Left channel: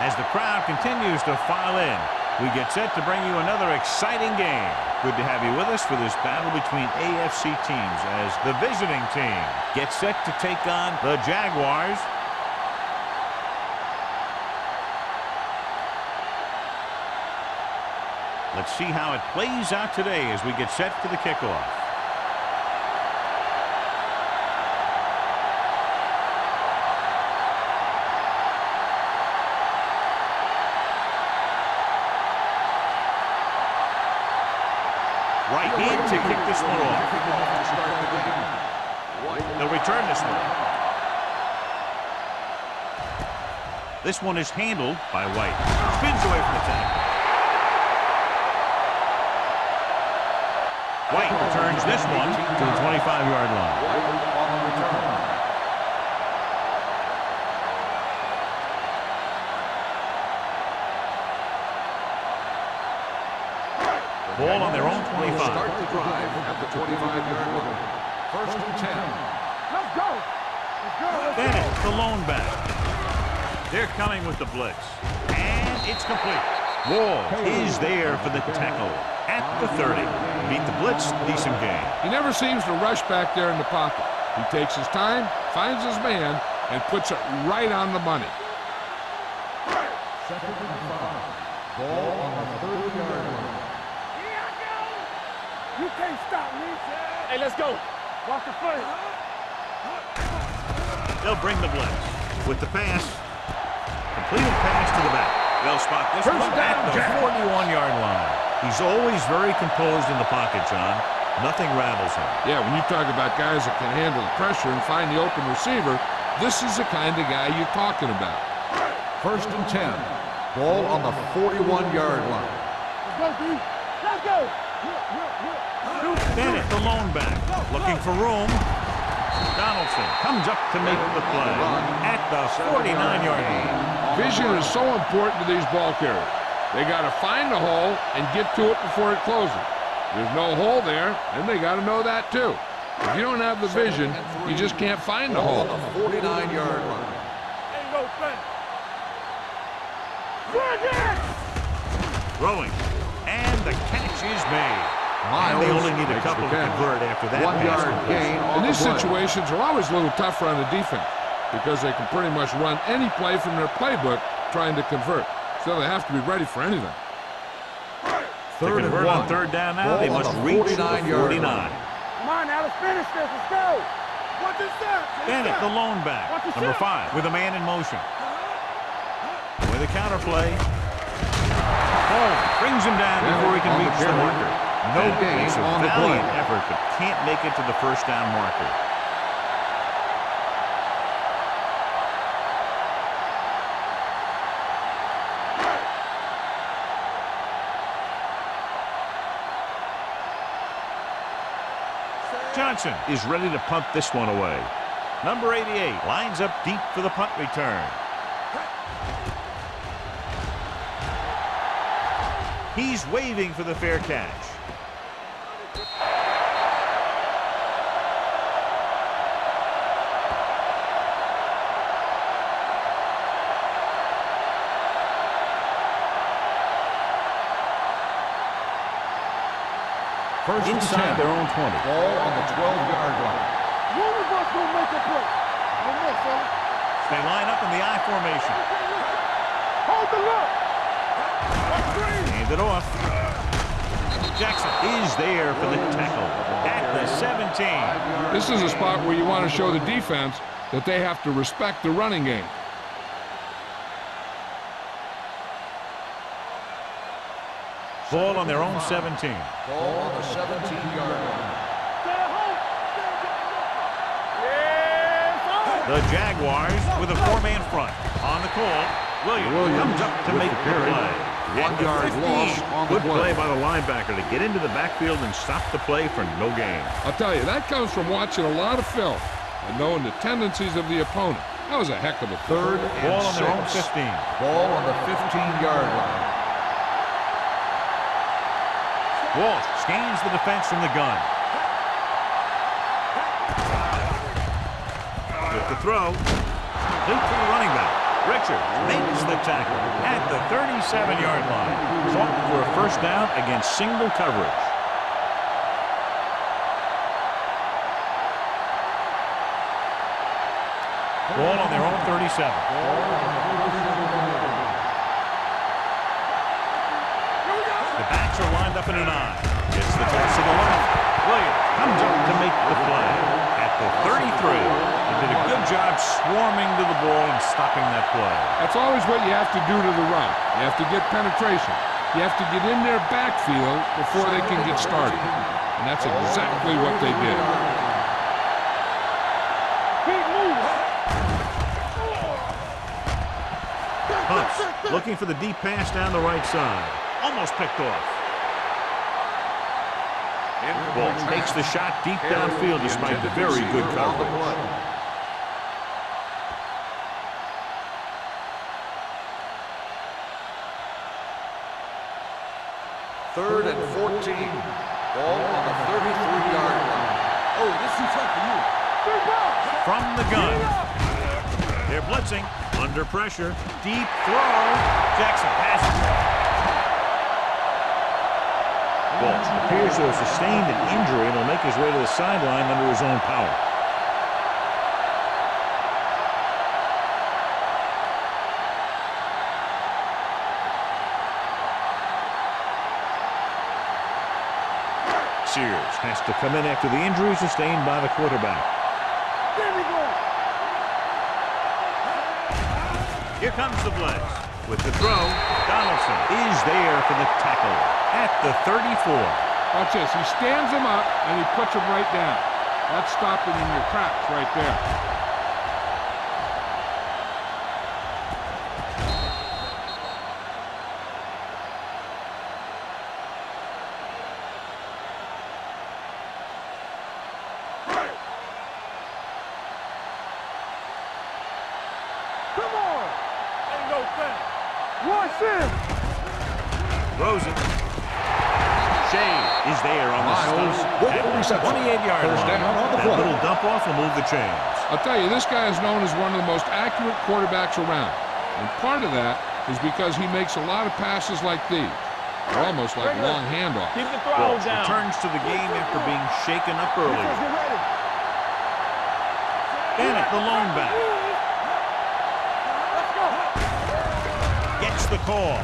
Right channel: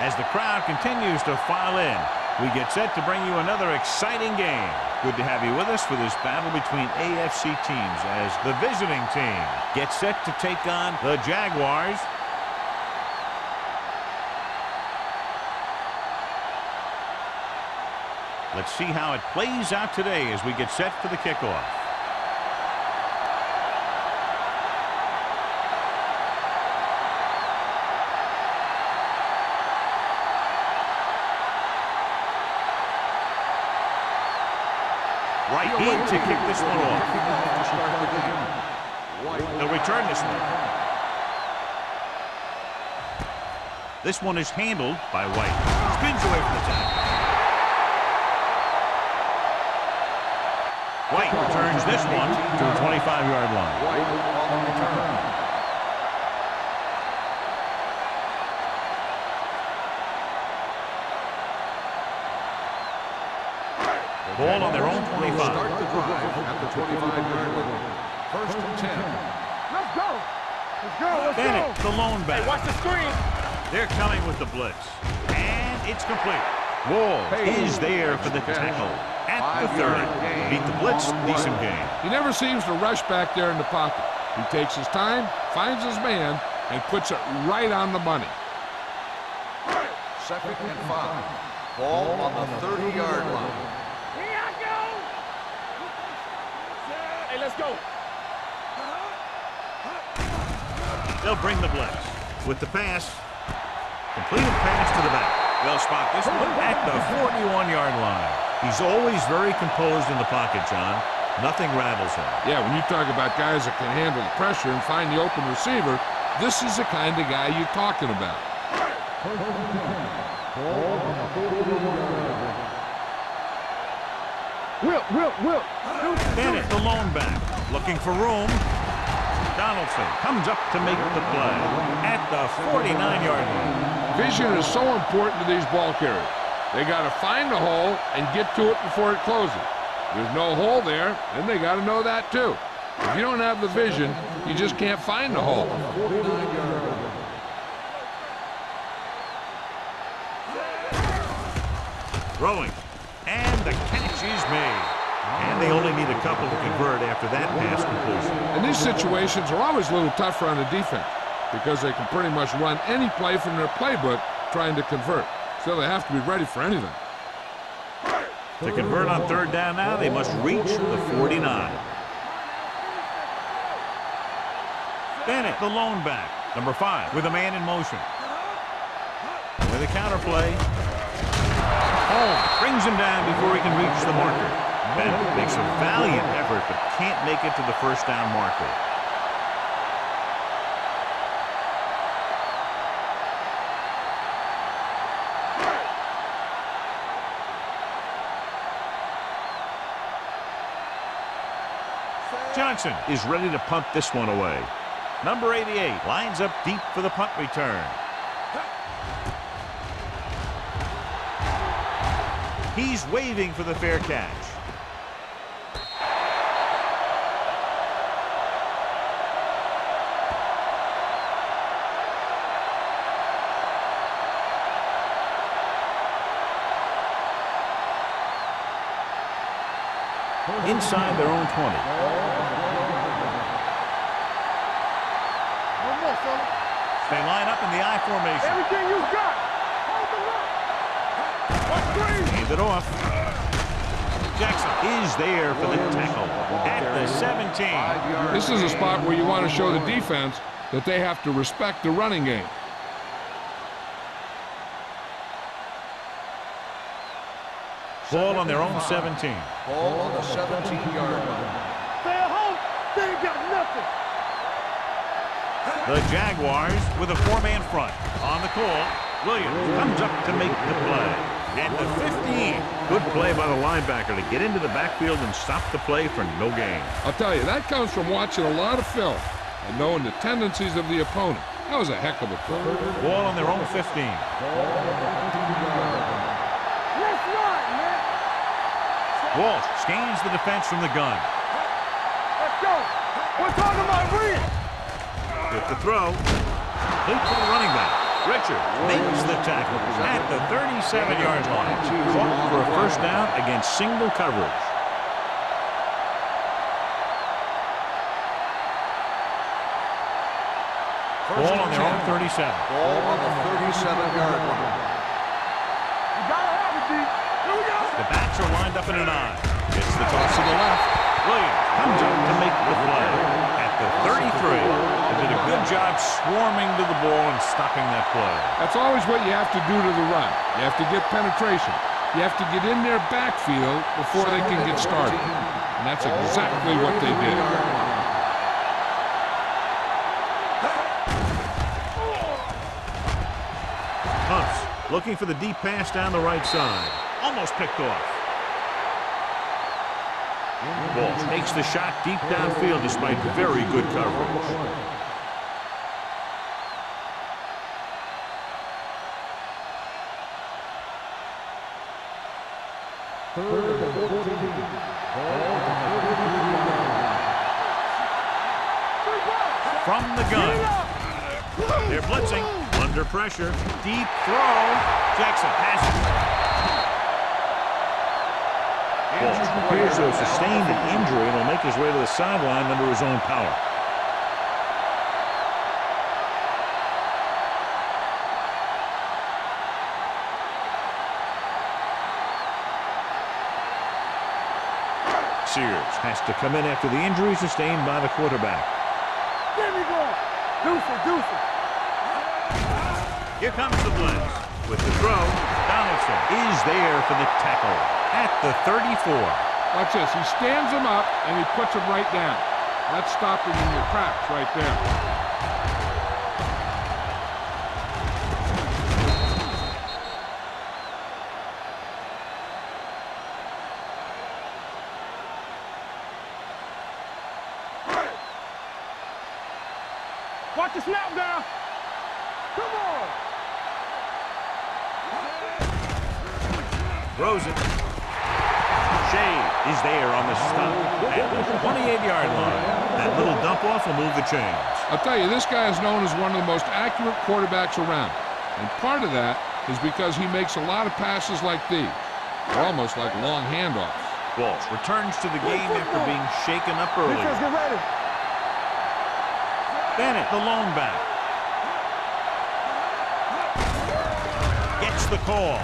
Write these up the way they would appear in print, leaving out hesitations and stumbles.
As the crowd continues to file in, we get set to bring you another exciting game. Good to have you with us for this battle between AFC teams as the visiting team gets set to take on the Jaguars. Let's see how it plays out today as we get set for the kickoff. Right in to kick this one off. To start the game. They'll return this one. This one is handled by White. Spins away from the tackle. White returns this one to the 25-yard line. White on the return. Ball on their own 25. Start the drive at the 25-yard line. 1st and 10. Let's go. Let's go. Bennett, the lone back. They're coming with the blitz. And it's complete. Walls is there for the tackle at the 30. Beat the blitz, decent game. He never seems to rush back there in the pocket. He takes his time, finds his man, and puts it right on the money. 2nd and 5. Ball on the 30-yard line. Here I go! You can't stop me. Hey, let's go. Watch the play. They'll bring the blitz. With the pass, completed pass to the back. They'll spot this one at the 41-yard line. He's always very composed in the pocket, John. Nothing rattles him. Yeah, when you talk about guys that can handle the pressure and find the open receiver, this is the kind of guy you're talking about. 1st and 10. Ball on the 41-yard line. Let's go! Bennett, the lone back, looking for room. Donaldson comes up to make the play at the 49-yard line. Vision is so important to these ball carriers. They got to find the hole and get to it before it closes. There's no hole there, and they got to know that too. If you don't have the vision, you just can't find the hole. On the 49-yard line. Throwing, and the catch is made. And they only need a couple to convert after that pass completion. And these situations are always a little tougher on the defense because they can pretty much run any play from their playbook trying to convert. So they have to be ready for anything. To convert on 3rd down now, they must reach the 49. Come on now, let's finish this. Let's go. What is that? Bennett, the lone back, number 5, with a man in motion. With a counter play. Holmes brings him down before he can reach the marker. Bennett makes a valiant effort but can't make it to the 1st down marker. Johnson is ready to punt this one away. Number 88 lines up deep for the punt return. He's waving for the fair catch. Inside their own 20. Ball on the 12-yard line. No more, fella. They line up in the I formation. Hold the look. Hand it off. Jackson is there for the tackle at the 17. This is a spot where you want to show the defense that they have to respect the running game. Ball on their own 17. Ball on the 17-yard line. Stay at home. They ain't got nothing. The Jaguars with a 4-man front. On the call, Williams comes up to make the play. At the 15. Good play by the linebacker to get into the backfield and stop the play for no gain. I'll tell you, that comes from watching a lot of film and knowing the tendencies of the opponent. That was a heck of a play. 3rd and Ball on their 6. own 15. Ball on the 15-yard line. Walsh scans the defense from the gun. Let's go. We're talking about green. With the throw, complete to the running back. Richards makes the tackle at the 37-yard line. Caught for a first down against single coverage. Ball on their own 37. Ball on the 37-yard line. The backs are lined up in an I. Gets the toss to the left. Williams comes up to make the play at the 33. They did a good job swarming to the ball and stopping that play. That's always what you have to do to the run. You have to get penetration. You have to get in their backfield before they can get started. And that's exactly what they did. Humps looking for the deep pass down the right side. Almost picked off. Ball takes the shot deep downfield despite very good coverage. Third and 14. Ball on the 33-yard line. From the gun. They're blitzing. Under pressure. Deep throw. Jackson passes. Ball appears to have sustained an injury and will make his way to the sideline under his own power. Sears has to come in after the injury sustained by the quarterback. There we go. Deuce it. Here comes the blitz. With the throw, Donaldson is there for the tackle at the 34. Watch this. He stands him up, and he puts him right down. That's stopping in your tracks right there. Watch the snap down. Come on. Ain't no thing. Watch this. Throws it. Shade is there on the stop at the 28-yard line. That little dump-off will move the chains. I'll tell you, this guy is known as one of the most accurate quarterbacks around. And part of that is because he makes a lot of passes like these. They're almost like long handoffs. Walsh returns to the game after being shaken up earlier. Get ready. Bennett, the lone back. Gets the call.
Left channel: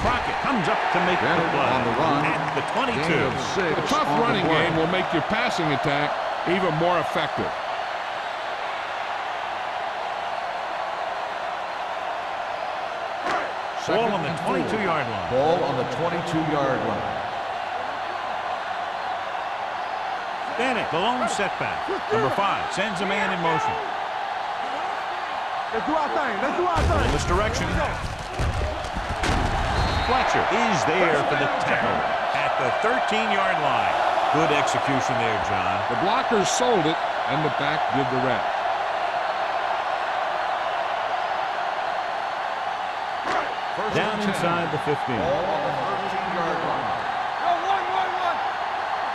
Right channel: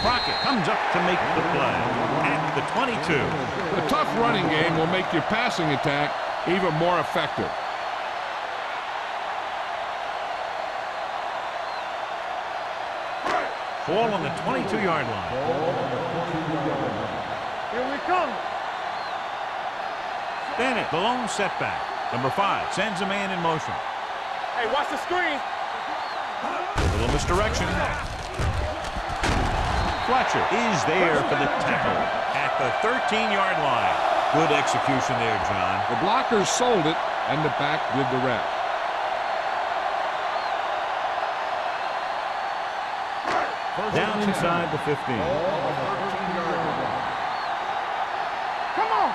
Crockett comes up to make the play at the 22. A tough running game will make your passing attack even more effective. Ball on the 22-yard line. Ball on the 22-yard line. Here we come. Bennett, the lone setback. Number 5 sends a man in motion. Hey, watch the screen. Let's do our thing. Little misdirection. Fletcher is there for the tackle at the 13-yard line. Good execution there, John. The blockers sold it, and the back did the rest. Down inside the 15. Ball on the 13-yard line. Come on.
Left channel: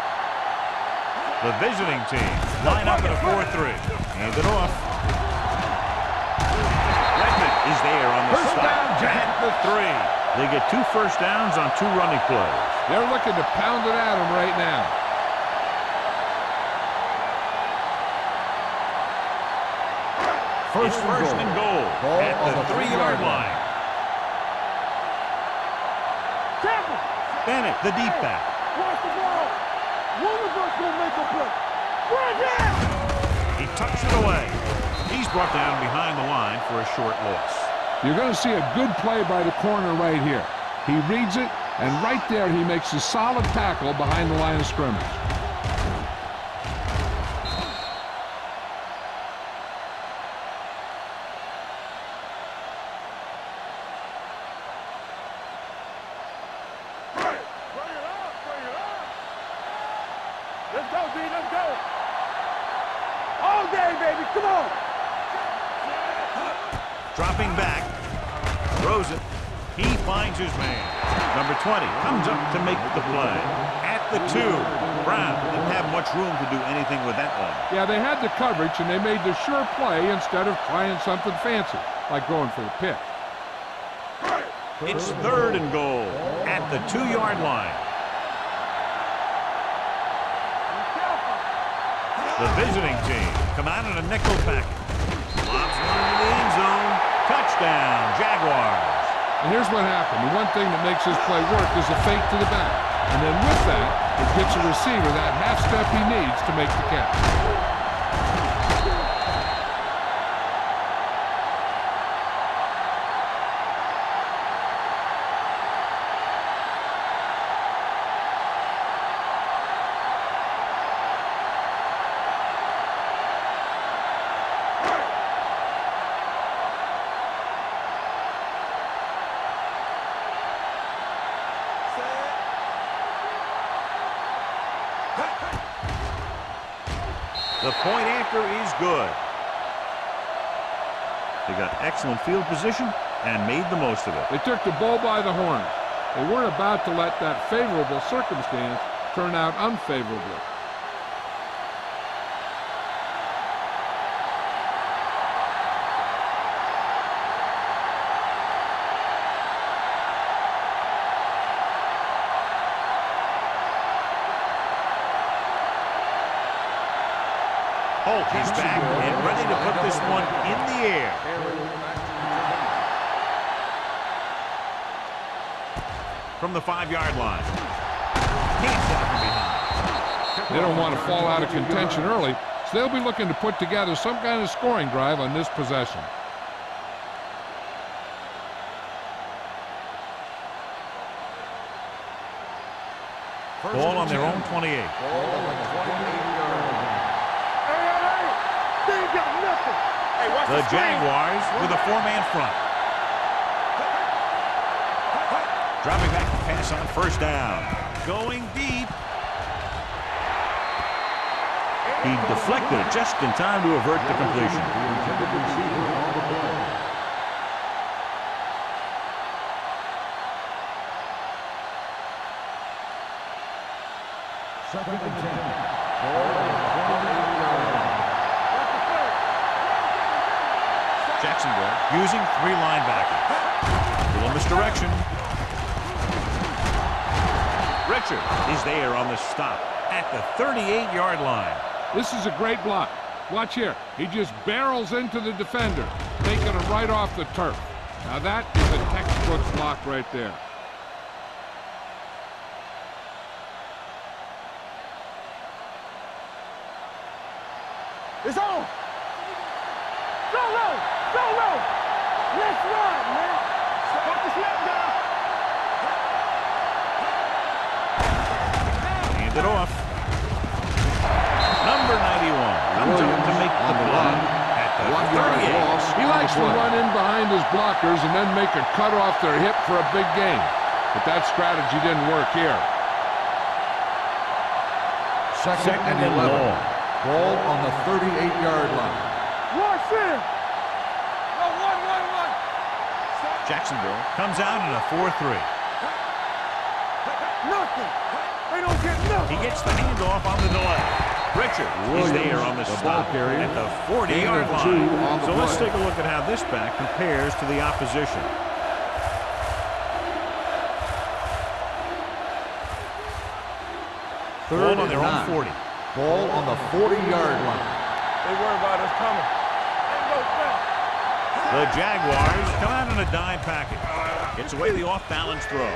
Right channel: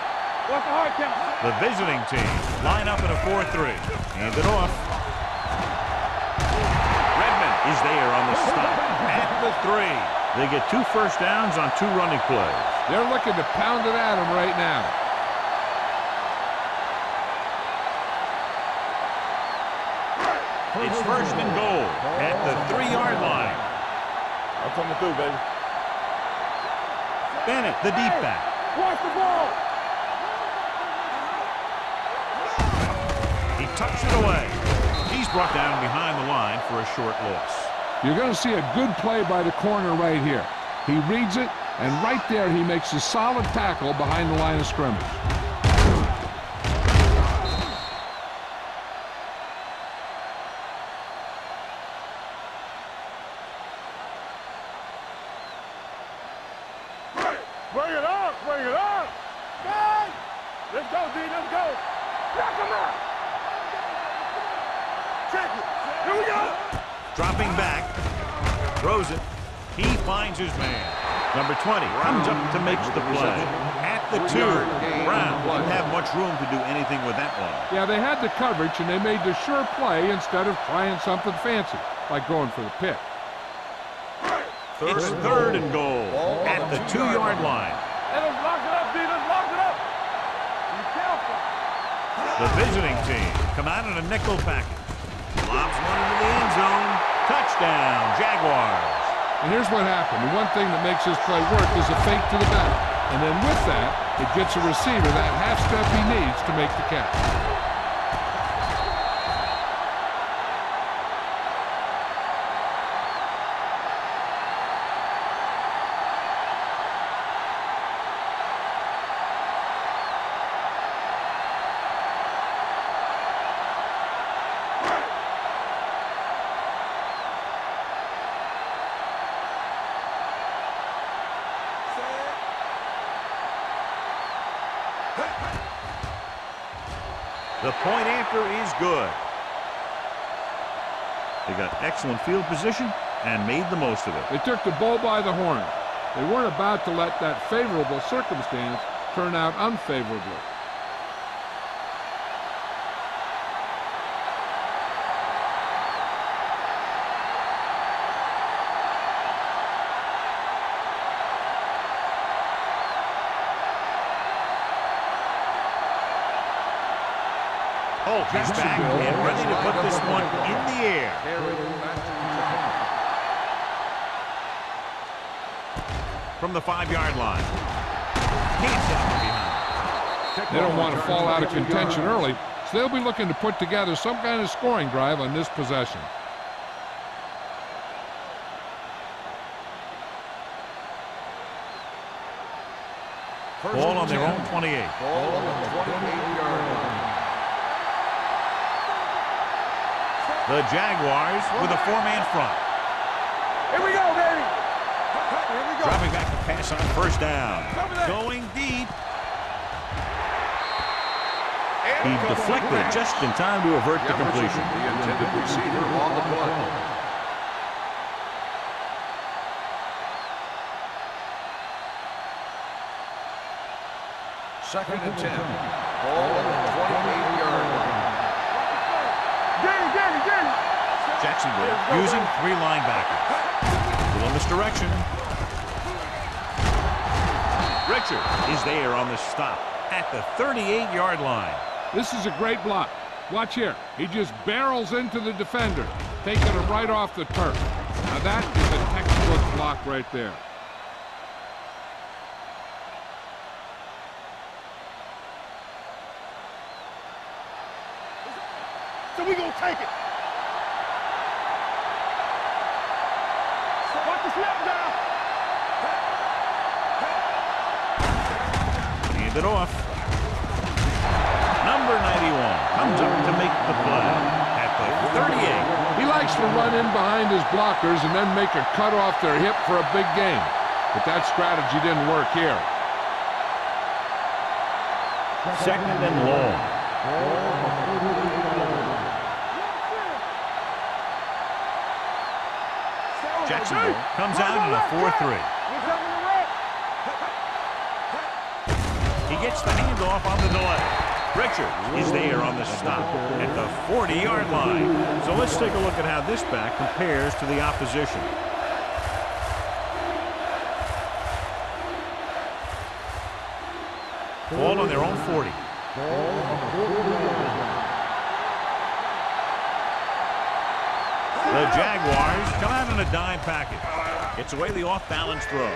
Watch the hard count. The visiting team line up in a 4-3. Hand it off. Redmond is there on the stop at the 3. They get 2 first downs on 2 running plays. They're looking to pound it at him right now. It's first and goal at the 3-yard line. I'm coming through, baby. Tackle. Bennett, the deep back. Watch the ball. He tucks it away. He's brought down behind the line for a short loss. You're going to see a good play by the corner right here. He reads it, and right there he makes a solid tackle behind the line of scrimmage. Bring it up. Let's go, D. Let's go. Knock him out. All day, baby. Come on. Check it. Here we go. Dropping back, throws it. He finds his man. Number 20 comes up to make the play. At the 2, Brown didn't have much room to do anything with that one. Yeah, they had the coverage, and they made the sure play instead of trying something fancy. like going for the pick. It's 3rd and goal at the 2-yard line. The visiting team come out in a nickel package. Lobs one into the end zone. Touchdown, Jaguars. And here's what happened. The one thing that makes this play work is a fake to the back. And then with that, it gets a receiver that half step he needs to make the catch. The point after is good. They got excellent field position and made the most of it. They took the bull by the horns. They weren't about to let that favorable circumstance turn out unfavorably. Holt is back and ready to put this one in the air. From the 5-yard line. Can't down from behind. They don't want to fall out of contention early, so they'll be looking to put together some kind of scoring drive on this possession. Ball on their own 28. Ball on the 28-yard line. The Jaguars with a 4-man front. Dropping back to pass on 1st down. Going deep. He deflected it just in time to avert the completion. Second and 10. Ball on the 28-yard line. Jacksonville using 3 linebackers. Little misdirection. Richard is there on the stop at the 38-yard line. This is a great block. Watch here. He just barrels into the defender, taking it right off the turf. Now that is a textbook block right there. It's on, so we gonna take it. Go low, go low. Let's run, man. Watch the snap down. Hand it off. Number 91 comes up to make the play at the 38. He likes to run in behind his blockers and then make a cut off their hip for a big gain. But that strategy didn't work here. Second and long. Ball on the 38-yard line. Jacksonville comes out in a 4-3. He gets the handoff on the delay. Richard is there on the stop at the 40-yard line. So let's take a look at how this back compares to the opposition. Ball on their own 40. Ball on the 40-yard line. The Jaguars come out in a dime package. Gets away the off-balance throw.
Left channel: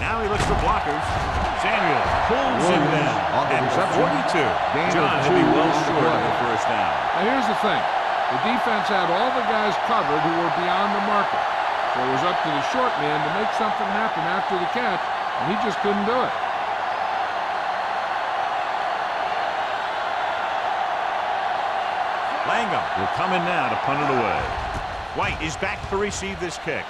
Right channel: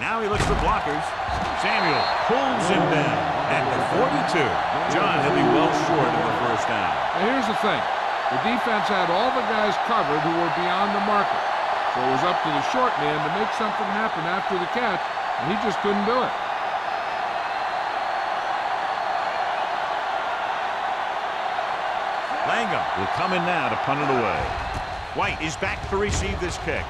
Now he looks for blockers. Samuel pulls him down at the 42. John, he'll be well short of the 1st down. Now here's the thing. The defense had all the guys covered who were beyond the marker. So it was up to the short man to make something happen after the catch, and he just couldn't do it. Langham will come in now to punt it away. White is back to receive this kick.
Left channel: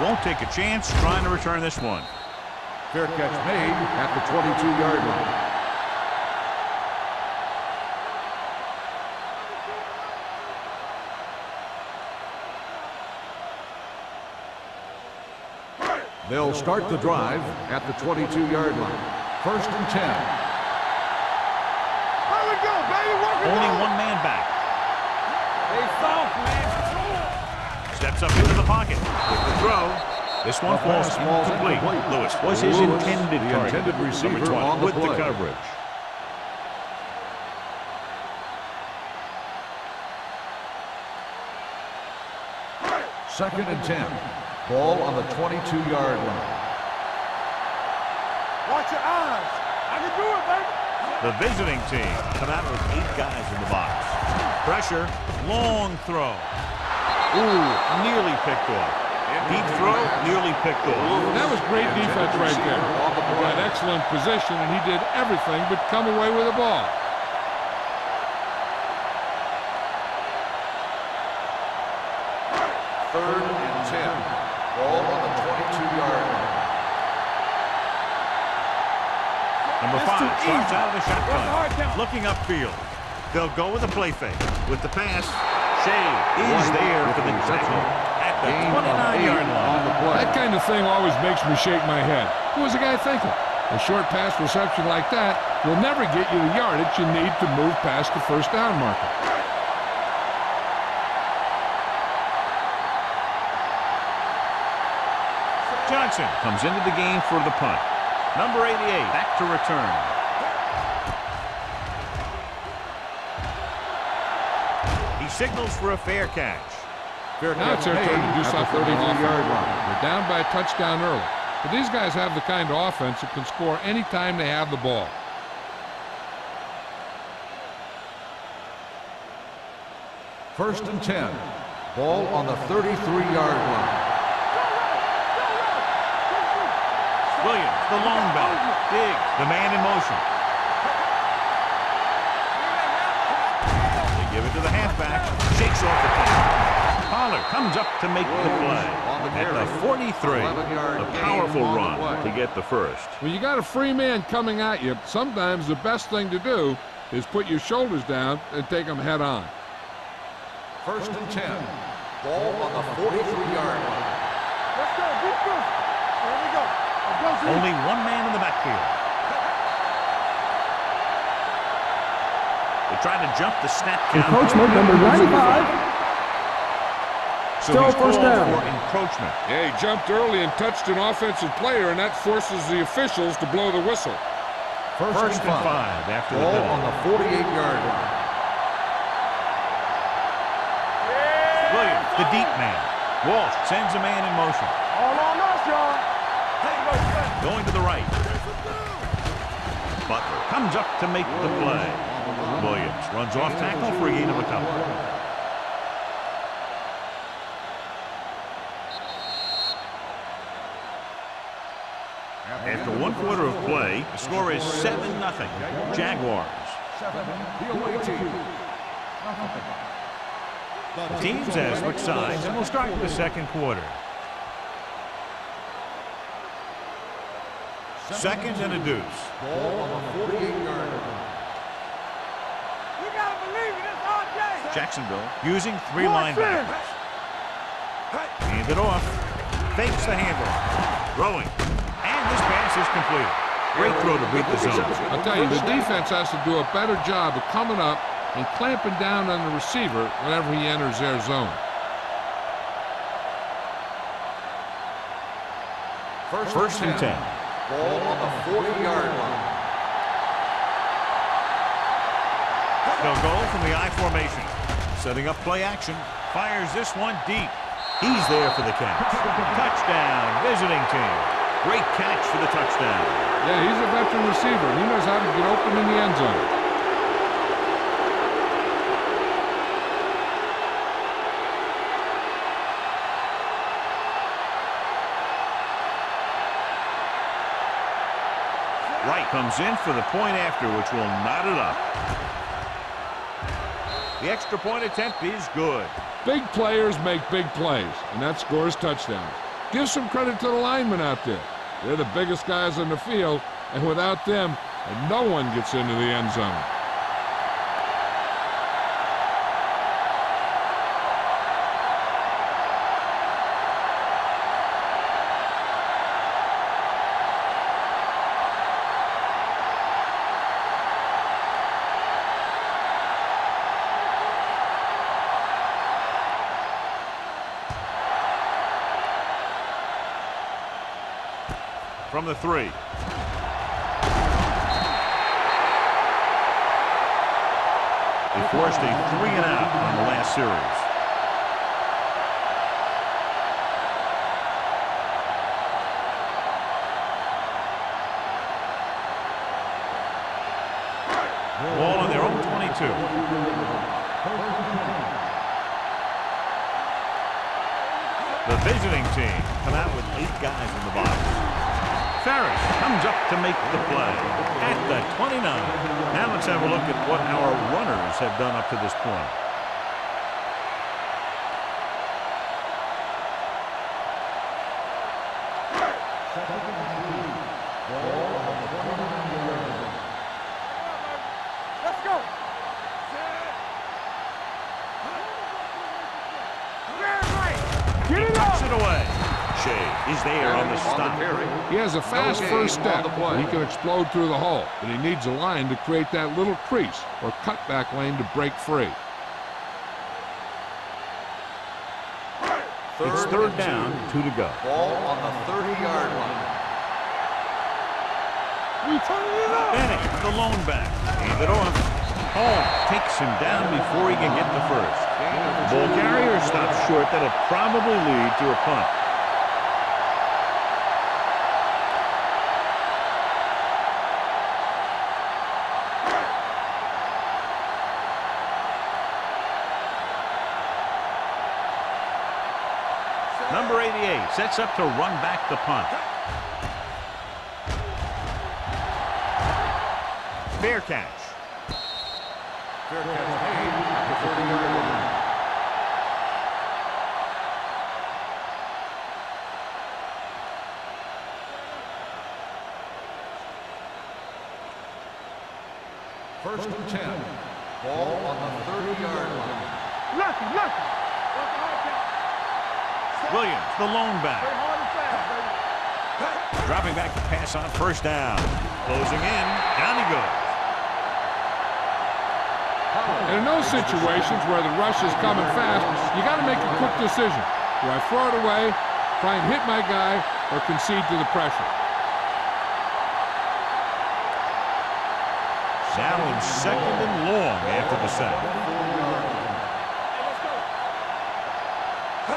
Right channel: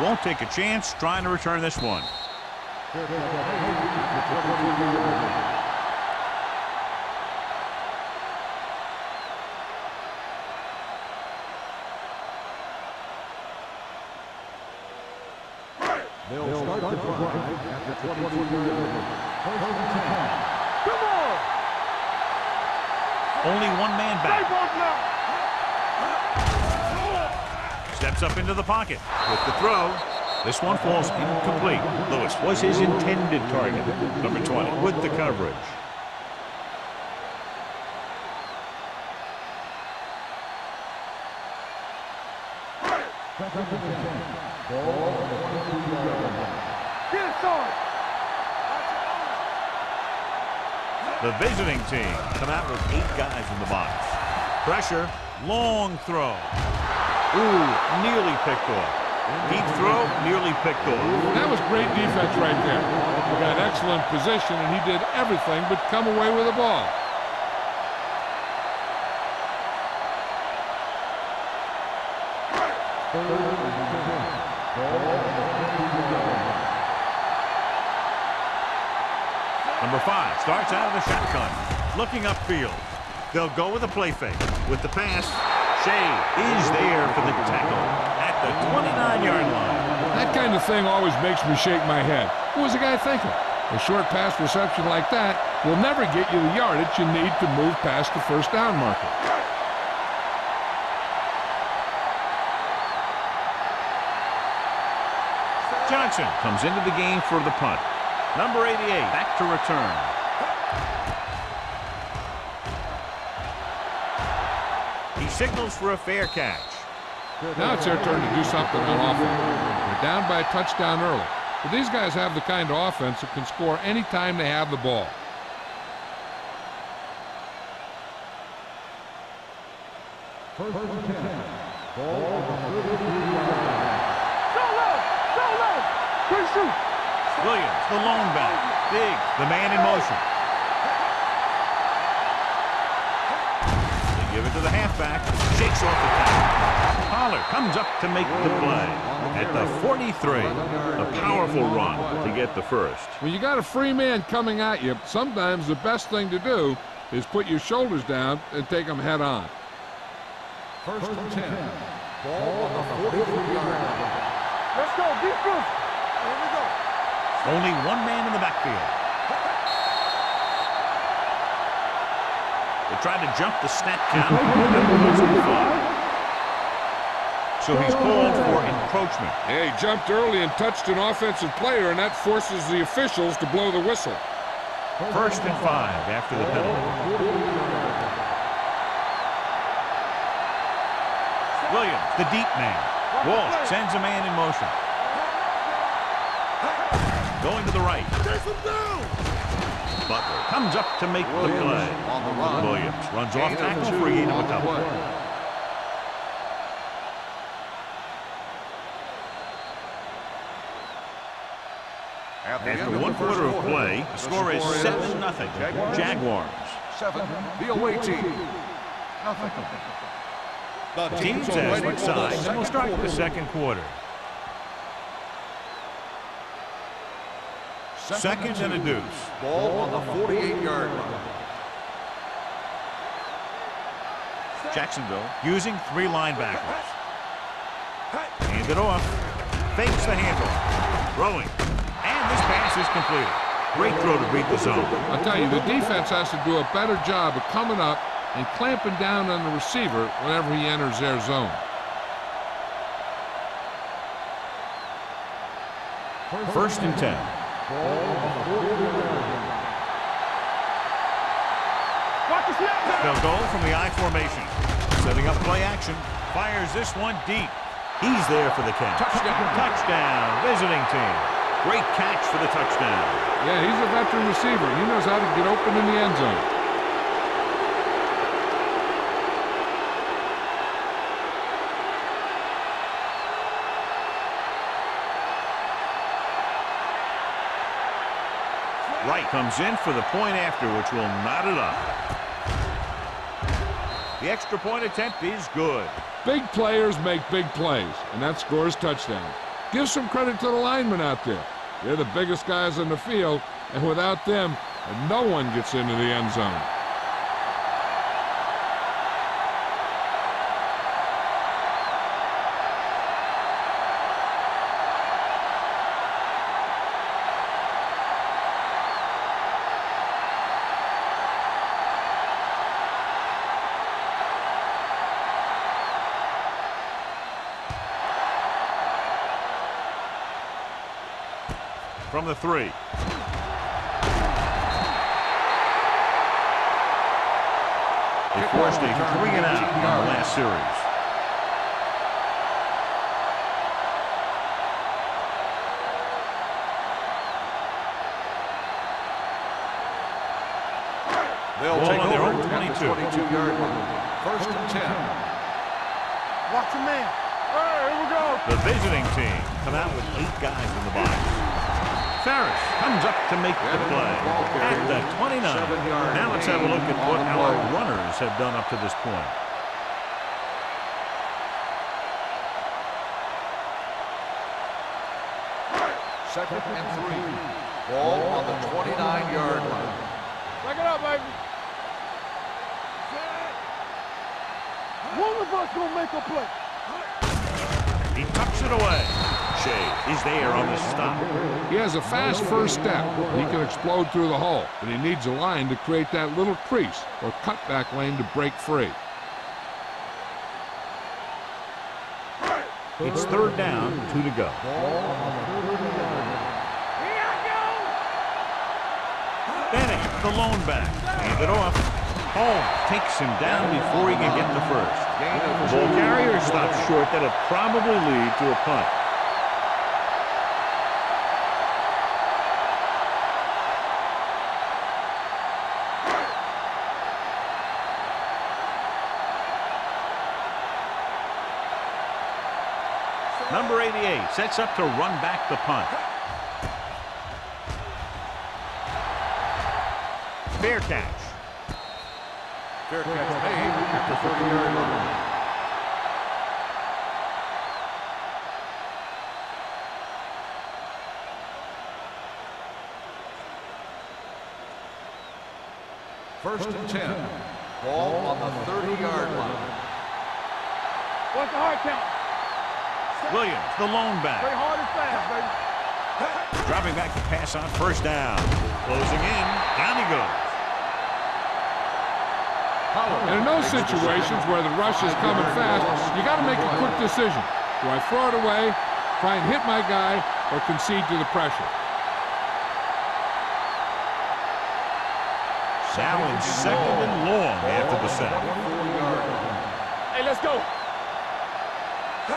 Won't take a chance trying to return this one. Fair catch made at the 22-yard line. They'll start the drive at the 22-yard line. 1st and 10. Only one man back. Cuts up into the pocket with the throw. This one falls incomplete. Lewis was his intended target. Number 20 with the coverage. Second and 10. Ball on the 22-yard line. Get it, son. Watch your eyes. I can do it, baby. The visiting team come out with 8 guys in the box. Pressure, long throw. Ooh, nearly picked off. Deep throw, nearly picked off. That was great defense right there. He got excellent position, and he did everything but come away with the ball. Third and 10. Ball on the 22-yard line. Number 5 starts out of the shotgun, looking upfield. They'll go with a play fake. With the pass, Shea is there for the tackle at the 29-yard line. That kind of thing always makes me shake my head. What was the guy thinking? A short pass reception like that will never get you the yardage you need to move past the first down marker. Johnson comes into the game for the punt. Number 88 back to return. He signals for a fair catch. Now it's their turn to do something on offense. They're down by a touchdown early. But these guys have the kind of offense that can score any time they have the ball. First and 10. Ball on the 33-yard line. Williams, the lone back. Diggs, the man in motion. They give it to the halfback. Shakes off the tackle. Pollard comes up to make the play. At the 43, a powerful run to get the first. When you got a free man coming at you, sometimes the best thing to do is put your shoulders down and take them head on. First and 10. Ball on the 43-yard line. Let's go. Be physical. Here we go. Only one man in the backfield. They try to jump the snap count. Encroachment number 95. So he's called for encroachment. Yeah, he jumped early and touched an offensive player, and that forces the officials to blow the whistle. First and 5 after the penalty. On the 48-yard line. Williams, the deep man. Walsh sends a man in motion. Going to the right. Butler comes up to make the play. Williams runs off tackle for a gain of a couple. After one quarter of play, the score is 7-0. Jaguars. 7, the away team. Nothing. The teams have switched sides, and we'll start the second quarter. Second and a deuce. Ball on the 48-yard line. We gotta believe it. It's our day. Jacksonville using 3 linebackers. Hand it off. Fakes the handoff. Throwing. And this pass is completed. Great throw to beat the zone. I'll tell you, the defense has to do a better job of coming up and clamping down on the receiver whenever he enters their zone. First and 10. Ball on the 40-yard line. They'll go from the I formation. Setting up play action. Fires this one deep. He's there for the catch. Touchdown, visiting team. Great catch for the touchdown. Yeah, he's a veteran receiver, and he knows how to get open in the end zone. Wright comes in for the point after, which will knot it up. The extra point attempt is good. Big players make big plays, and that scores touchdowns. Give some credit to the linemen out there. They're the biggest guys on the field, and without them, no one gets into the end zone. from the 3. They forced a 3-and-out on the last series. Ball on their own 22. 22-yard line. First and 10. Watch the man. All right, here we go. The visiting team come out with 8 guys in the box. Ferris comes up to make the play at the 29. Now let's have a look at what our runners have done up to this point. Second and 3. Ball on the 29-yard line. Back it up, baby. Let's go. Set. One of us gonna make a play. He tucks it away. Shea is there on the stop. He has a fast first step, and he can explode through the hole, but he needs a line to create that little crease or cutback lane to break free. It's third down, 2 to go. Ball on the 30-yard line. Bennett, the lone back, hand it off. Holmes takes him down before he can get the first. The ball carrier stops short. That'll probably lead to a punt. Number 88 sets up to run back the punt. Fair catch. Fair catch made at the 30-yard line. First and 10. Ball on the 30-yard line. Lucky. What's the hard count? Williams, the lone Play back. hard and fast, baby. Dropping back to pass on first down. Closing in. Down he goes. And in those situations where the rush is coming fast, you got to make a quick decision. Do I throw it away, try and hit my guy, or concede to the pressure? Now in second and long after the sack. Hey, let's go.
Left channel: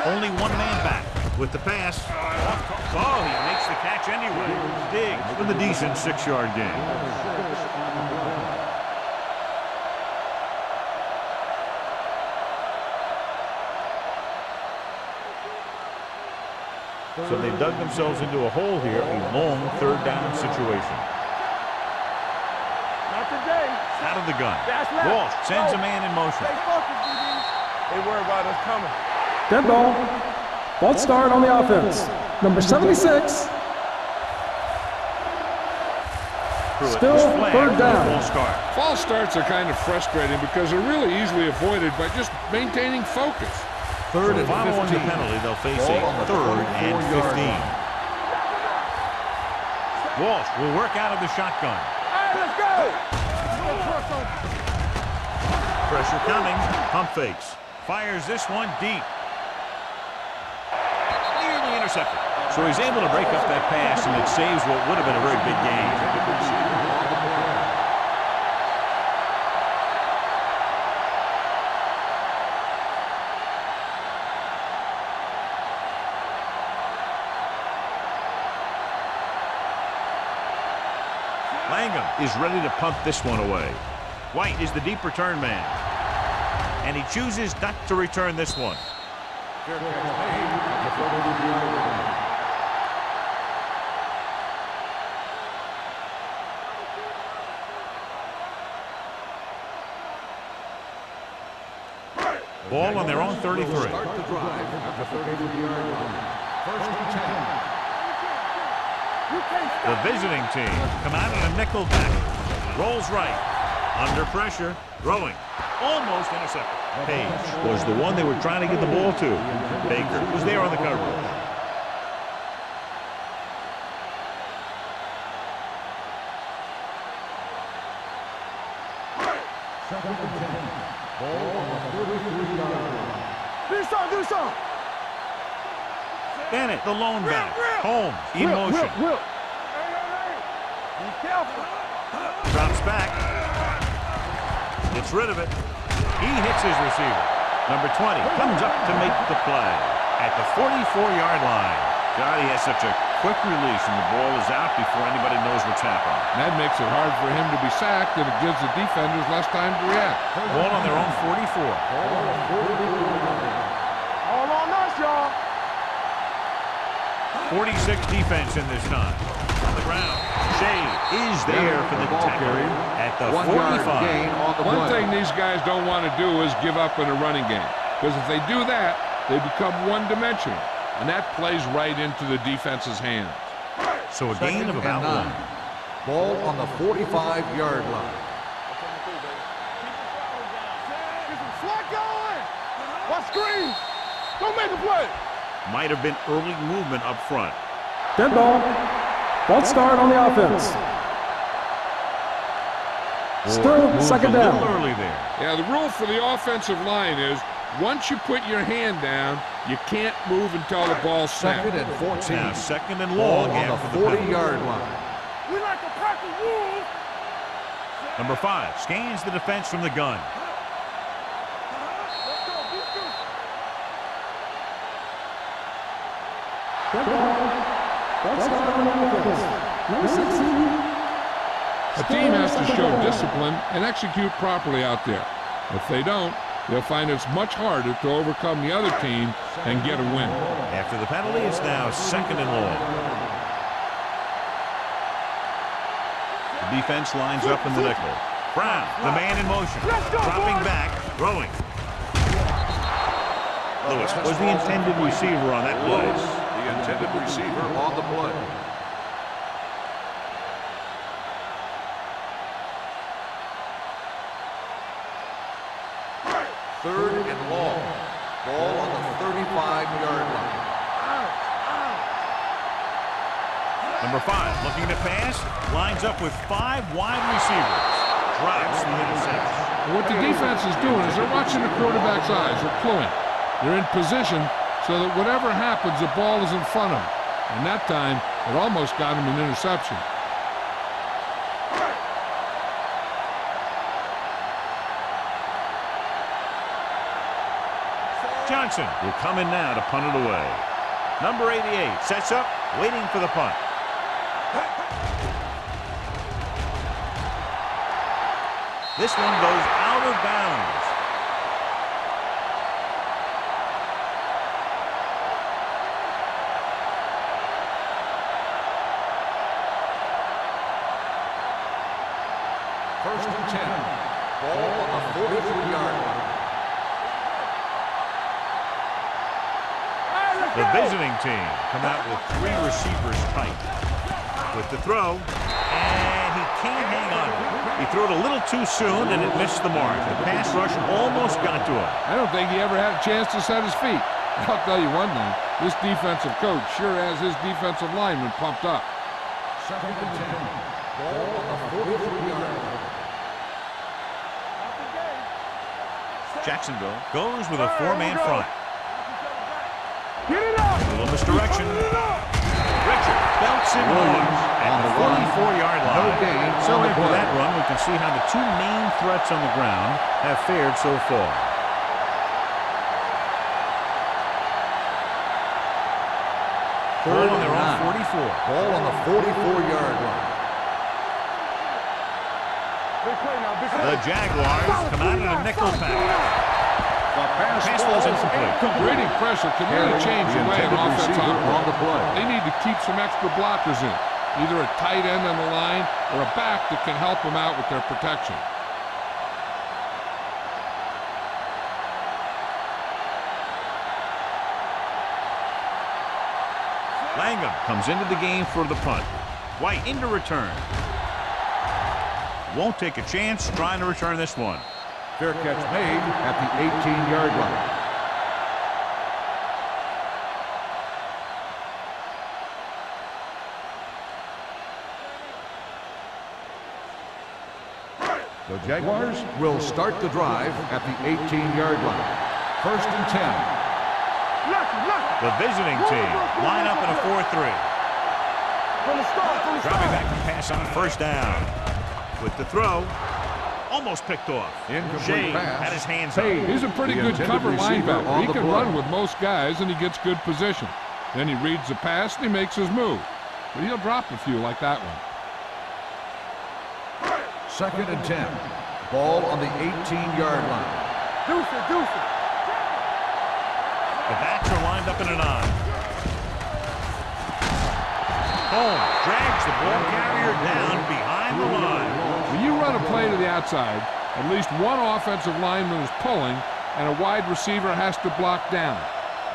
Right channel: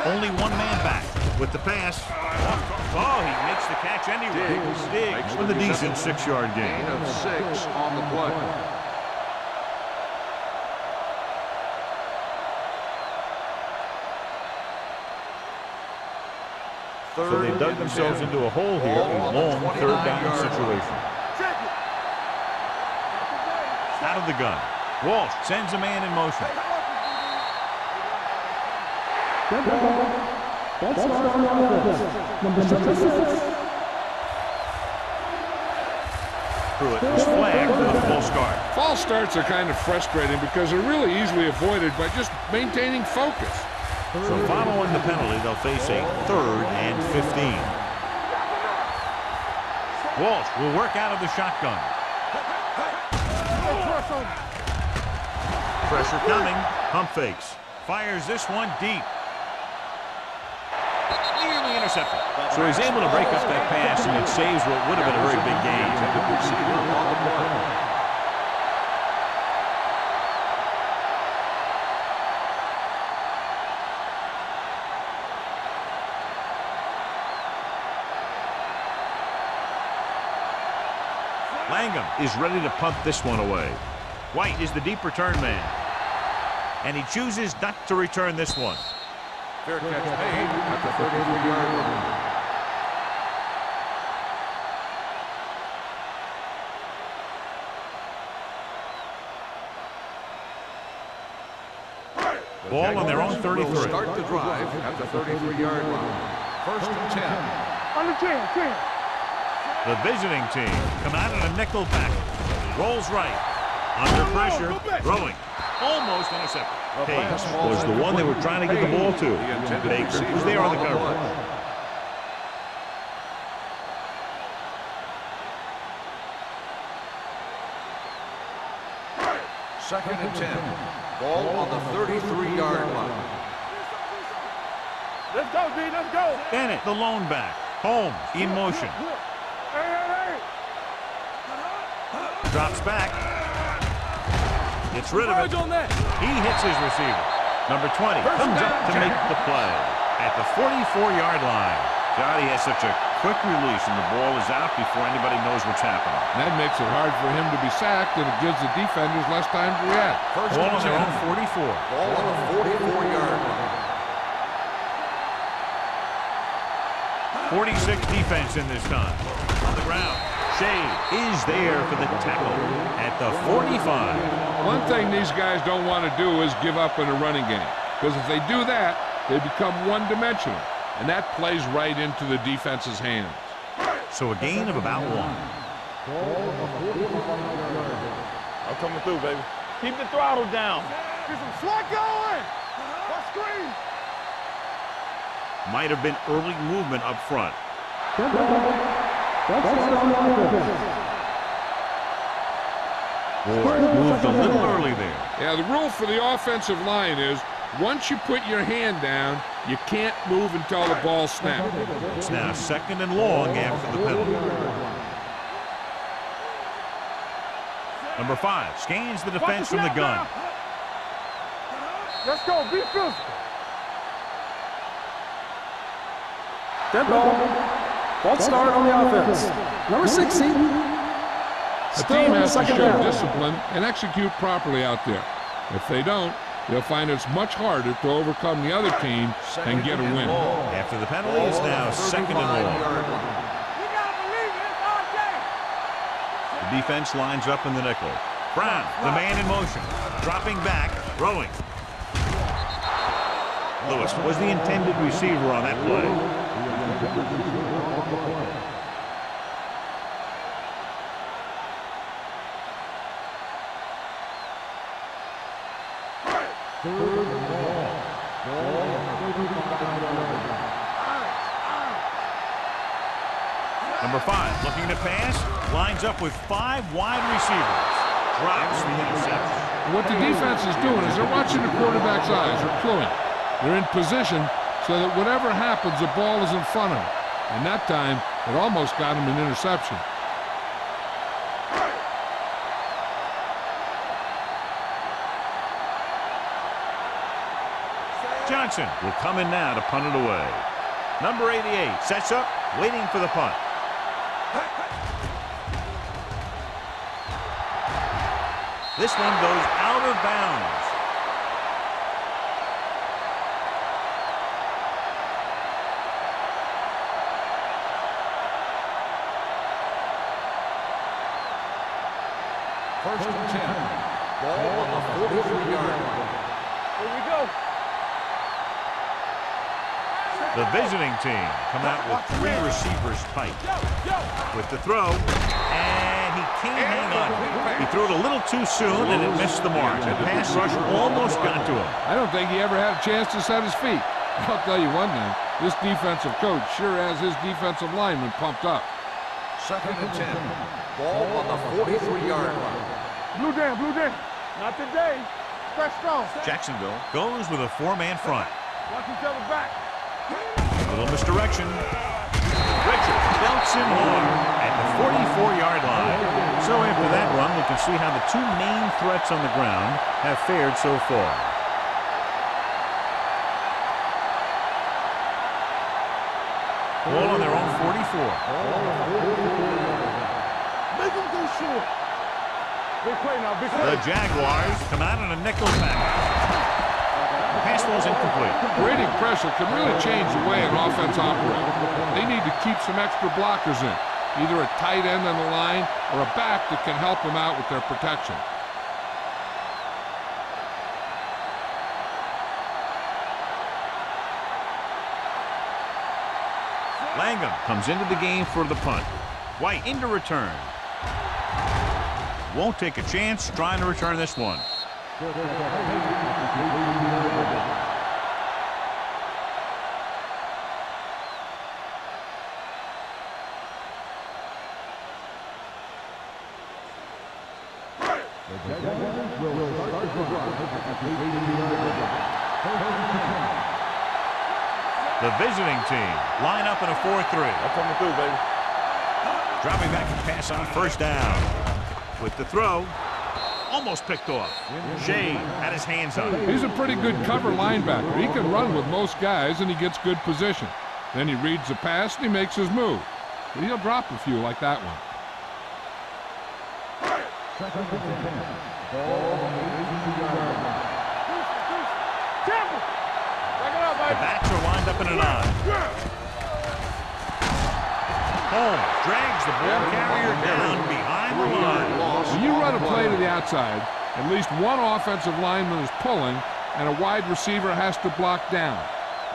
Only one man back with the pass. Oh, he makes the catch anyway. Diggs with a decent 6-yard gain. Gain of 6 on the play. So they dug themselves into a hole here, a long third down situation. Check it. Not today. Out of the gun. Walsh sends a man in motion. Stay focused, DB. Don't worry about it coming. Dead ball. False start on the offense. Number 76. Pruitt was flagged for the false start. False starts are kind of frustrating because they're really easily avoided by just maintaining focus. So following the penalty, they'll face a 3rd and 15. Walsh will work out of the shotgun. Let's go. Press on. Pressure coming. Pump fakes. Fires this one deep. Nearly intercepted. So he's able to break up that pass, and it saves what would have been a very big gain. Receiver on the play. Langham is ready to punt this one away. White is the deep return man. And he chooses not to return this one. Fair catch made at the 33-yard line. Ball on their own 33. Will start the drive at the 33-yard line. First and 10. On the chin. The visiting team come out in a nickel back. Rolls right. Under pressure. Throwing. Almost intercepted. Page was the one they were trying to get the ball to. Baker was there on the coverage. Second and 10. Ball on the 33-yard line. Do some. Let's go, D. Let's go. Bennett, the lone back. Holmes in motion. Will. Drops back. Gets rid of it. He hits his receiver. Number 20 comes up to make the play at the 44-yard line. God, he has such a quick release, and the ball is out before anybody knows what's happening. And that makes it hard for him to be sacked, and it gives the defenders less time to react. Ball on their own 44. Ball on the 44-yard line. All on us, y'all. 46 defense in this time. On the ground. Shea is there for the tackle at the 45. One thing these guys don't want to do is give up in a running game, because if they do that, they become one-dimensional, and that plays right into the defense's hands. So a gain of about 1. Ball on the 45-yard line. I'm coming through, baby. Keep the throttle down. Get some slot going. Watch screens. Don't make a play. Might have been early movement up front. Dead ball. False start on the offense. Ward moved a second little down. early there. Yeah, the rule for the offensive line is once you put your hand down, you can't move until the ball snaps. Second and 14. Now second and long Ball on after the the penalty. 40-yard line. We like to crack the rules. Number 5 scans the defense from the gun. Let's go. Be physical. Dead ball. False start on the offense. Number 16. A team has to show discipline and execute properly out there. If they don't, they'll find it's much harder to overcome the other team and get a win. After the penalty, it's now second and long. The defense lines up in the nickel. Brown, the man in motion, dropping back, throwing. Lewis was the intended receiver on that play. The intended receiver on the play. Third and long. Ball on the 35-yard line. Number 5 looking to pass, lines up with 5 wide receivers. Drops the interception. What the defense is doing is they're watching the quarterback's eyes. They're cluing. They're in position so that whatever happens, the ball is in front of them. And that time, it almost got him an interception. Johnson will come in now to punt it away. Number 88 sets up, waiting for the punt. This one goes out of bounds. First and 10. Ball on the 43-yard line. The visiting team come out with 3 receivers tight. With the throw, and he can't hang on. He threw it a little too soon, and it missed the mark. The pass rush almost got to him. I don't think he ever had a chance to set his feet. I'll tell you one thing, this defensive coach sure has his defensive lineman pumped up. Second and 10. Ball on the 43-yard line. Blue jam, blue jam. Not today. Fresh stone. Jacksonville goes with a 4-man front. Watch each other back. Get it A up. little misdirection. Richard belts him hard at the 44-yard line. So after that run, we can see how the 2 main threats on the ground have fared so far. Ball on their own 44. Ball on the 44-yard line. Make him go short. Big play now, big play. The Jaguars come out in a nickel package. The pass ball is incomplete. Creating pressure can really change the way an offense operates. They need to keep some extra blockers in, either a tight end on the line or a back that can help them out with their protection. Langham comes into the game for the punt. White into return. Won't take a chance trying to return this one. Fair catch made at the 18-yard line. The Jaguars will start the drive at the 18-yard line. First and 10. The visiting team line up in a 4-3. Coming through, baby. Dropping back to pass on first down. With the throw, almost picked off. Shea had his hands on it. He's a pretty good cover linebacker. He can run with most guys, and he gets good position. Then he reads the pass, and he makes his move. But he'll drop a few like that one. 2nd and 10. Ball on the 18-yard line. Deuce it. Tampa. The backs are lined up in an I. Holmes drags the ball carrier down behind the line. When you run a play to the outside, at least one offensive lineman is pulling, and a wide receiver has to block down.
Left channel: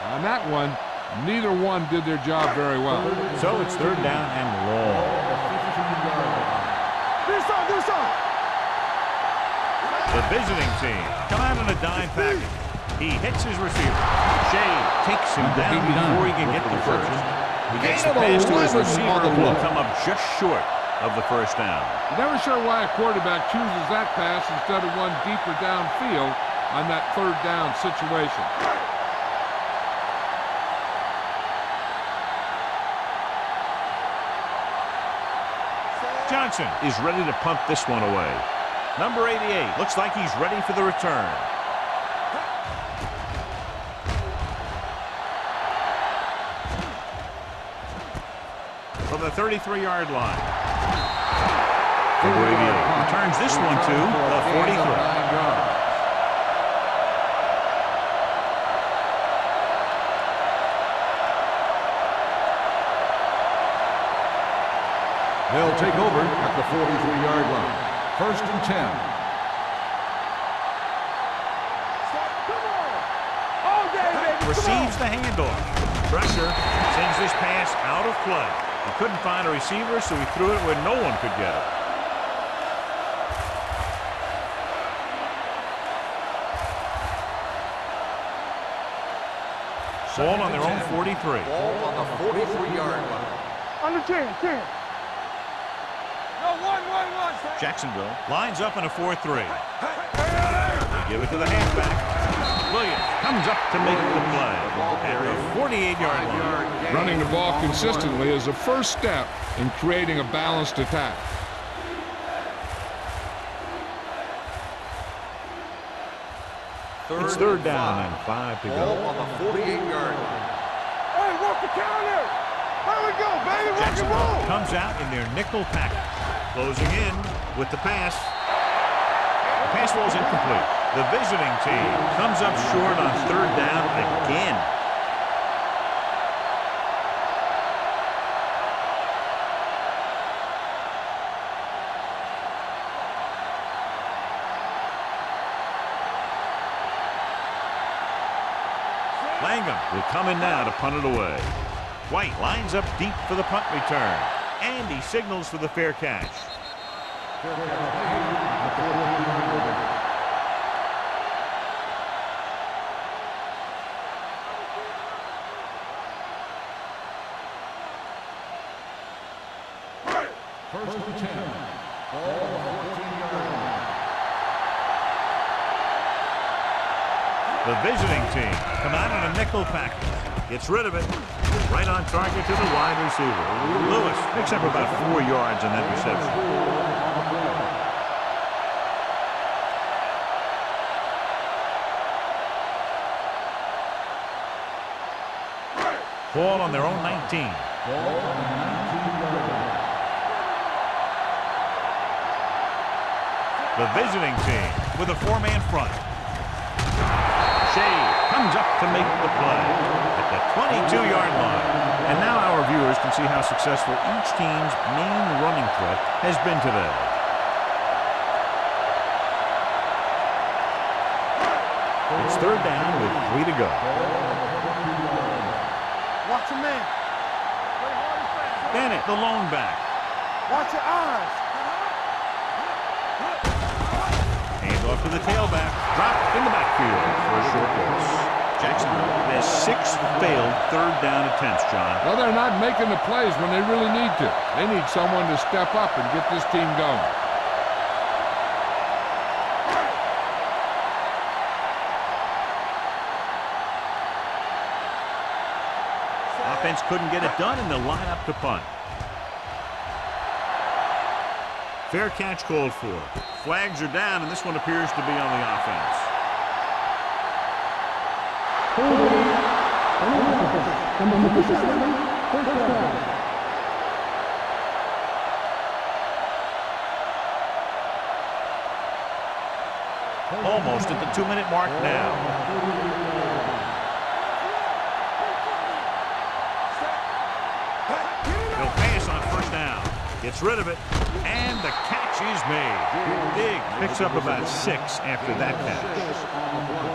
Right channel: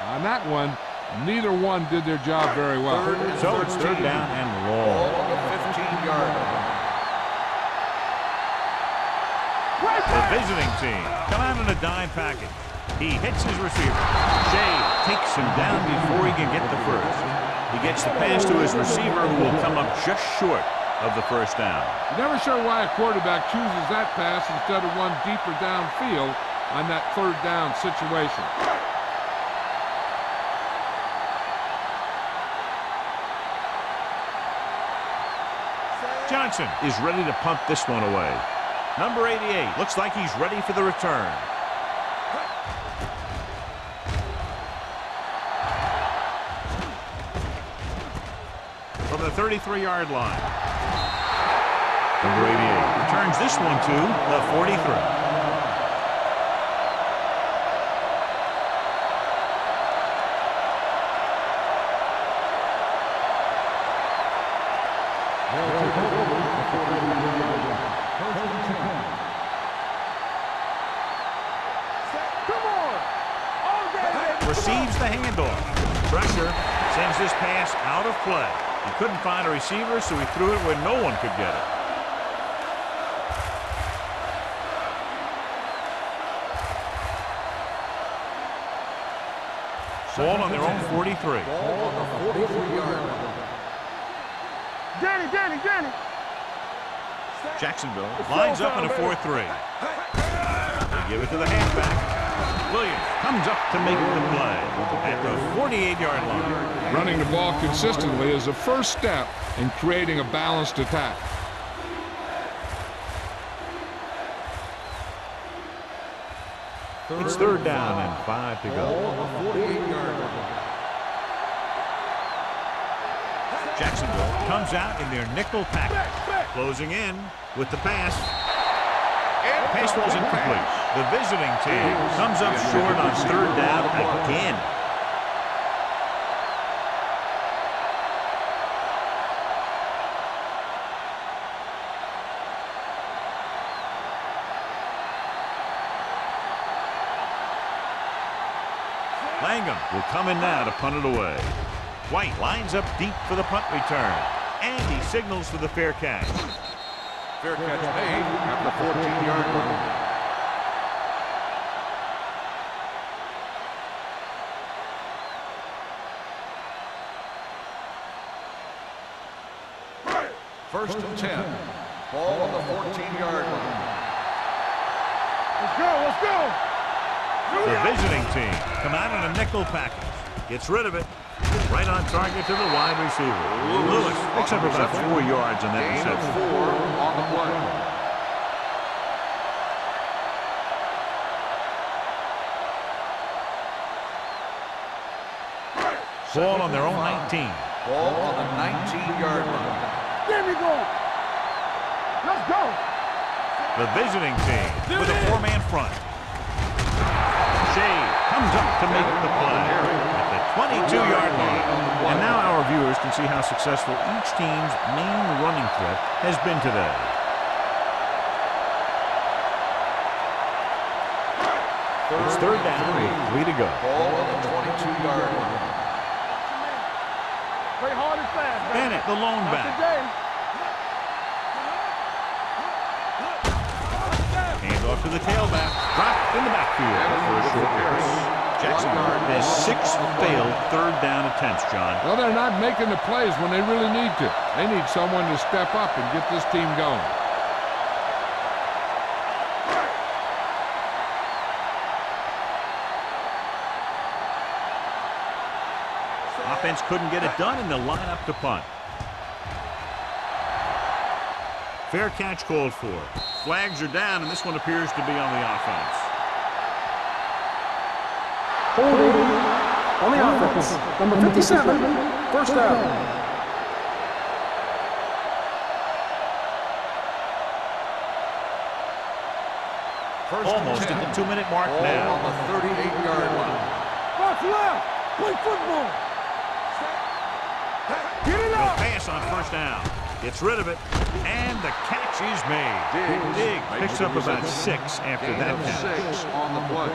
On that one, neither one did their job very well. So it's 3rd down and long. The visiting team come out in a dime package. He hits his receiver. Shea takes him down before he can get the first. He gets the pass to his receiver, who will come up just short of the first down. You're never sure why a quarterback chooses that pass instead of one deeper downfield on that 3rd down situation. Johnson is ready to punt this one away. Number 88 looks like he's ready for the return. From the 33-yard line. Number 88 returns this one to the 43. They'll take over at the 43-yard line. 1st and 10. Come on. All day, baby. Receives the handoff. Pressure sends this pass out of play. He couldn't find a receiver, so he threw it where no one could get it. Ball on their own 43. Ball on the 43-yard line. Under 10. Danny. Jacksonville lines up in a 4-3. They give it to the halfback. Williams comes up to make the play at the 48-yard line. Running the ball consistently is the first step in creating a balanced attack. It's 3rd down and 5 to go. On the 48-yard line. Hey, walk the counter. There we go, baby. Jacksonville comes out in their nickel package. Closing in with the pass. The pass ball's incomplete. The visiting team comes up short on 3rd down again. Langham will come in now to punt it away. White lines up deep for the punt return. And he signals for the fair catch. Fair catch made at the 14-yard line. First and 10. Ball on the 14-yard line. Let's go. The visiting team come out in a nickel package. Gets rid of it. Right on target to the wide receiver. Lewis picks up about 4 yards on that reception. Ball on their own 19. Ball on the 19-yard line. There we go. Let's go. The visiting team with a 4-man front. Shea comes up to make the play at the 22-yard line. And now our viewers can see how successful each team's main running threat has been today. It's 3rd down with 3 to go. Ball on the 22-yard line. Watch your man. Play hard and fast. Bennett, the lone back. Watch your eyes. Hand off to the tailback. Dropped in the backfield for a short loss. Jacksonville has 6 failed 3rd down attempts, John. Well, they're not making the plays when they really need to. They need someone to step up and get this team going. Offense couldn't get it done, and they'll line up to punt. Fair catch called for. Flags are down, and this one appears to be on the offense. Holding on the offense. Number 57, first down. Almost at the 2-minute mark now. On the 38-yard line. Watch left. Play football. Set. Get it He'll up. pass on first down. Gets rid of it, and the catch is made. Diggs picks up about 6 after that catch. 6 on the play.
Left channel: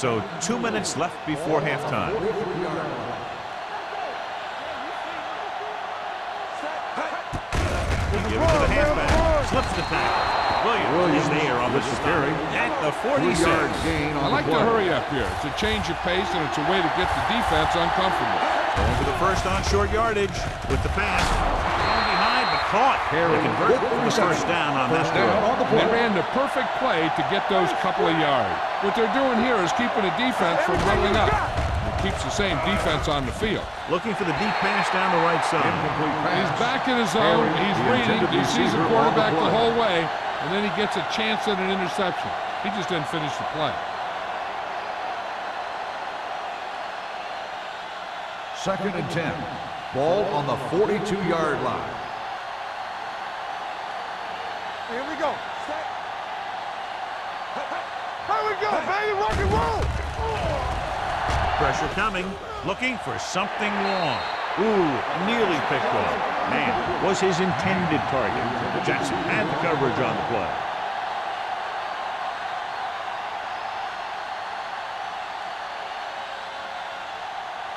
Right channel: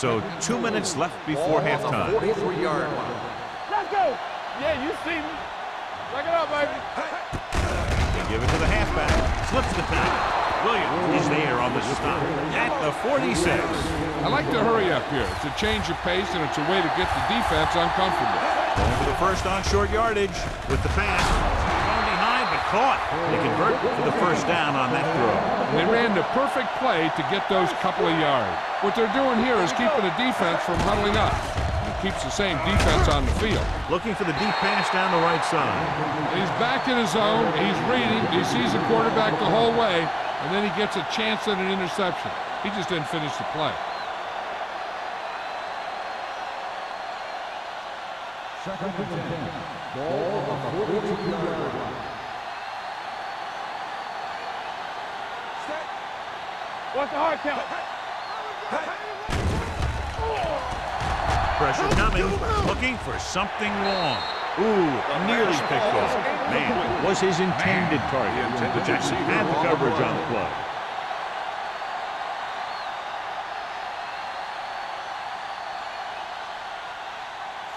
So 2 minutes left before halftime. 43-yard line. Let's go. Yeah, you see me. Check it out, baby. They give it to the halfback. Slips the tackle. Williams is there on the stop at the 46. I like to hurry up here. It's a change of pace, and it's a way to get the defense uncomfortable. Going for the first on short yardage with the pass. Thrown behind, but caught. They convert for the first down on that throw. And they ran the perfect play to get those couple of yards. What they're doing here is keeping the defense from huddling up. It keeps the same defense on the field. Looking for the deep pass down the right side. And he's back in his zone. He's reading. He sees the quarterback the whole way, and then he gets a chance at an interception. He just didn't finish the play. Second and 10. Ball on the 42-yard line. Here we go. Set. What's the hard count? Here we go, baby. Rock and roll. Oh. Pressure coming. Looking for something long. Ooh, nearly picked off. Man, was his intended target. But Jackson had the coverage on the play.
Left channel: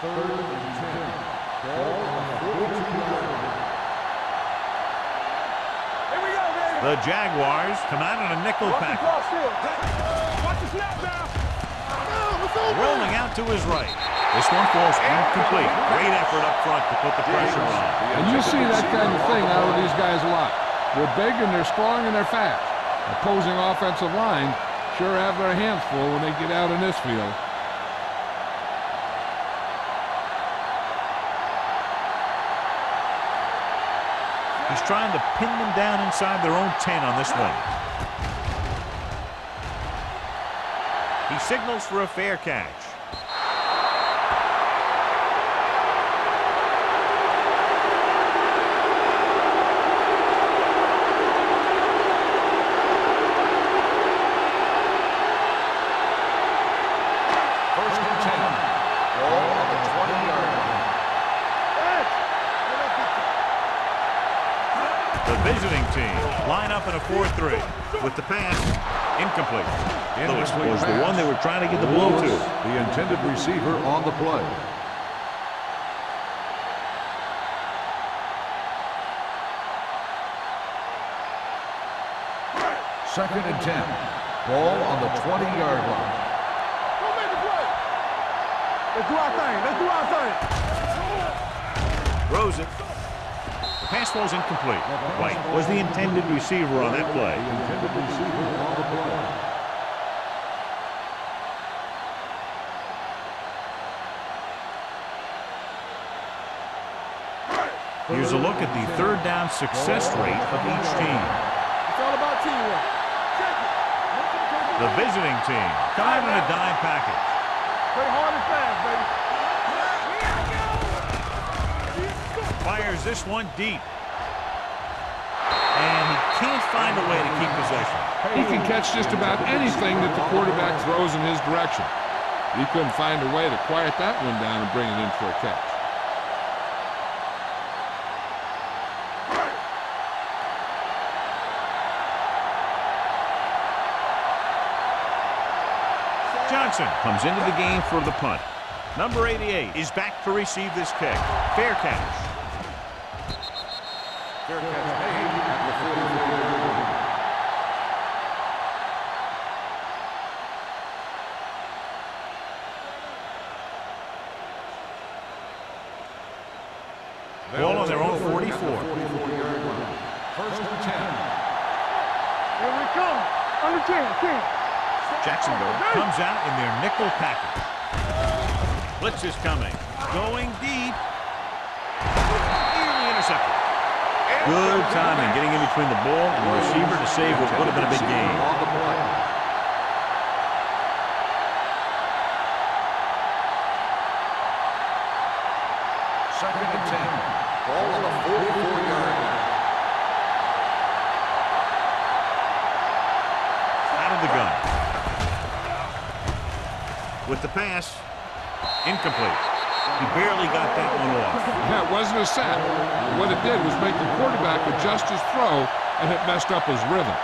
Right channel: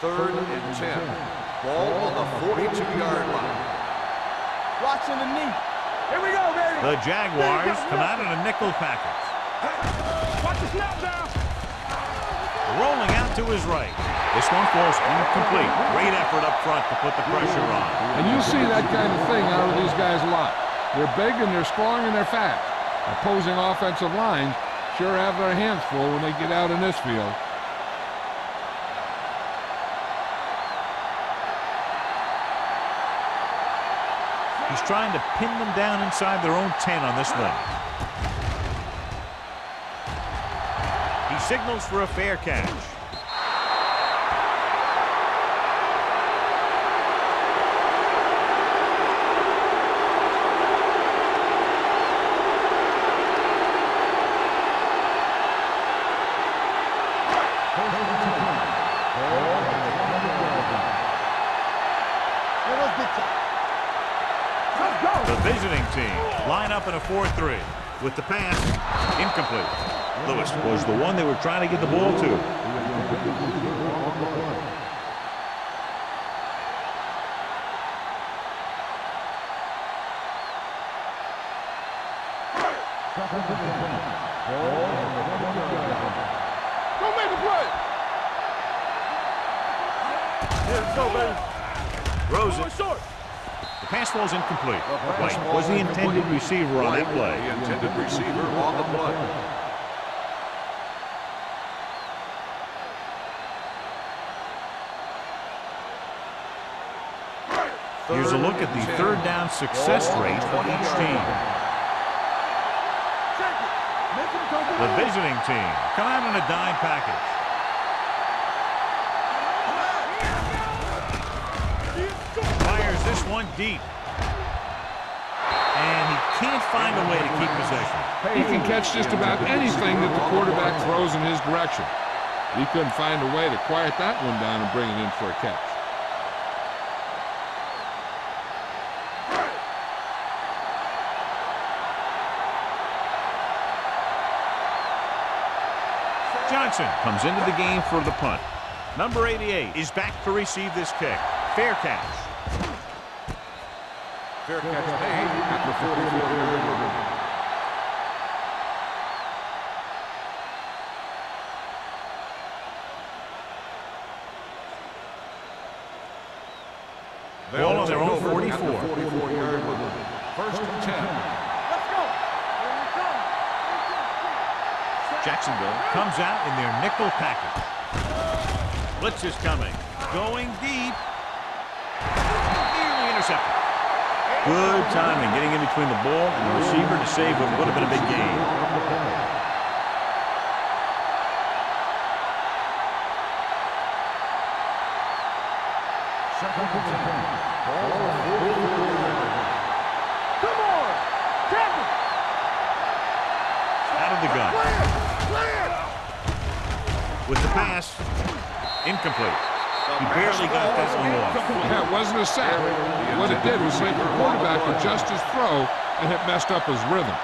Third and 10. Ball on the 42-yard line. Watching the knee. Here we go, baby. The Jaguars come out in a nickel package. Watch the snap down. Rolling out to his right. This one falls incomplete. Great effort up front to put the pressure on. And you see that kind of thing out of these guys a lot. They're big and they're strong and they're fast. Opposing offensive lines sure have their hands full when they get out in this field. He's trying to pin them down inside their own 10 on this one. He signals for a fair catch. First and 10. Ball on the 20-yard line. The visiting team line up in a 4-3 with the pass incomplete. Lewis was the one they were trying to get the ball to. The intended receiver on the play. Second and 10. Ball on the 20-yard line. Go make the play. Let's do our thing. Let's do our thing. Throws it. The pass falls incomplete. White was the intended receiver on that play. The intended receiver on the play. Here's a look at the third down success rate of each team. It's all about teamwork. Check it. Make them come The visiting team come out in a dime package. Play hard and fast, baby. Fires this one deep. And he can't find a way to keep possession. He can catch just about anything that the quarterback throws in his direction. He couldn't find a way to quiet that one down and bring it in for a catch. Johnson comes into the game for the punt. Number 88 is back to receive this kick. Fair catch. Fair catch made at the 44-yard line. Ball on on their own 44. At the 44-yard line. First and 10. Let's go. Here we come. Under 10. Jacksonville comes out in their nickel package. Blitz is coming. Going deep. Nearly intercepted. Good timing getting in between the ball and the receiver to save what would have been a big gain. On the play. Second and 10. Ball on the 44-yard line. Come on. Captain. Out of the gun. With the pass, incomplete. He barely got that one off. Yeah, it wasn't a sack. What it did was make the quarterback adjust his throw, and it messed up his rhythm.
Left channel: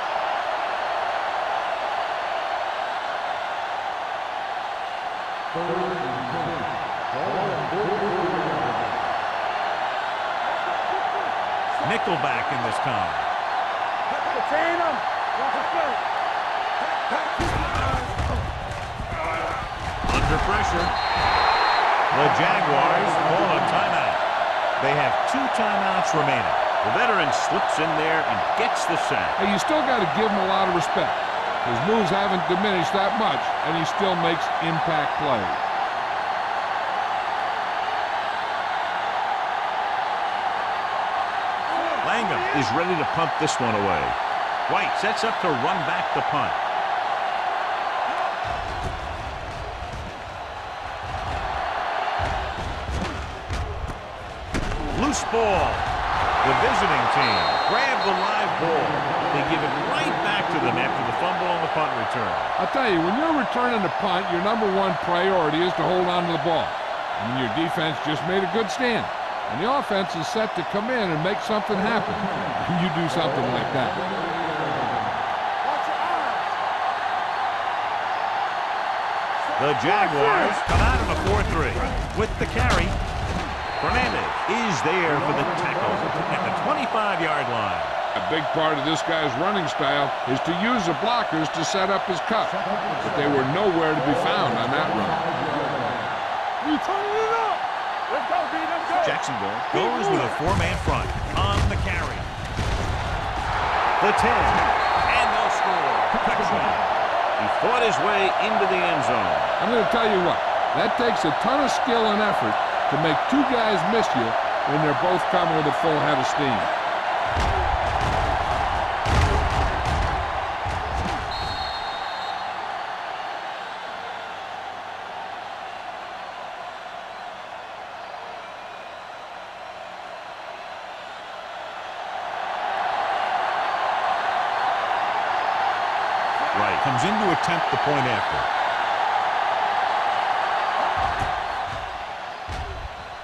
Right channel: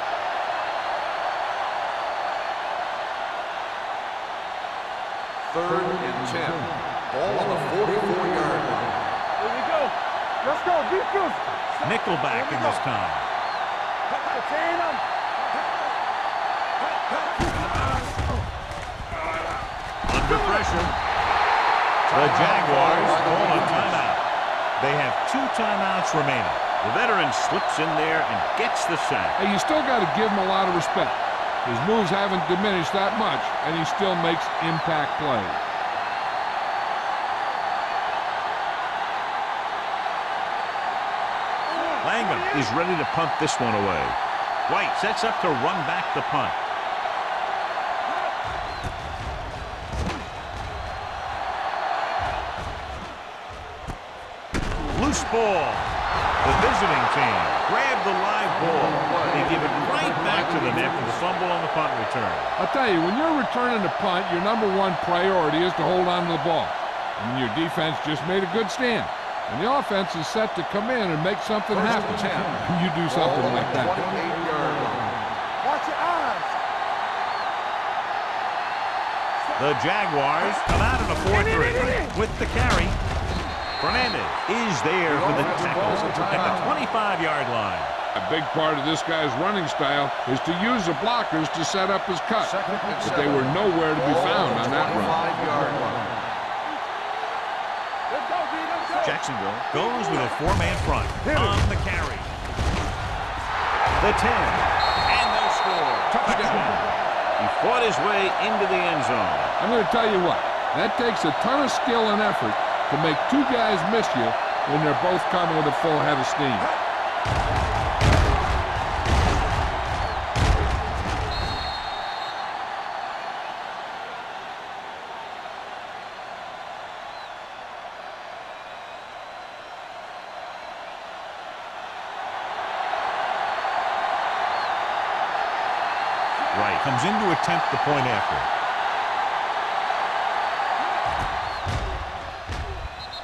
Third and 10. Ball on the 44-yard line. Here we go. Let's go. Beat you. Nickelback in this time. Contain them. Watch the play. Under pressure. The Jaguars call a timeout. They have 2 timeouts remaining. The veteran slips in there and gets the sack. Hey, you still got to give him a lot of respect. His moves haven't diminished that much, and he still makes impact plays. Langham is ready to punt this one away. White sets up to run back the punt. Loose ball. The visiting team grab the live ball. They give it right back to them after the fumble on the punt return. I'll tell you, when you're returning a punt, your #1 priority is to hold on to the ball. I mean, your defense just made a good stand, and the offense is set to come in and make something happen. And you do something like that. Watch your eyes. The Jaguars come out in a 4-3 with the carry. Fernandez is there for the tackle at the 25-yard line. A big part of this guy's running style is to use the blockers to set up his cut, but they were nowhere to be found on that run. You turn it up. Let's go, D. Let's go. Jacksonville goes with a 4-man front on the carry. The 10, and they'll score. Touchdown. He fought his way into the end zone. I'm going to tell you what, that takes a ton of skill and effort to make 2 guys miss you when they're both coming with a full head of steam. Wright comes in to attempt the point after.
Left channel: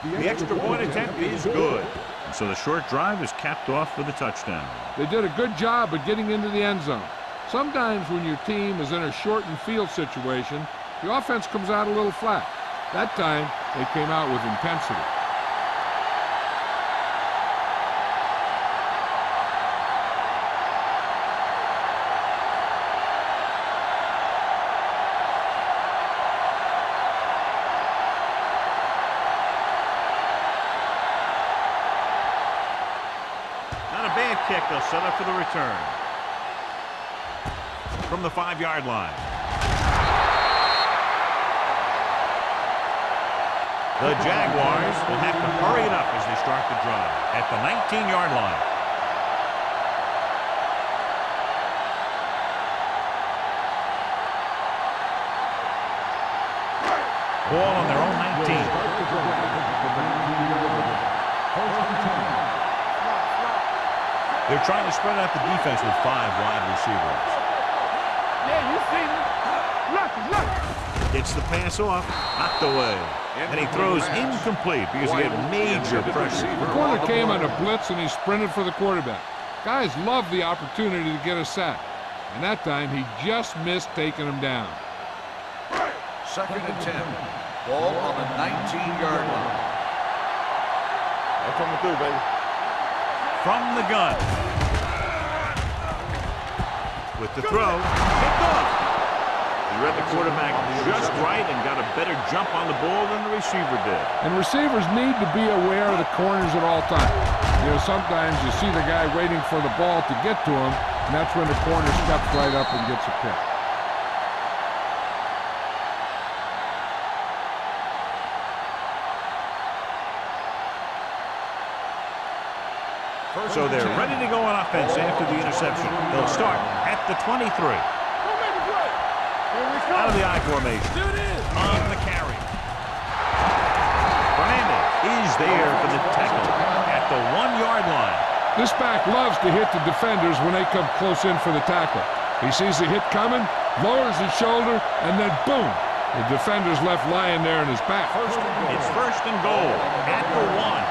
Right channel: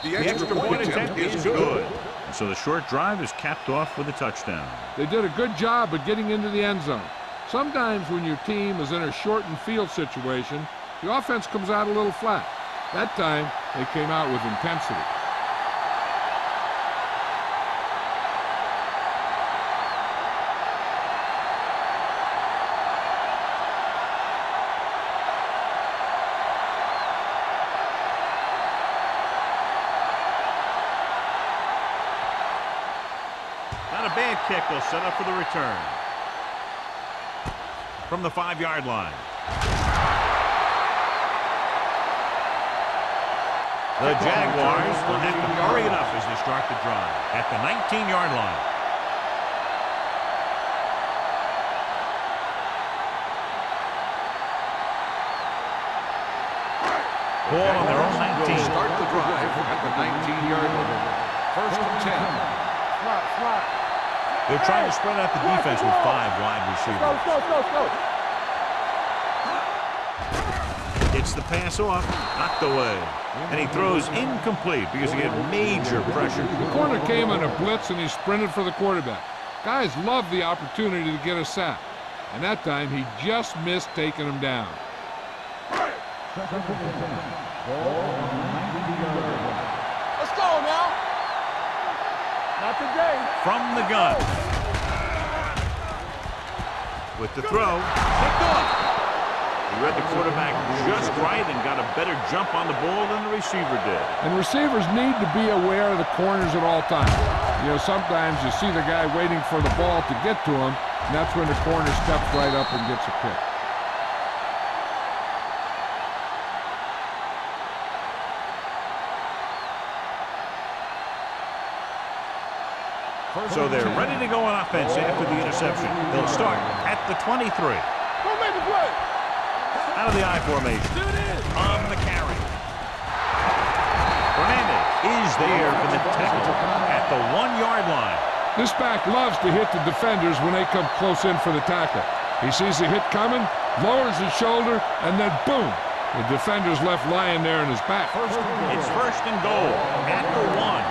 The extra point attempt is good. And so the short drive is capped off with a touchdown. They did a good job of getting into the end zone. Sometimes when your team is in a shortened field situation, the offense comes out a little flat. That time, they came out with intensity. Not a bad kick. They'll set up for the return. From the 5-yard line. The Jaguars will have to hurry it up as they start the drive at the 19-yard line. Ball on their own 19. Start the drive at the 19-yard line. First and 10. Slot. They're trying to spread out the defense with 5 wide receivers. Yeah, you see me. Look. Gets the pass off, knocked away. And he throws incomplete because he had major pressure. The corner came on a blitz and he sprinted for the quarterback. Guys love the opportunity to get a sack. And that time he just missed taking him down. Second and 10. Ball on the 19-yard line. Let's go now. That's what I'm gonna do, baby. From the gun. With the throw, picked off. He read the quarterback just right and got a better jump on the ball than the receiver did. And receivers need to be aware of the corners at all times. You know, sometimes you see the guy waiting for the ball to get to him, and that's when the corner steps right up and gets a pick. So they're ready to go on offense after the interception. They'll start at the 23. Go make a play. Out of the I formation. On the carry. Fernandez is there for the tackle at the 1-yard line. This back loves to hit the defenders when they come close in for the tackle. He sees the hit coming, lowers his shoulder, and then boom, the defender's left lying there in his back. It's first and goal at the 1.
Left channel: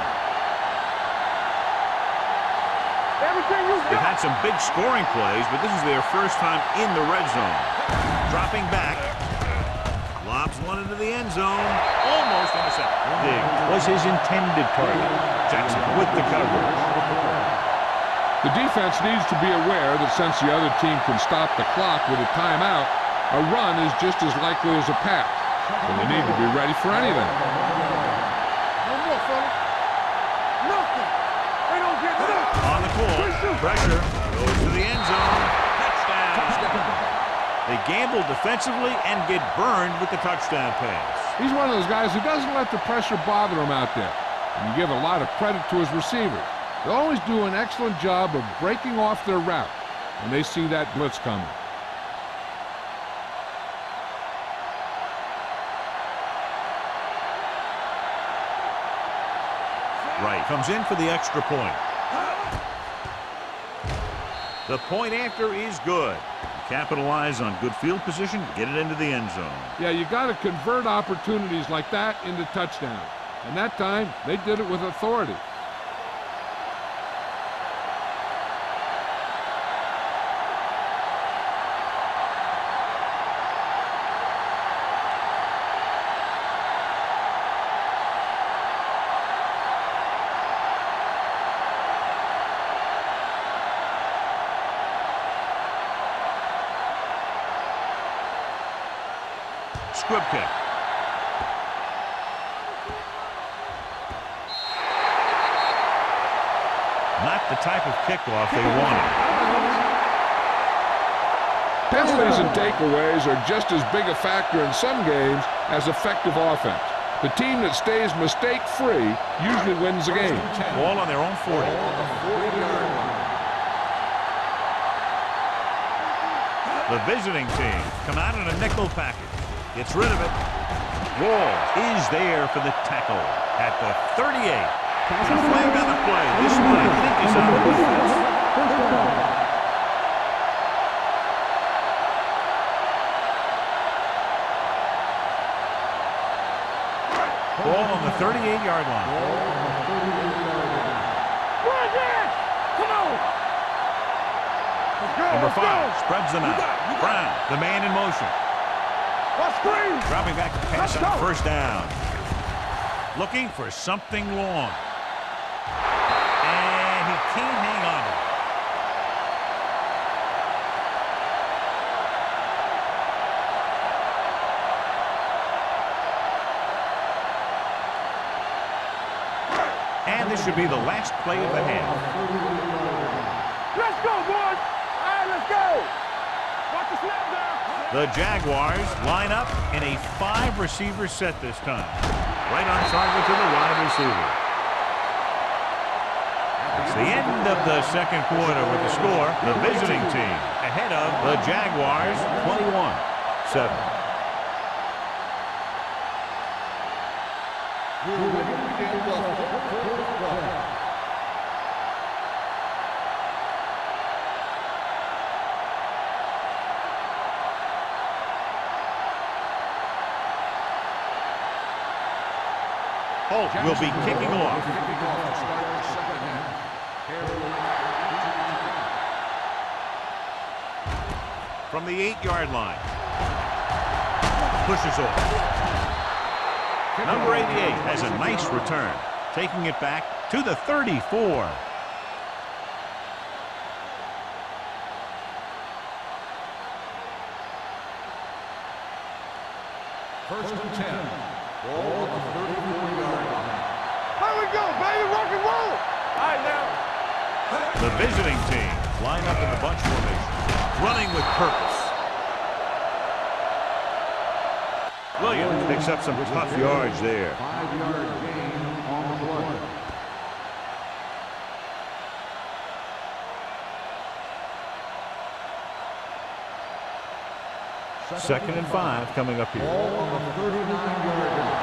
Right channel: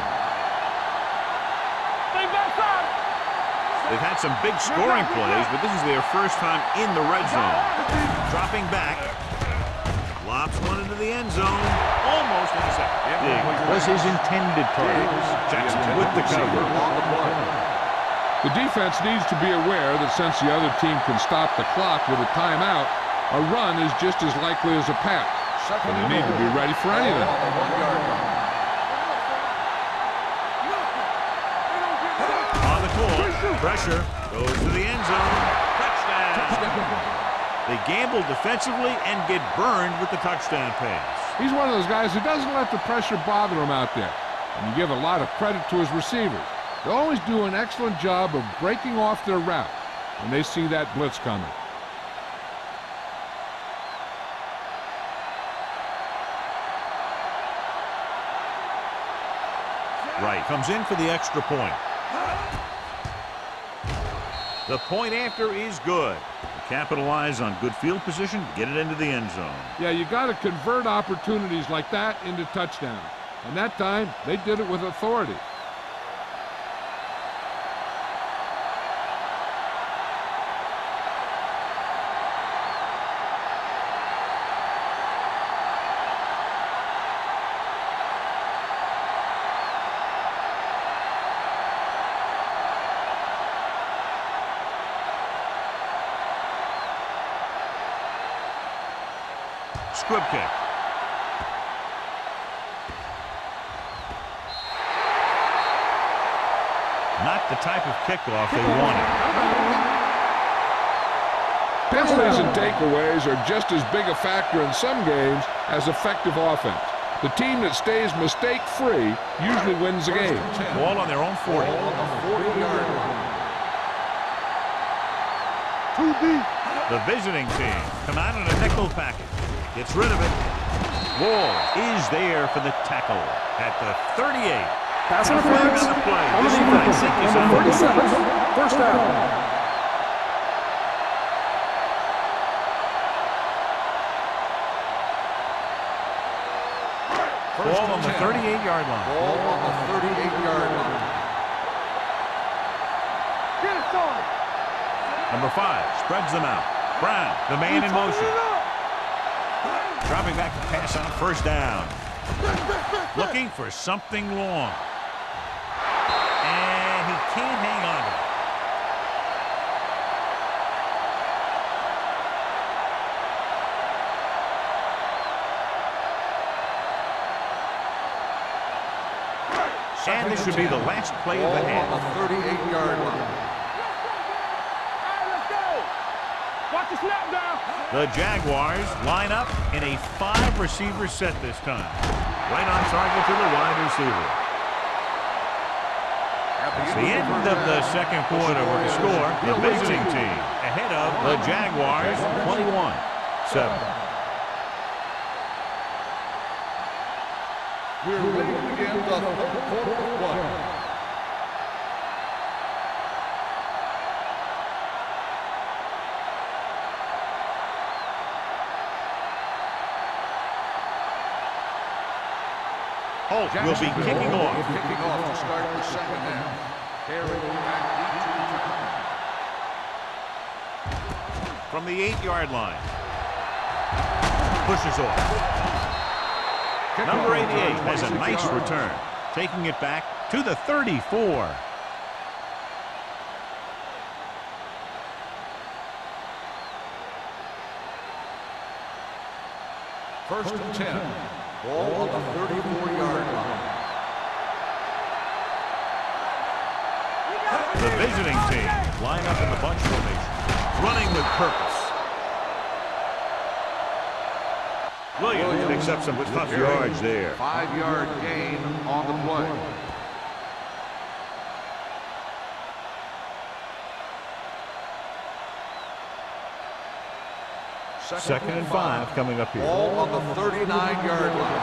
They've had some big scoring plays, but this is their first time in the red zone. Dropping back. Lobs one into the end zone. Almost intercepted. Dig was his intended target. Jackson with the coverage. The defense needs to be aware that since the other team can stop the clock with a timeout, a run is just as likely as a pass. So they need to be ready for anything. On the call, pressure goes to the end zone. Touchdown. They gamble defensively and get burned with the touchdown pass. He's one of those guys who doesn't let the pressure bother him out there. And you give a lot of credit to his receivers. They always do an excellent job of breaking off their route when they see that blitz coming. Right comes in for the extra point. The point after is good. Capitalize on good field position, get it into the end zone. Yeah, you got to convert opportunities like that into touchdowns. And that time, they did it with authority. Squib kick. Not the type of kickoff they wanted. Penalties and takeaways are just as big a factor in some games as effective offense. The team that stays mistake-free usually wins the game. Ball on their own 40. On the 40-yard line. The visiting team come out in a nickel package. Gets rid of it. Wall is there for the tackle at the 38. And a flag on the play. This one, I think, is on the defense. First down. Ball on the 38-yard line. Ball on the 38-yard line. Number 5 spreads them out. Brown, the man in motion. Dropping back to pass on first down. Looking for something long. And he can't hang on to it. And this should be the last play of the half. On the 38-yard line. Let's go, boys. All right, let's go. Watch the snap down. The Jaguars line up in a 5-receiver set this time. Right on target to the wide receiver. It's the end of the second quarter with the score. The visiting team ahead of the Jaguars 21-7. We're ready to begin the third quarter of play. Holt will be kicking off. Kicking off to start the second half. Carry back into return. From the 8-yard line. Pushes off. Number 88 has a nice return, taking it back to the 34. First and 10. Ball on the 34-yard line. Here we go, baby. Rock and roll. All right, now. The visiting team line up in the bunch formation, running with purpose. Williams picks up some tough yards there. 5-yard gain on the play. Second and 5 coming up here. Ball on the 39-yard line.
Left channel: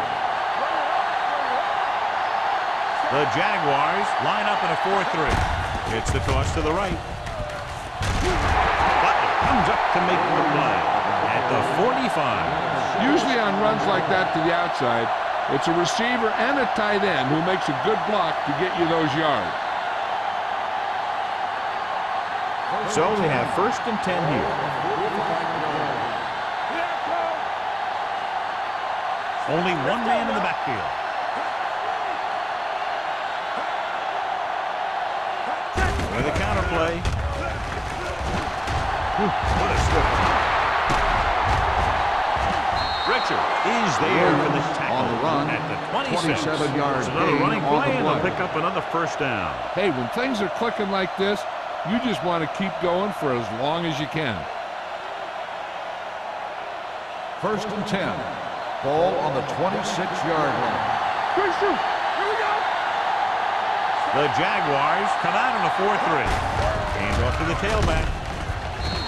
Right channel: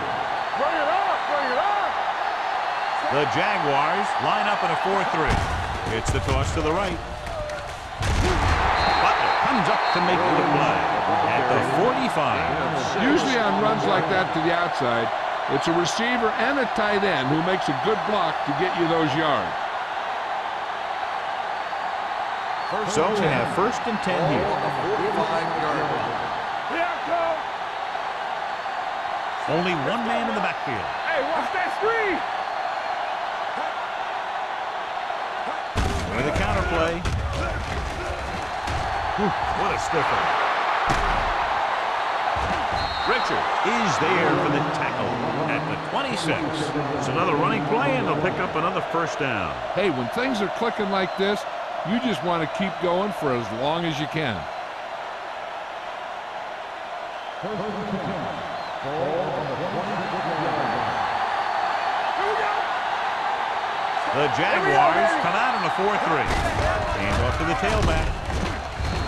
Bring it up, bring it up. The Jaguars line up in a 4-3. It's the toss to the right. Butler comes up to make the play at the 45. Usually on runs like that to the outside, it's a receiver and a tight end who makes a good block to get you those yards. So they have first and 10 here. On the 45-yard line. Here I come. Only one man in the backfield. Hey, watch that screen. With a counter play. What a stiff one. Richard is there for the tackle at the 26. It's another running play, and they'll pick up another first down. Hey, when things are clicking like this, you just want to keep going for as long as you can. First and 10. Ball on the 26-yard line. Quick shoot. Here we go. The Jaguars come out in a 4-3. Hand off to the tailback.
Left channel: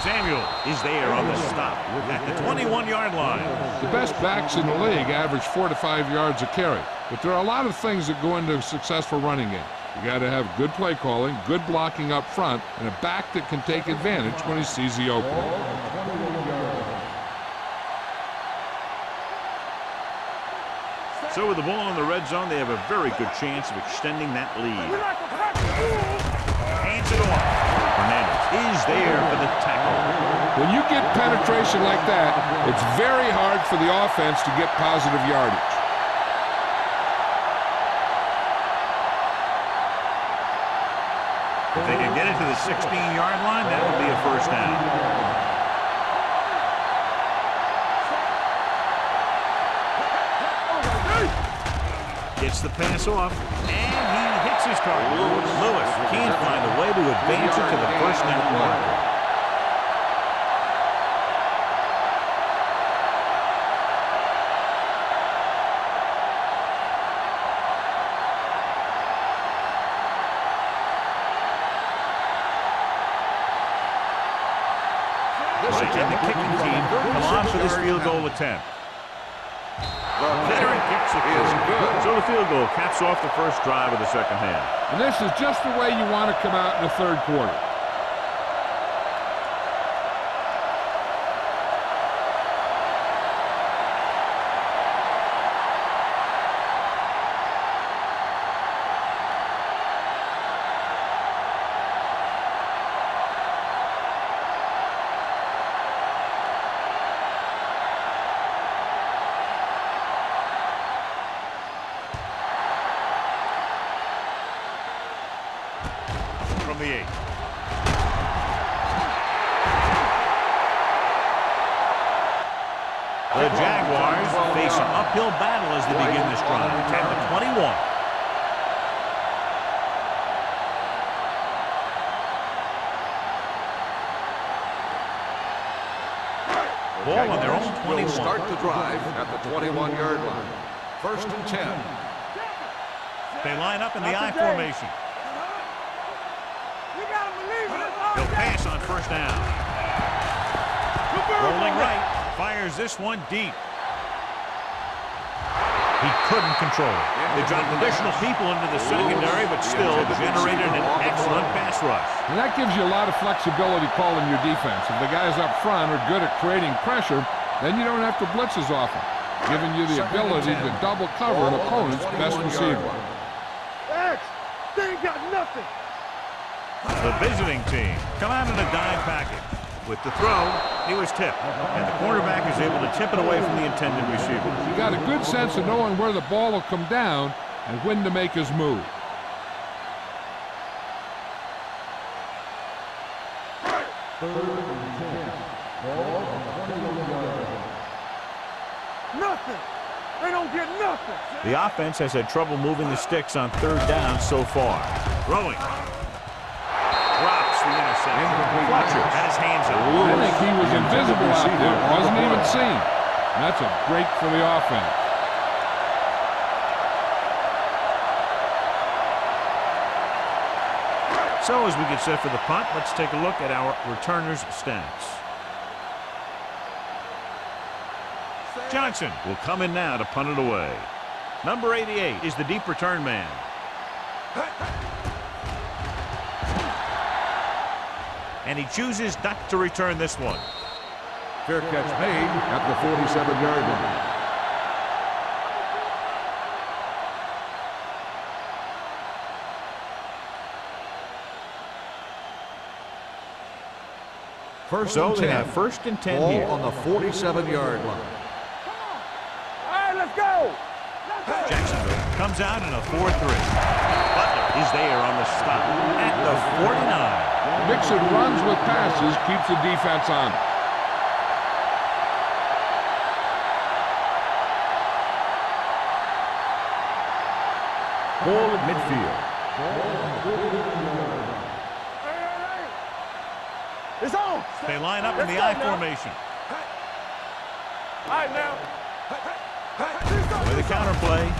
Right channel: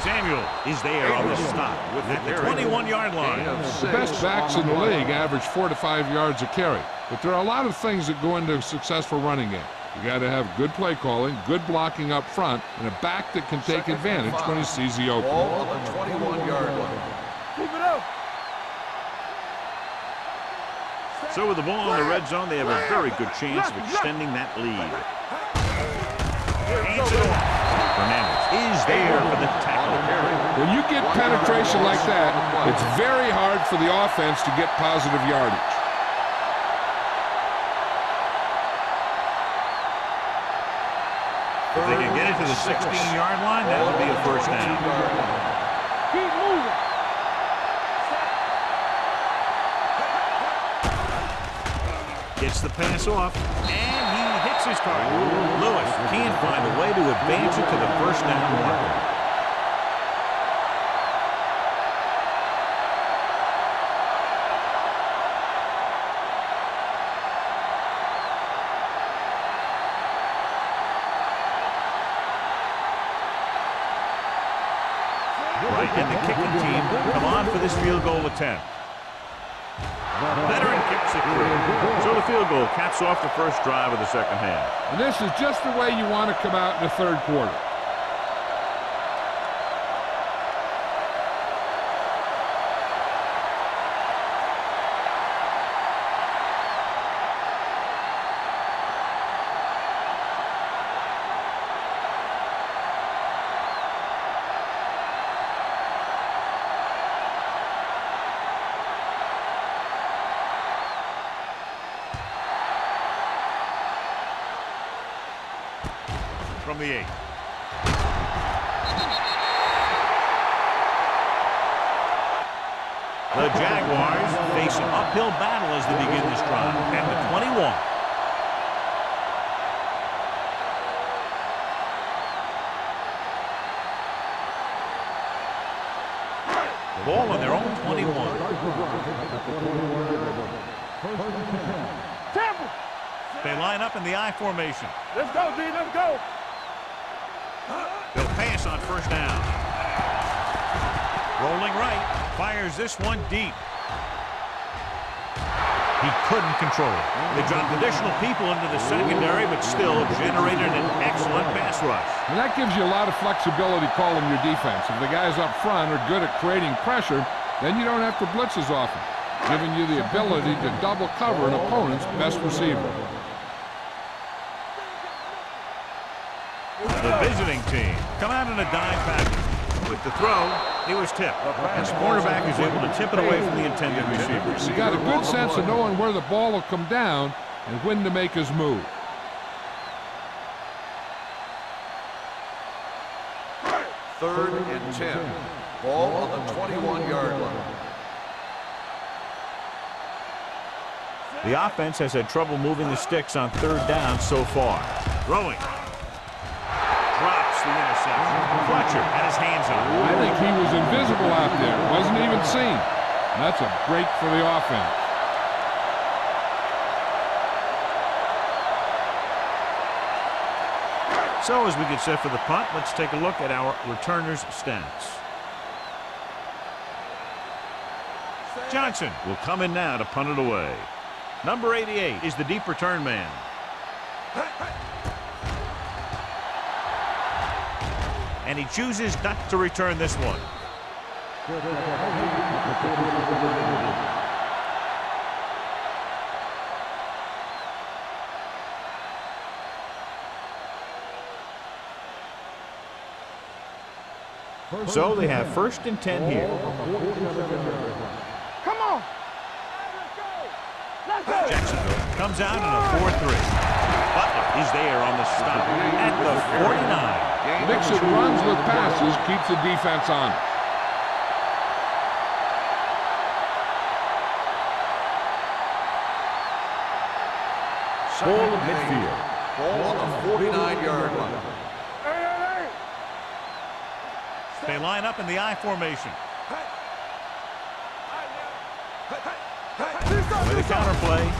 Samuel is there on the stop at the 21-yard line. The best backs in the league average 4 to 5 yards a carry, but there are a lot of things that go into a successful running game. You got to have good play calling, good blocking up front, and a back that can take advantage when he sees the opening. Ball on the 21-yard line. Move it up. So with the ball in the red zone, they have a very good chance of extending that lead. Hands it off. Fernandez is there for the tackle. When you get penetration like that, it's very hard for the offense to get positive yardage. If they can get it to the 16-yard line, that would be a first down. Keep moving. Gets the pass off, and he hits his target. Lewis can't find a way to advance it to the first down marker. Right, and the kicking team come on for this field goal attempt. Veteran kicks it through. So the field goal caps off the first drive of the second half. And this is just the way you want to come out in the third quarter. From the 8. The Jaguars face an uphill battle as they begin this drive at the 21. Ball on their own 21. Start the drive at the 21-yard line. First and 10. Tampa. They line up in the I formation. Let's go, D. Let's go. We gotta believe it. They'll pass on first down. Rolling right, fires this one deep. He couldn't control it. They dropped additional people into the secondary, but still generated an excellent pass rush. And that gives you a lot of flexibility calling your defense. If the guys up front are good at creating pressure, then you don't have to blitz as often, giving you the ability to double cover an opponent's best receiver. They ain't got nothing. The visiting team come out in a dime package. With the throw, he was tipped, and the cornerback is able to tip it away from the intended receiver. He got a good sense of knowing where the ball will come down and when to make his move. Third and 10. Ball on the 21-yard line. Nothing. They don't get nothing. The offense has had trouble moving the sticks on third down so far. Throwing. drops the interception. Fletcher had his hands up. I think he was invisible out there. Wasn't even seen. And that's a break for the offense. So as we get set for the punt, let's take a look at our returners' stats. Johnson will come in now to punt it away. Number 88 is the deep return man. And he chooses not to return this one. Fair catch made at the 47-yard line. So they have 1st and 10 here. On the 47-yard line. Come on. All right, let's go. Let's go. Jacksonville comes out in a 4-3. Butler is there on the stop at the 49. Mixing runs with passes keeps the defense on. Ball at midfield. Ball on the 49-yard line. Hey. It's on. They line up in the I formation. All right, now. With a counterplay.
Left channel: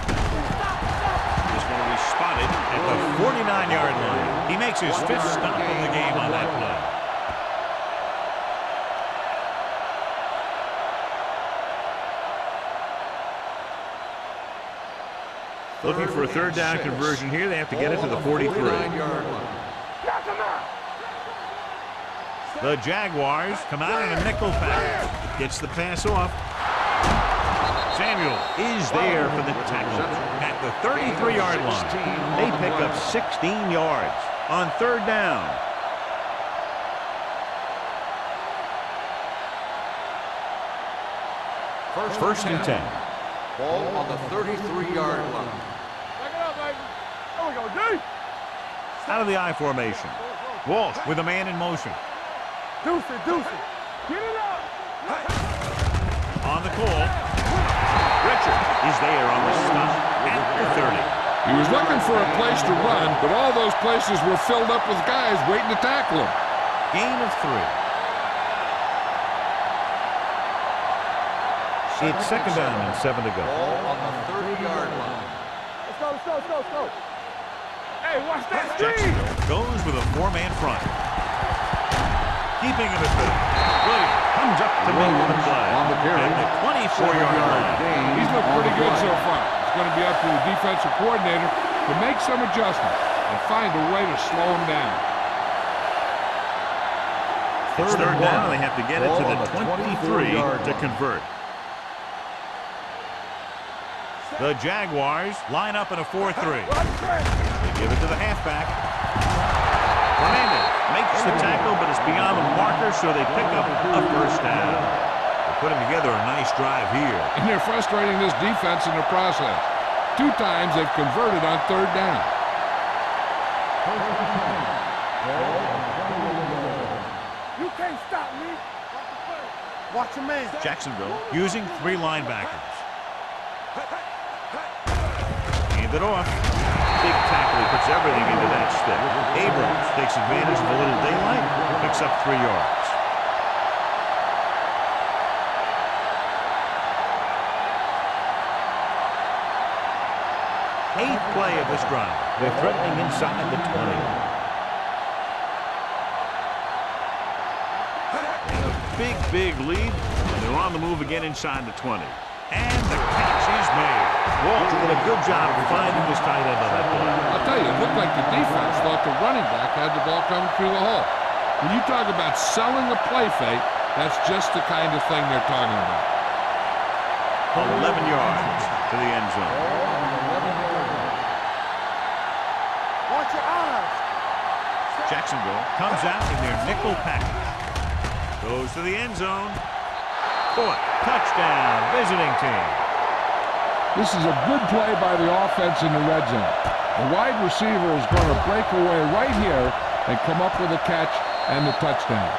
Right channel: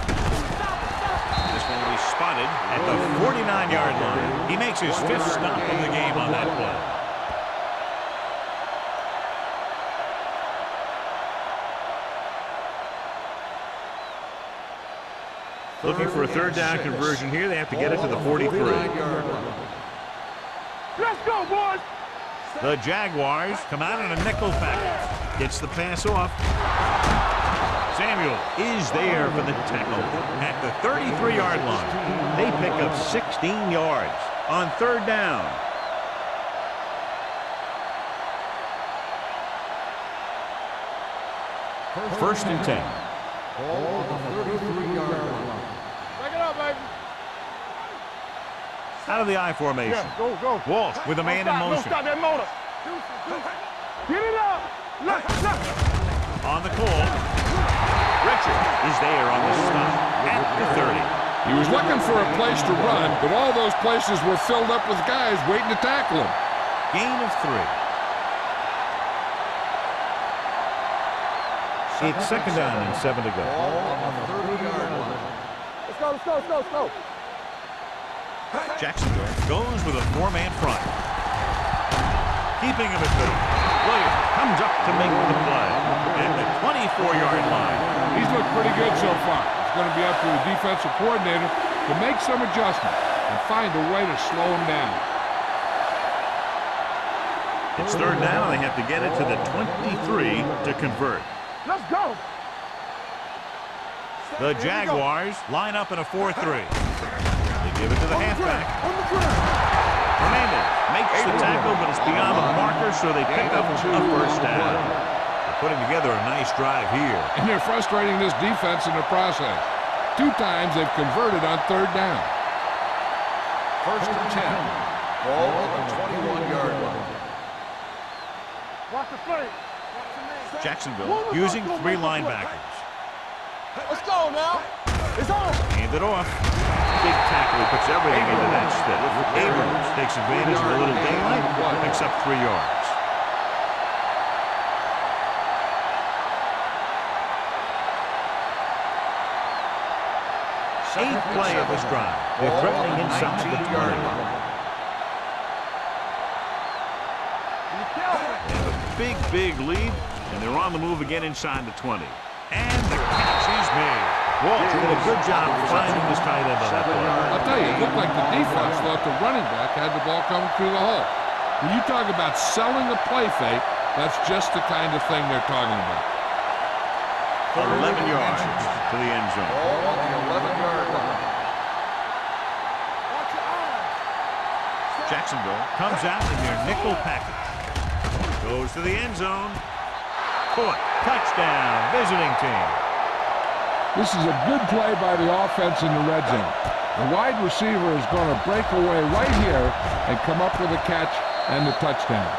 This one will be spotted at the 49-yard line. He makes his 5th stop of the game on that play. Looking for a 3rd down conversion here. They have to get it to the 43. Let's go, boys. The Jaguars come out in a nickel package. Gets the pass off. Samuel is there for the tackle at the 33-yard line. They pick up 16 yards on 3rd down. First and 10. Ball on the 33-yard line. Back it up, baby. There we go, D. Out of the I formation. Yeah, go. Walsh with a man in motion. Stop that motor. Deuce it. Get it up. Look. On the call, Richard is there on the stop at the 30. He was looking for a place to run, but all those places were filled up with guys waiting to tackle him. Gain of 3. It's 2nd down and 7 to go. Ball on the 30-yard line. Let's go. Hey, watch that. Jacksonville goes with a 4-man front. Keeping him at middle. Williams comes up to make the play at the 24-yard line. He's looked pretty good so far. It's going to be up to the defensive coordinator to make some adjustments and find a way to slow him down. It's 3rd down, and they have to get it to the 23 to convert. Let's go. The Jaguars line up in a 4-3. They give it to the halfback. Fernandez makes the tackle, but it's beyond the marker, so they pick up a 1st down. They're putting together a nice drive here. And they're frustrating this defense in the process. 2 times they've converted on 3rd down. 1st and 10. Ball on the 21-yard line. You can't stop me. Watch the play. Watch the man. Jacksonville using 3 linebackers. Let's go now. It's on. Hand it off. Big tackle. He puts everything into that step. Abrams takes advantage of a little daylight, picks up 3 yards. Eighth play of this drive. They're threatening inside the 20. They have a big lead, and they're on the move again inside the 20. And the catch is made. Walsh did a good job finding his tight end on that play. I'll tell you, it looked like the defense thought the running back had the ball coming through the hole. When you talk about selling a play fake, that's just the kind of thing they're talking about. 11 yards to the end zone. Watch your eyes. Jacksonville comes out in their nickel package. Goes to the end zone. Caught. Touchdown, visiting team. This is a good play by the offense in the red zone. The wide receiver is going to break away right here and come up with a catch and the touchdown.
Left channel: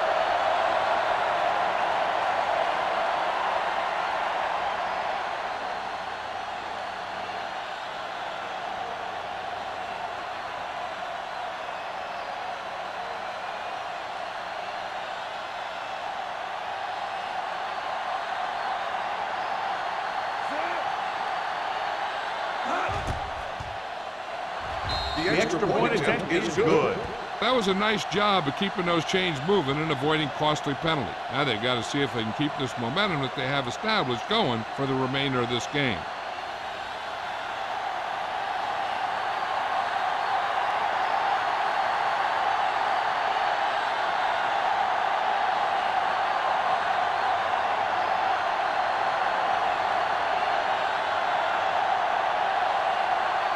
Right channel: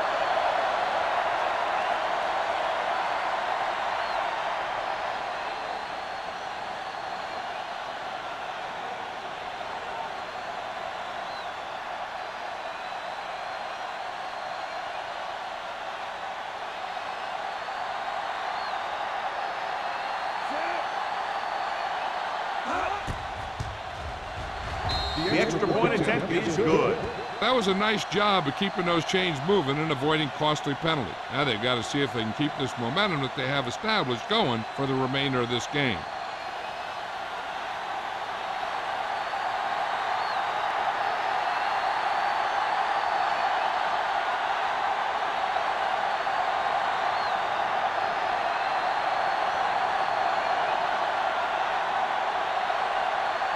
The extra point attempt is good. That was a nice job of keeping those chains moving and avoiding costly penalty. Now they've got to see if they can keep this momentum that they have established going for the remainder of this game.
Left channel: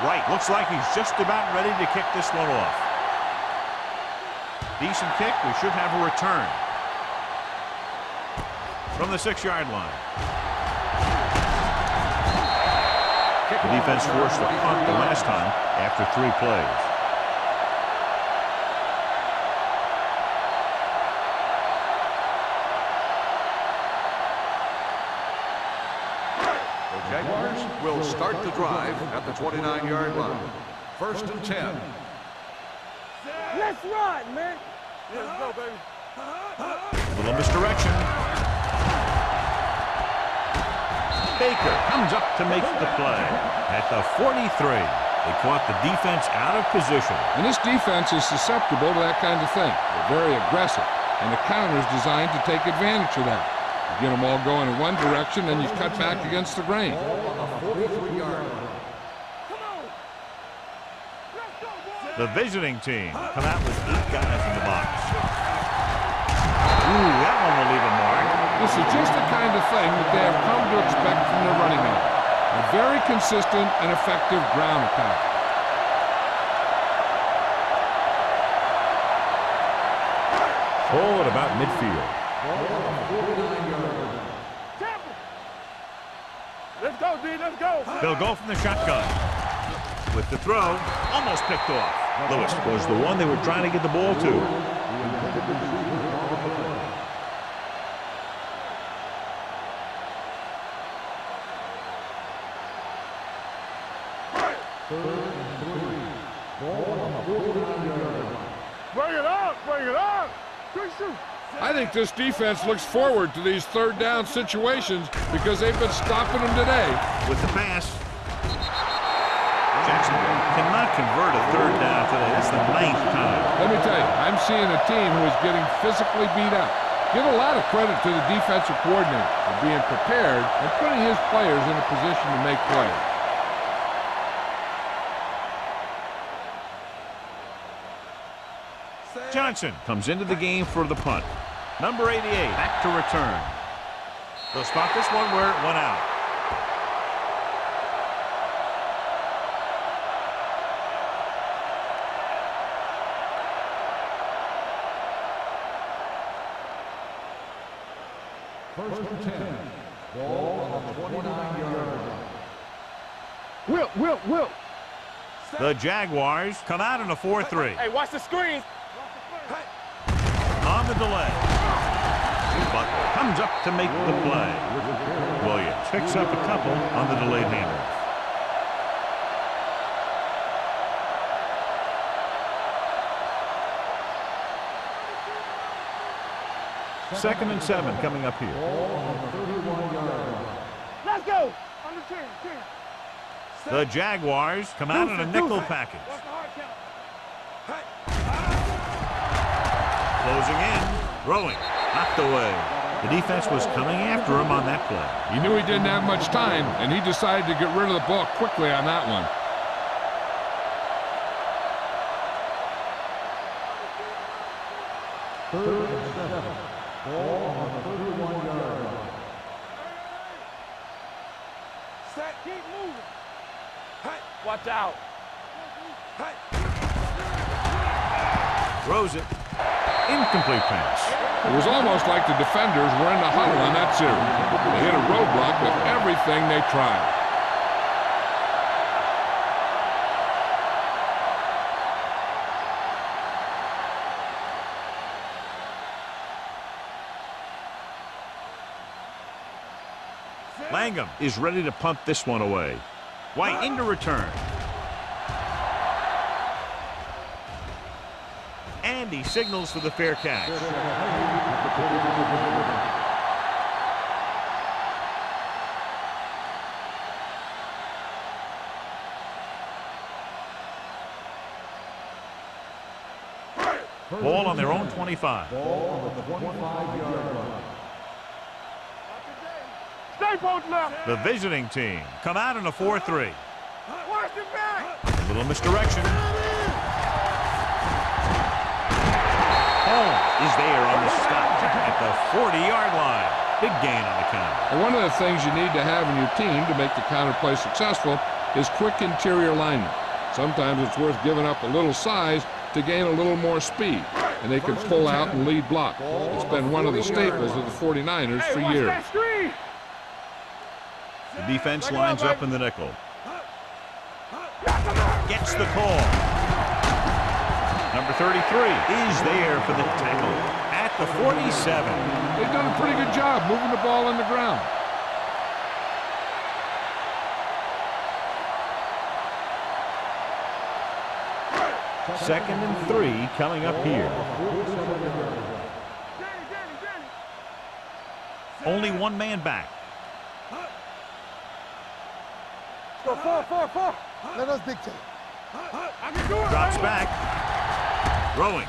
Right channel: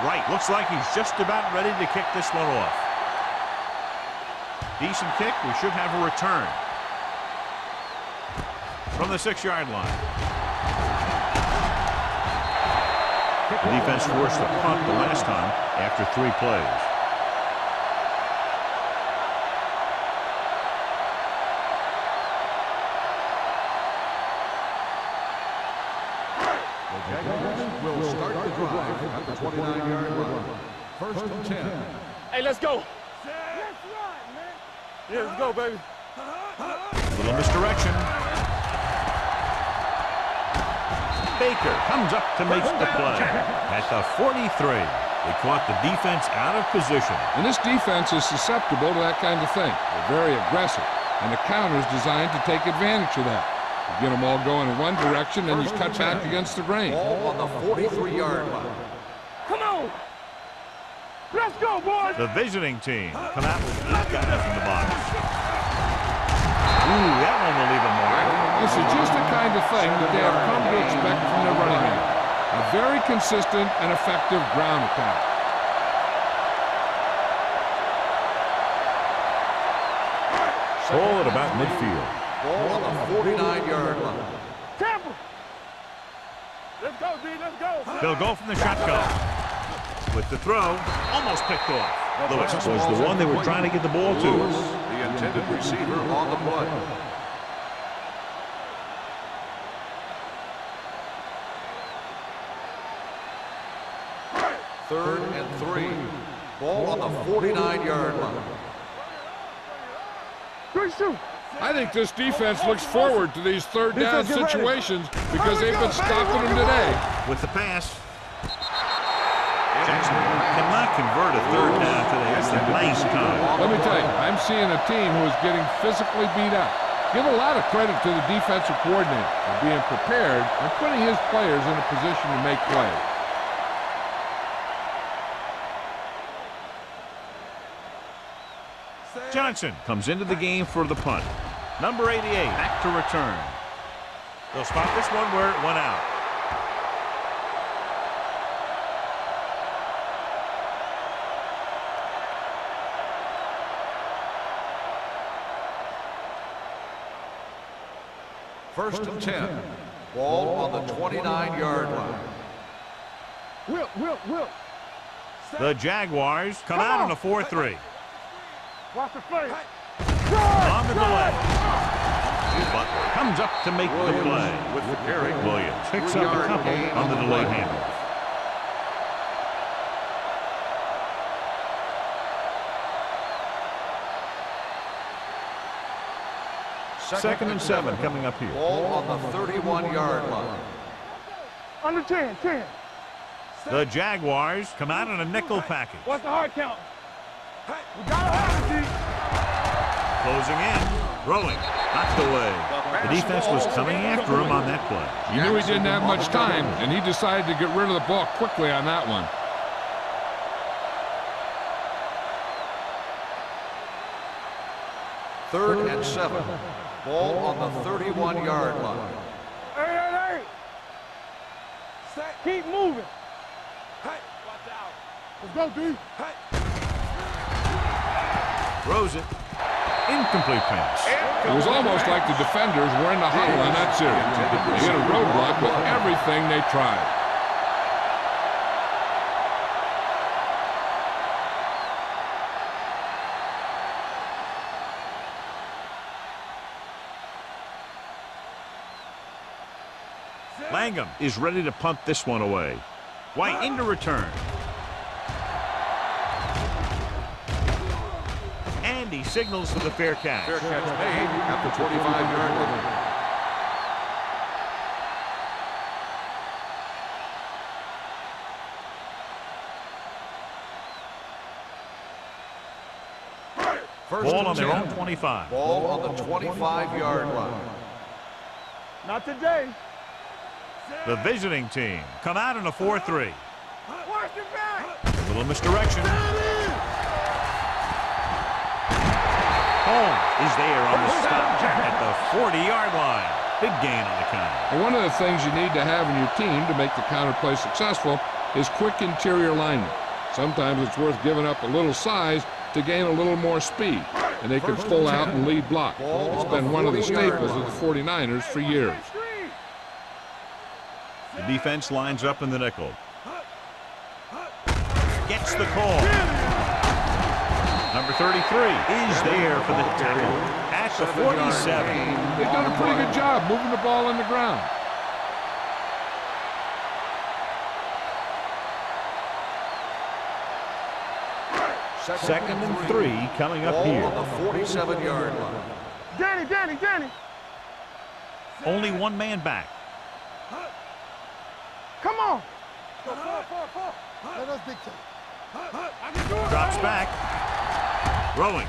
Right, looks like he's just about ready to kick this one off. Decent kick, we should have a return. From the 6-yard line. The defense forced a punt the last time after 3 plays. The Jaguars will start the drive at the 29-yard line. 1st and 10. Hey, let's go. Let's ride, man. Yeah, let's go, baby. Little misdirection. Baker comes up to make the play. At the 43, they caught the defense out of position. And this defense is susceptible to that kind of thing. They're very aggressive, and the counter is designed to take advantage of that. You get them all going in one direction, and you cut back against the grain. Ball on the 43-yard line. Come on. Let's go, boys. The visiting team come out with 8 guys in the box. Ooh, that one will leave a mark. This is just the kind of thing that they have come to expect from their running game. A very consistent and effective ground attack. Ball at about midfield. Ball on the 49-yard line. Tampa. Let's go, D. Let's go. They'll go from the shotgun. With the throw, almost picked off. Lewis was the one they were trying to get the ball to. The intended receiver on the play. Third and 3. Ball on the 49-yard line. Bring it up. Bring it up. Good shoot. I think this defense looks forward to these third down situations because they've been stopping them today. With the pass, Jacksonville cannot convert a third down today. That's the 9th time. Let me tell you, I'm seeing a team who is getting physically beat up. Give a lot of credit to the defensive coordinator for being prepared and putting his players in a position to make plays. Johnson comes into the game for the punt. Number 88 back to return. They'll spot this one where it went out. First and 10. Ball on the 29-yard line. Will. The Jaguars come out on a 4-3. Hey, watch the screen. Watch the play. On the delay. Butler comes up to make the play. Williams picks up a couple on the delayed handoff. Second and 7 coming up here. Ball on the 31-yard line. Let's go. Under 10. The Jaguars come out in a nickel package. Watch the hard count. Closing in, throwing, knocked away. The defense was coming after him on that play. He knew he didn't have much time, and he decided to get rid of the ball quickly on that one. Third and 7. Ball on the 31-yard line. Hey. Set. Keep moving. Hey. Watch out. Let's go, D. Hey. Throws it. Incomplete pass. It was almost like the defenders were in the huddle on that series. They hit a roadblock with everything they tried. Langham is ready to punt this one away. White into return. And he signals for the fair catch. Fair catch made at the 25-yard line. Ball on their own 25. Ball on the 25-yard line. Not today. Stay both left. The visiting team come out in a 4-3. Watch the back. A little misdirection. Holmes is there on the stop at the 40-yard line. Big gain on the counter. And one of the things you need to have in your team to make the counter play successful is quick interior linemen. Sometimes it's worth giving up a little size to gain a little more speed, and they can pull out and lead block. It's been one of the staples of the 49ers for years. The defense lines up in the nickel. Gets the call. Number 33 is there for the tackle at the 47. They've done a pretty good job moving the ball on the ground. Second and 3 coming up here. 47-yard line. Danny. Only one man back. Come on. Go four. Let us dictate. I can do it. Drops back. Throwing.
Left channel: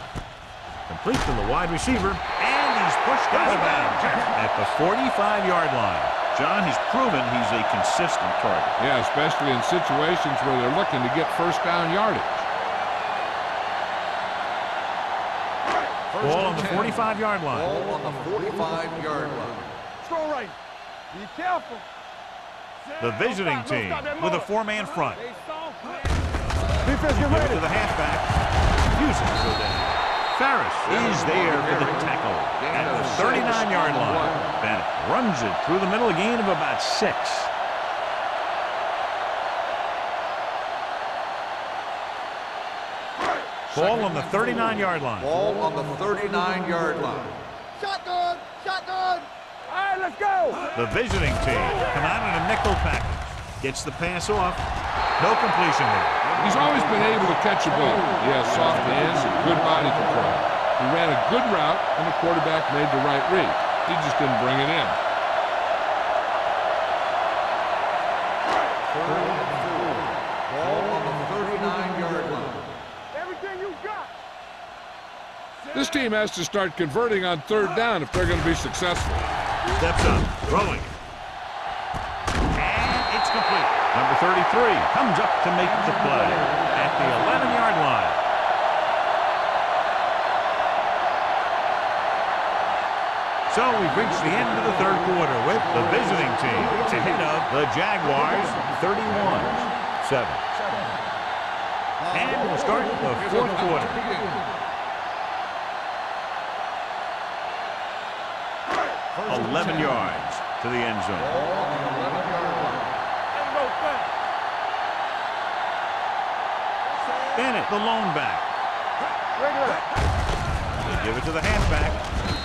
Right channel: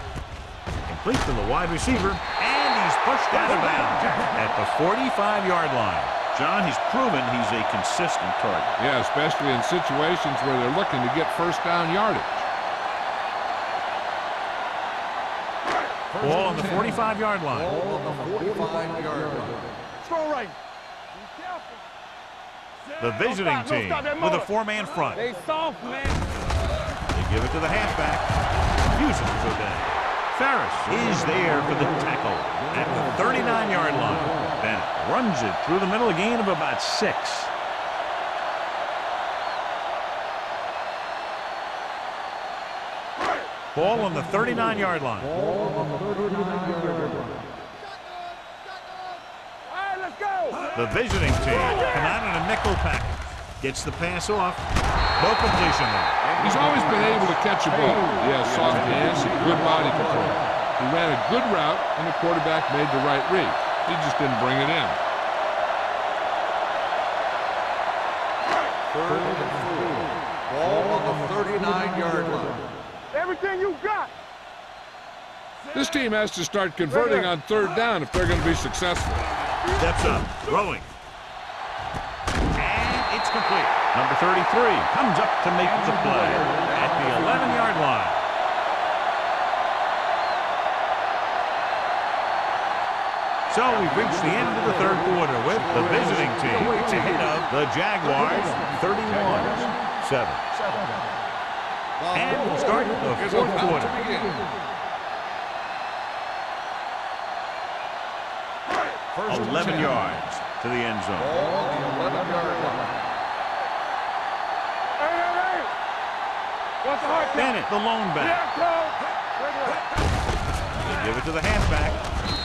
Complete to the wide receiver. And he's pushed out of bounds at the 45-yard line. John, he's proven he's a consistent target. Yeah, especially in situations where they're looking to get first down yardage. Ball on the 45-yard line. Ball on the 45-yard line. Strong right. Be careful. The visiting team with a four-man front. They soft, man. You give it to the halfback. Refuses to go down. Ferris is there for the tackle at the 39-yard line. Bennett runs it through the middle, a gain of about 6. Ball on the 39-yard line. Ball on the 39-yard line. Shotgun. All right, let's go. The visiting team come out in a nickel package. Gets the pass off. No completion there. He's always been able to catch a ball. He has soft hands and good body control. He ran a good route, and the quarterback made the right read. He just didn't bring it in. 3rd and 4. Ball on the 39-yard line. Everything you got. This team has to start converting on 3rd down if they're going to be successful. Steps up, throwing. And it's complete. Number 33 comes up to make the play at the 11-yard line. So we've reached the end of the 3rd quarter with the visiting team ahead of the Jaguars 31-7. And we'll start the 4th quarter. First 11 yards to the end zone. Ball on the 11-yard line. Bennett, the lone back. They give it to the halfback.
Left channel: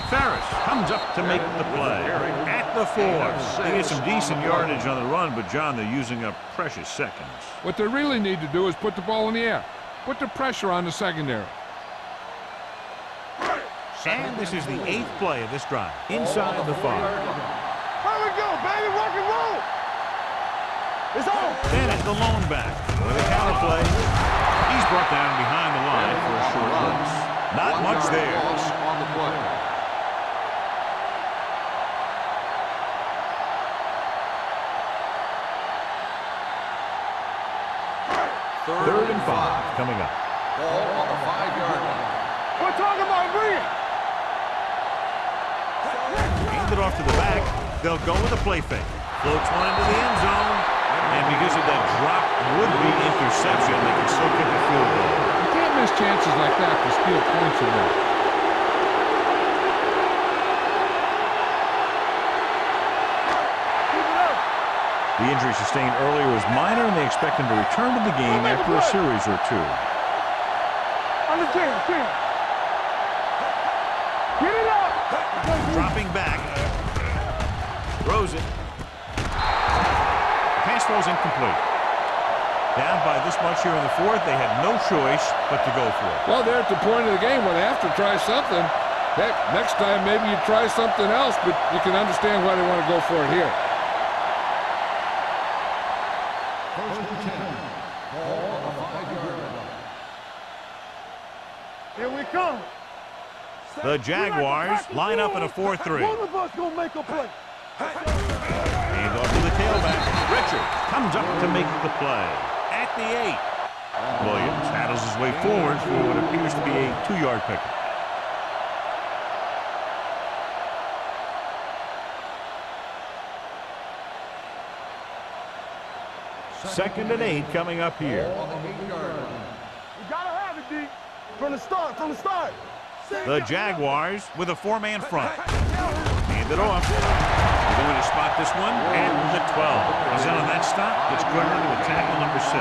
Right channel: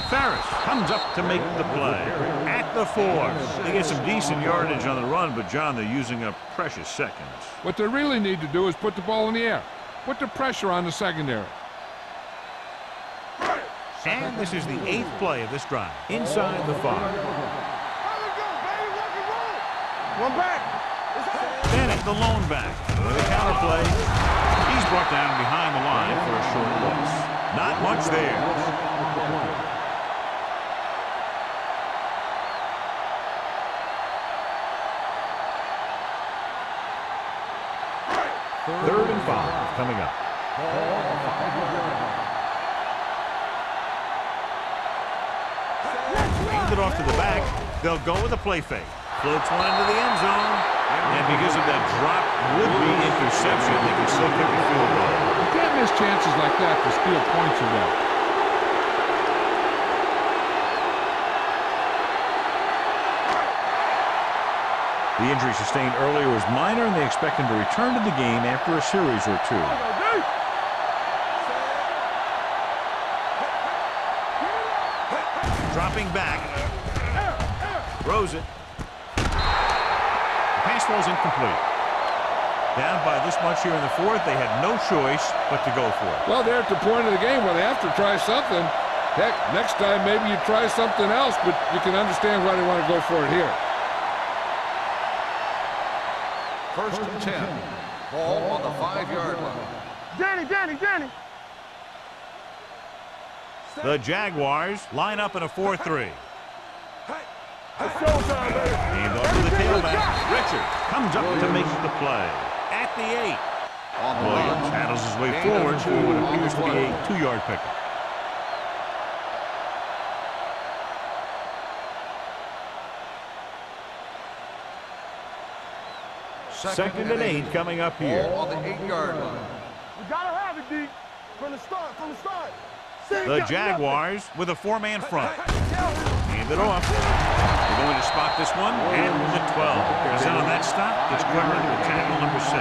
Ferris comes up to make the play at the 4. They get some decent yardage on the run, but, John, they're using up precious seconds. What they really need to do is put the ball in the air. Put the pressure on the secondary. And this is the 8th play of this drive. Inside the 5. Here we go, baby. Rock and roll. One back. It's on. Bennett, the lone back. With a counter play. He's brought down behind the line for a short loss. Not much there. Loss on the play. Third and 5 coming up. Ball on the 5-yard line. We're talking about Green. Hand it off to the back. They'll go with a play fake. Floats one into the end zone. And because of that drop would-be interception, they can still kick a field goal. You can't miss chances like that to steal points away. The injury sustained earlier was minor, and they expect him to return to the game after a series or 2. Dropping back. Throws it. The pass falls incomplete. Down by this much here in the 4th, they had no choice but to go for it. Well, they're at the point of the game where they have to try something. Heck, next time maybe you try something else, but you can understand why they want to go for it here. 1st and 10. Ball on the 5-yard line. Danny. Here we come. The Jaguars line up in a 4-3. One of us gonna make a play. Hand off to the tailback. Richard comes up to make the play. At the 8. Williams paddles his way forward for what appears to be a 2-yard pickup. Second and 8 coming up here. Ball on the 8-yard line. We gotta have it, D. From the start, The Jaguars with a 4-man front. Hand it off. They're going to spot this one at the 12. He's in on that stop. Gets cleared into a tackle number 6.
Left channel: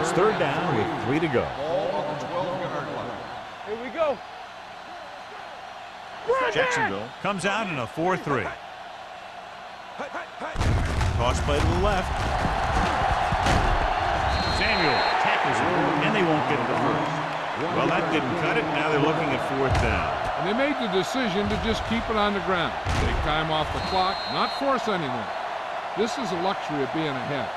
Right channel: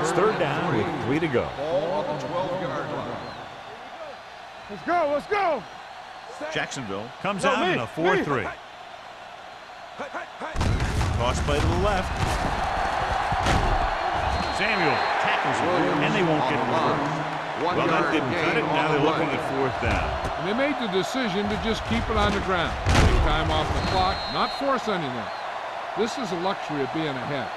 It's third down with 3 to go. Ball on the 12-yard line. Here we go. Let's go. Jacksonville comes out in a 4-3. Toss play to the left. Samuel tackles him, and they won't get the first. Well, that didn't cut it. Now they're looking at 4th down. And they made the decision to just keep it on the ground. Take time off the clock, not force anything. This is a luxury of being ahead.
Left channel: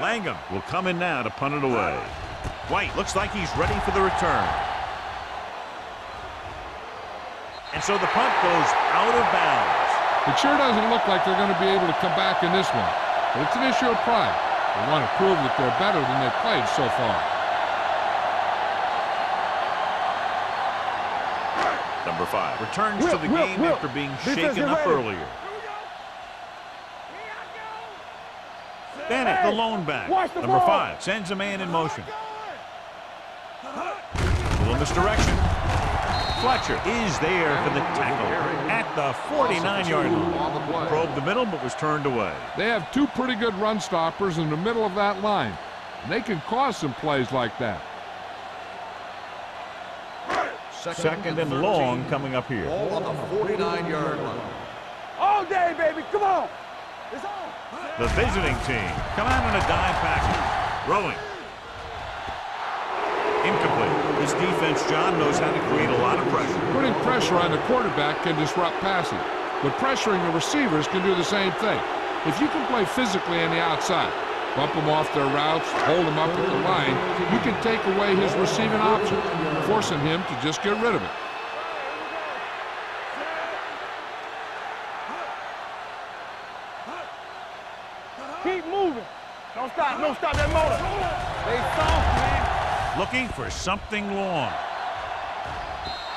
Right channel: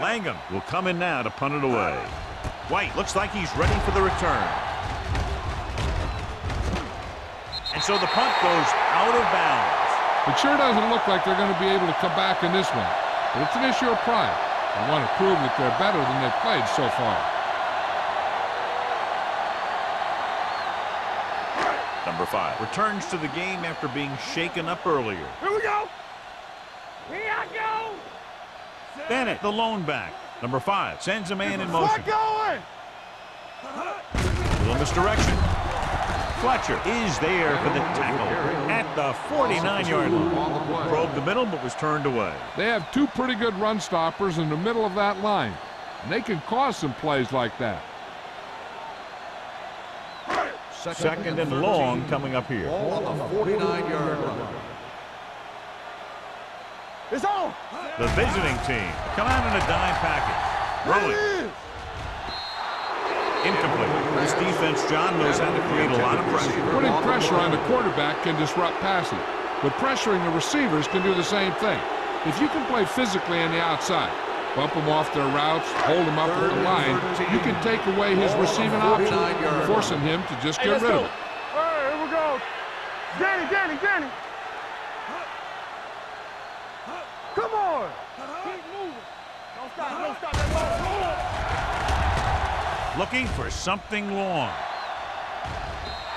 Langham will come in now to punt it away. White looks like he's ready for the return. And so the punt goes out of bounds. It sure doesn't look like they're going to be able to come back in this one. But it's an issue of pride. They want to prove that they're better than they've played so far. Number 5 returns to the game after being shaken up earlier. Here we go. Here I go. Bennett, the lone back. Number 5 sends a man in motion. Little misdirection. Fletcher is there for the tackle at the 49-yard line. Probed the middle, but was turned away. They have 2 pretty good run stoppers in the middle of that line. And they can cause some plays like that. Second and long coming up here. Ball on the 49-yard line. All day, baby. Come on. It's on. The visiting team come out in a dime package. Rolling. Incomplete. This defense, John, knows how to create a lot of pressure. Putting pressure on the quarterback can disrupt passing, but pressuring the receivers can do the same thing. If you can play physically on the outside, bump them off their routes, hold them up at the line, you can take away his receiving option, forcing him to just get rid of it. Here we go. Danny. Come on. Keep moving. Don't stop that motor. They soft, man. Looking for something long.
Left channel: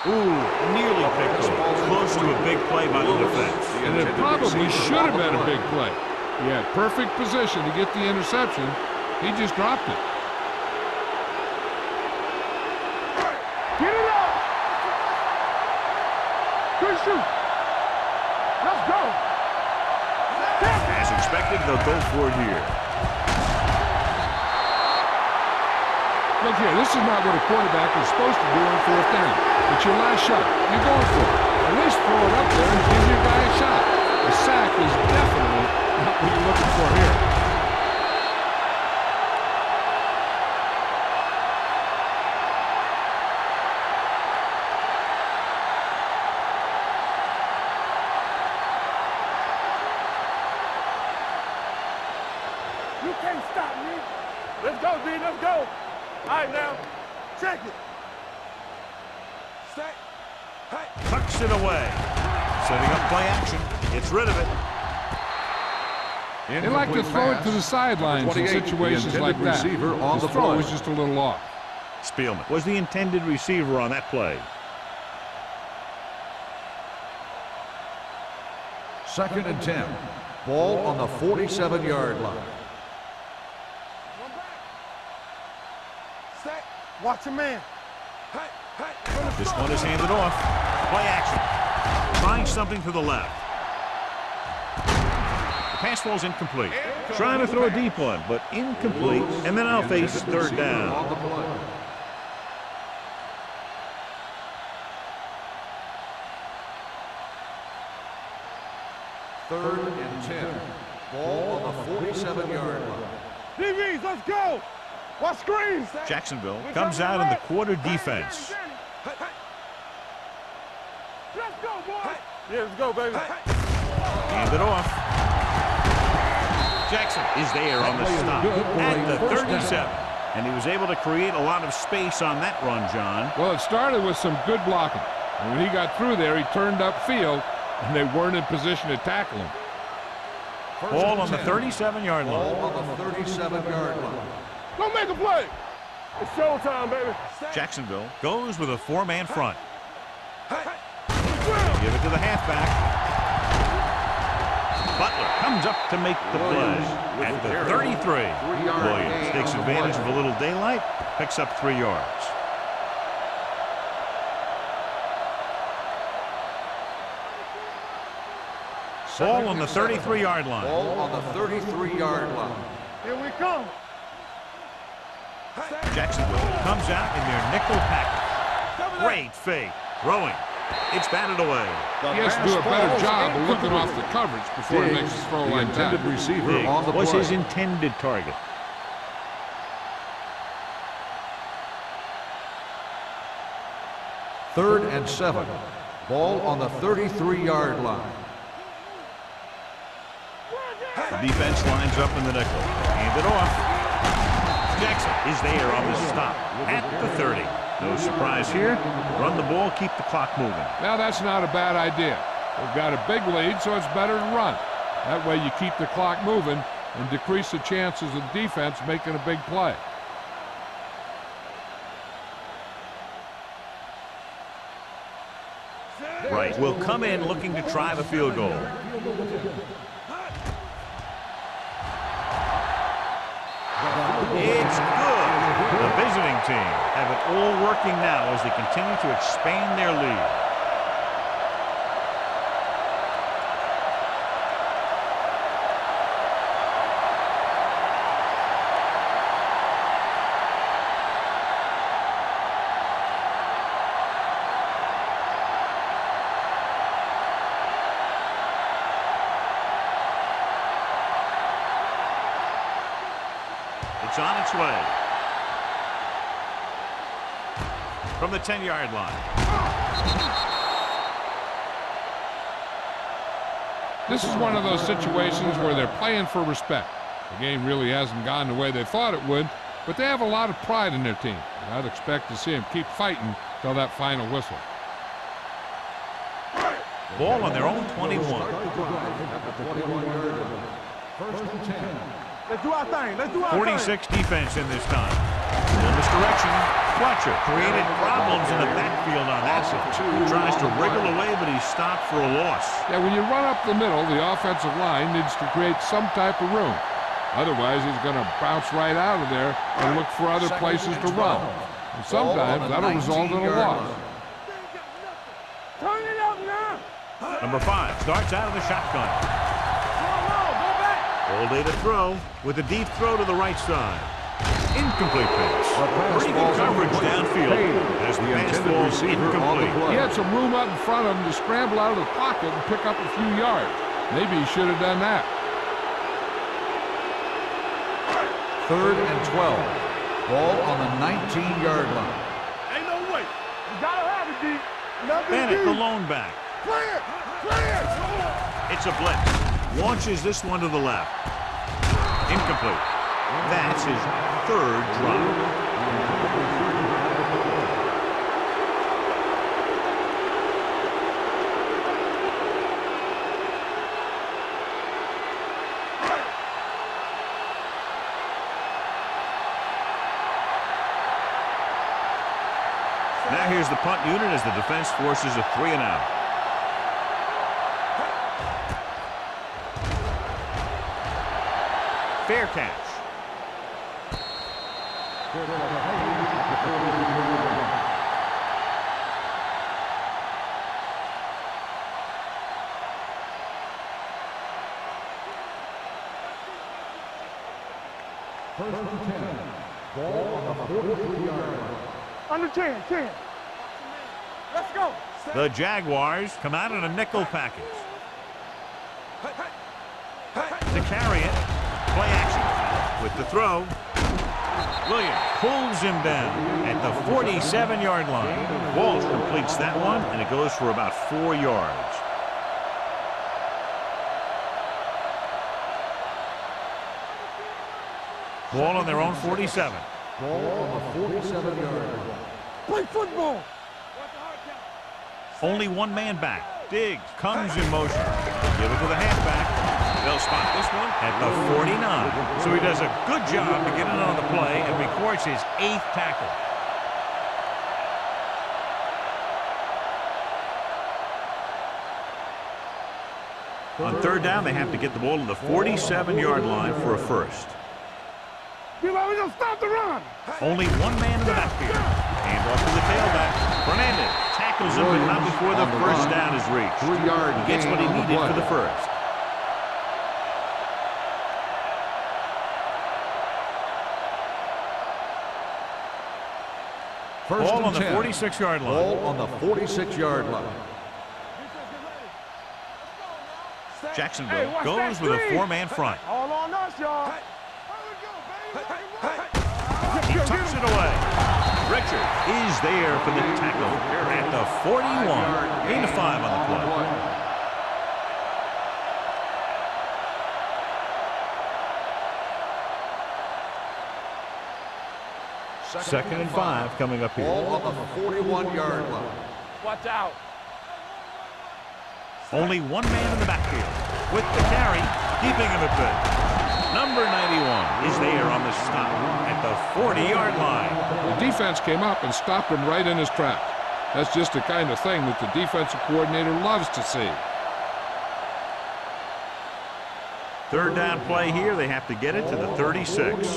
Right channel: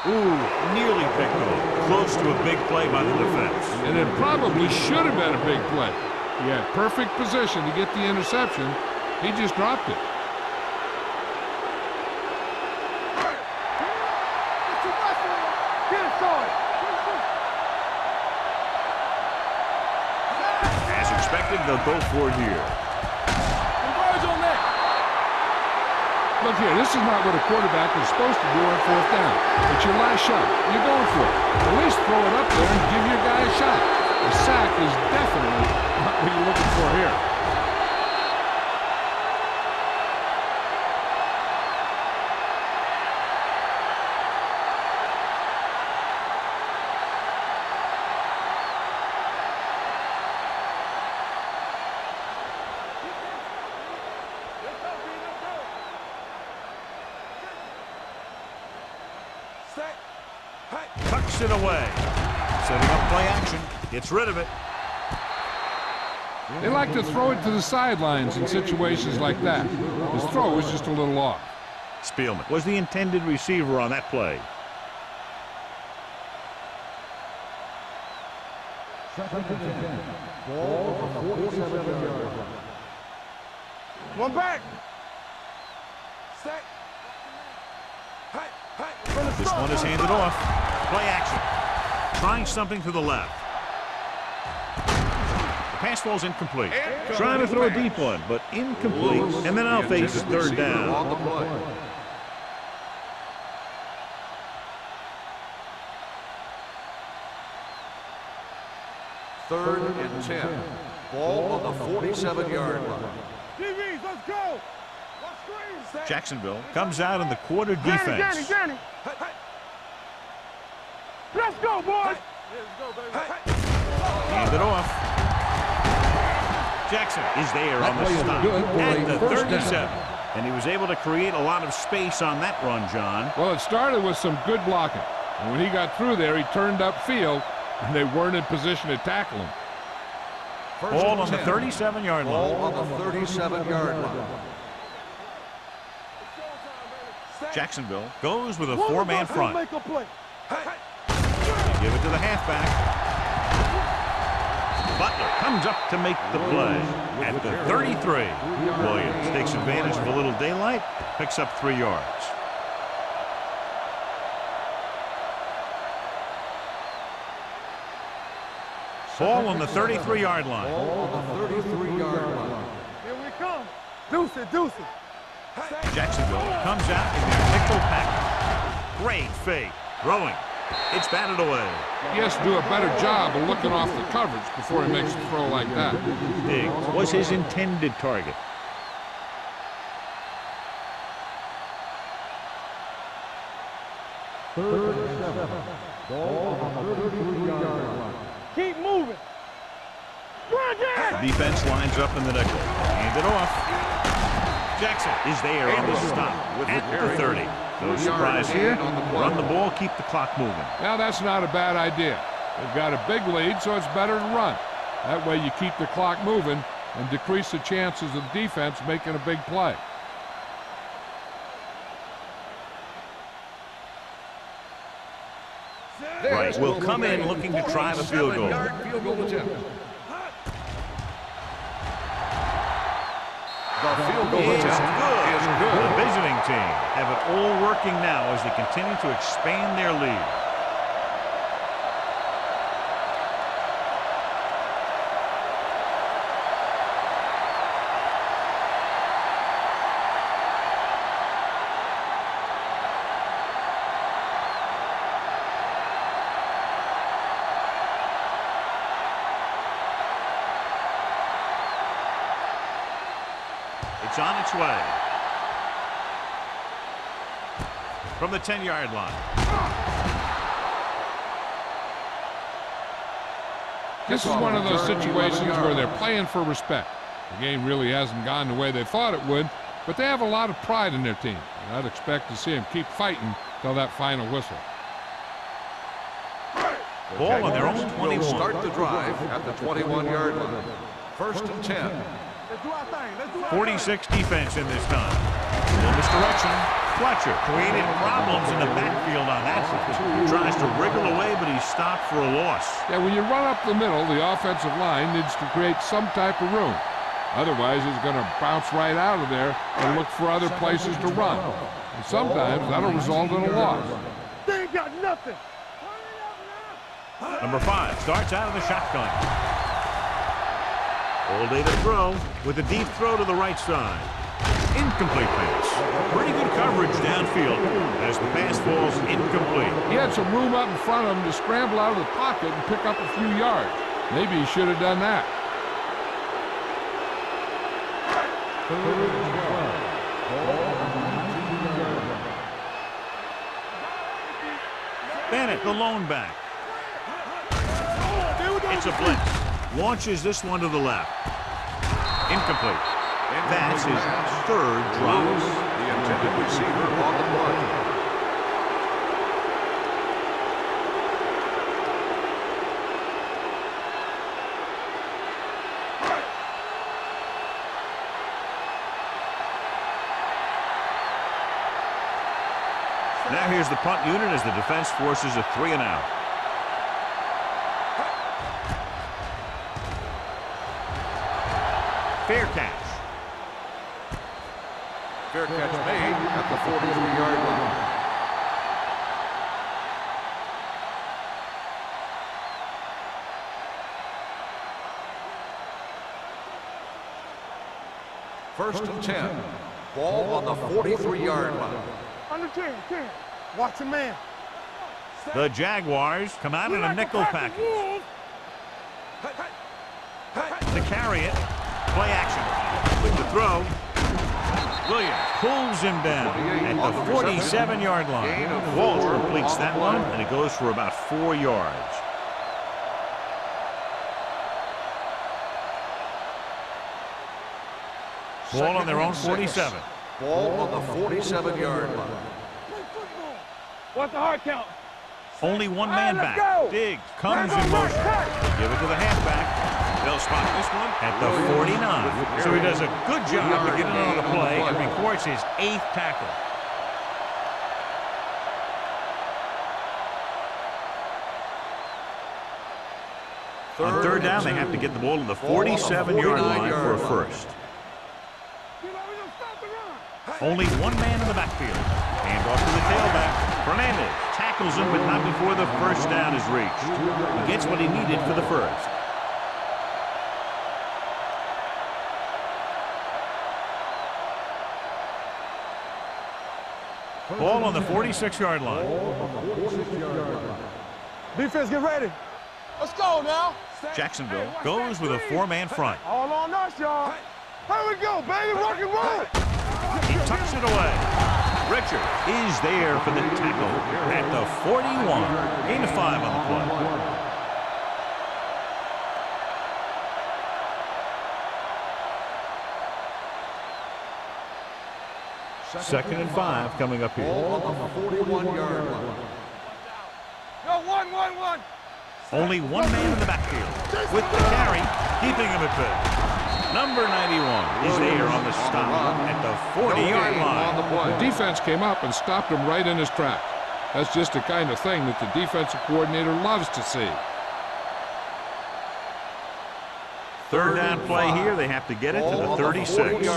Ooh, nearly picked off. Close to a big play by the defense. And it probably should have been a big play. He had perfect position to get the interception. He just dropped it. Get it up. Get it started. Good shoot. Let's go. As expected, they'll go for it here. Look here, this is not what a quarterback is supposed to do on 4th down. It's your last shot. You're going for it. At least throw it up there and give your guy a shot. A sack is definitely not what you're looking for here. You can't stop me. Let's go, B. Let's go. All right, now. Check it. Set. Hey. Tucks it away. Setting up play action. Gets rid of it. They like to throw it to the sidelines in situations like that. His throw was just a little off. Spielman was the intended receiver on that play. Second and 10. Ball on the 47-yard line. One back. Set. Watch your man. Hey. This one is handed off. Play action. Trying something to the left. The pass ball's incomplete. Trying to throw a deep one, but incomplete. And then I'll face third down. On the play. Third and 10. Ball on the 47-yard line. DBs, let's go. Watch screens. Jacksonville comes out in the quarter defense. Let's go, boys. Yeah, let's go, baby. Hand it off. Jackson is there on the stop at the 37. And he was able to create a lot of space on that run, John. Well, it started with some good blocking. And when he got through there, he turned upfield, and they weren't in position to tackle him. Ball on the 37-yard line. Ball on the 37-yard line. Go make a play. It's showtime, baby. Jacksonville goes with a four-man front. Make a play. Give it to the halfback. Butler comes up to make the play at the 33. Williams takes advantage of a little daylight, picks up 3 yards. Ball on the 33-yard line. Ball on the 33-yard line. Here we come. Deuce it, deuce it. Jacksonville comes out in their nickel package. Great fake. Throwing. It's batted away. He has to do a better job of looking off the coverage before he makes a throw like that. Diggs was his intended target. Third and 7. Ball on the 33-yard line. Keep moving. The defense lines up in the nickel. Hand it off. Jackson is there on the stop at the 30. No surprise here. Run the ball, keep the clock moving. Now, that's not a bad idea. They've got a big lead, so it's better to run. That way you keep the clock moving and decrease the chances of the defense making a big play. Right, will come in looking to try the field goal. It's good. The visiting team have it all working now as they continue to expand their lead. It's on its way. From the 10-yard line. This is one of those situations where they're playing for respect. The game really hasn't gone the way they thought it would, but they have a lot of pride in their team. And I'd expect to see them keep fighting till that final whistle. Ball on their own 21. Start the drive at the 21-yard line. First and 10. Let's do our thing. Let's do our 46 defense in this time. Little misdirection. Fletcher created problems in the backfield on that one. He tries to wriggle away, but he's stopped for a loss. Yeah, when you run up the middle, the offensive line needs to create some type of room. Otherwise, he's going to bounce right out of there and look for other places to run. And sometimes that'll result in a loss. They ain't got nothing. Turn it up now. Number 5 starts out of the shotgun. All day to throw with a deep throw to the right side. Incomplete pass. Pretty good coverage downfield as the pass falls incomplete. He had some room up in front of him to scramble out of the pocket and pick up a few yards. Maybe he should have done that. Third and 12. Ball on the 19-yard line. Ain't no way. You gotta have it, D. Bennett, the lone back. Clear. Clear. It's a blitz. Launches this one to the left. Incomplete. That's his 3rd drop. The intended receiver on the play. Now here's the punt unit as the defense forces a 3-and-out. Fair catch. Fair catch made at the 43-yard line. First and 10. Ball on the 43-yard line. Under 10. Watch your man. Let's go. The Jaguars come out in a nickel package. To carry it, play action. with the throw. Williams pulls him down at the 47-yard line. Walsh completes that one, and it goes for about 4 yards. Ball on their own 47. Ball on the 47-yard line. Play football. What's the hard count? Only one man let's back. go. Diggs comes in motion. Give it to the halfback. They'll spot this one at the 49. So he does a good job to get in on the play and records his 8th tackle. On third down, they have to get the ball to the 47-yard line for a first. We're going to stop the run. Only one man in the backfield. Hand off to the tailback. Fernandez tackles him, but not before the first down is reached. He gets what he needed for the first. Ball on the 46-yard line. Ball on the 46-yard line. Defense, get ready. Let's go now. Jacksonville Hey, watch goes that with a screen. 4-man front. All on us, y'all. Here we go, baby. Rock and roll. He tucks it away. Richard is there for the tackle at the 41. Gain of 5 on the play. Second and 5 coming up here. Ball on the 41-yard line. Watch out. Go, 1-1-1. Only one man in the backfield with the carry, keeping him at bay. Number 91 is there on the stop at the 40-yard line. The defense came up and stopped him right in his tracks. That's just the kind of thing that the defensive coordinator loves to see. Third down play here. They have to get it to the 36.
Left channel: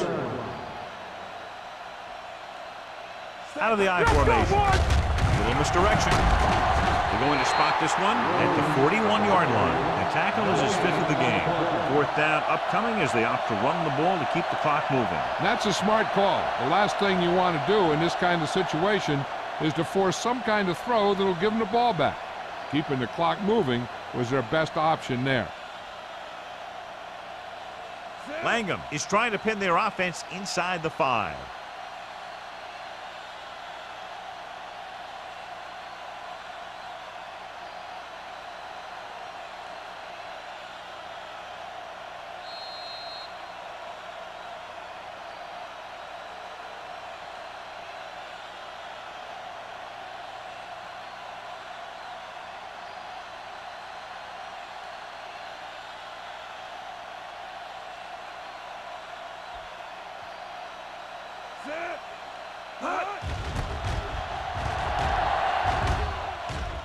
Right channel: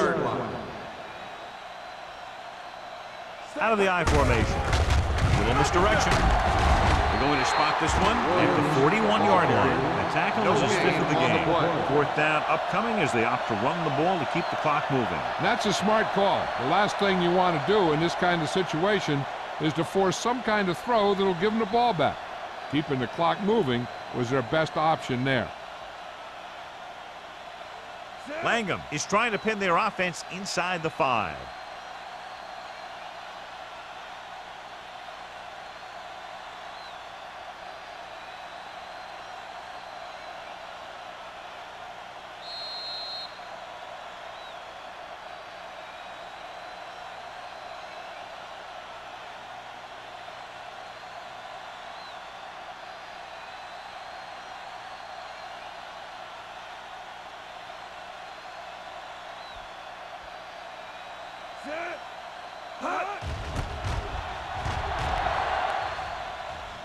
Out of the I formation. A little misdirection. They're going to spot this one at the 41-yard line. The tackle is his 5th of the game. Fourth down upcoming as they opt to run the ball to keep the clock moving. That's a smart call. The last thing you want to do in this kind of situation is to force some kind of throw that'll give them the ball back. Keeping the clock moving was their best option there. Langham is trying to pin their offense inside the 5.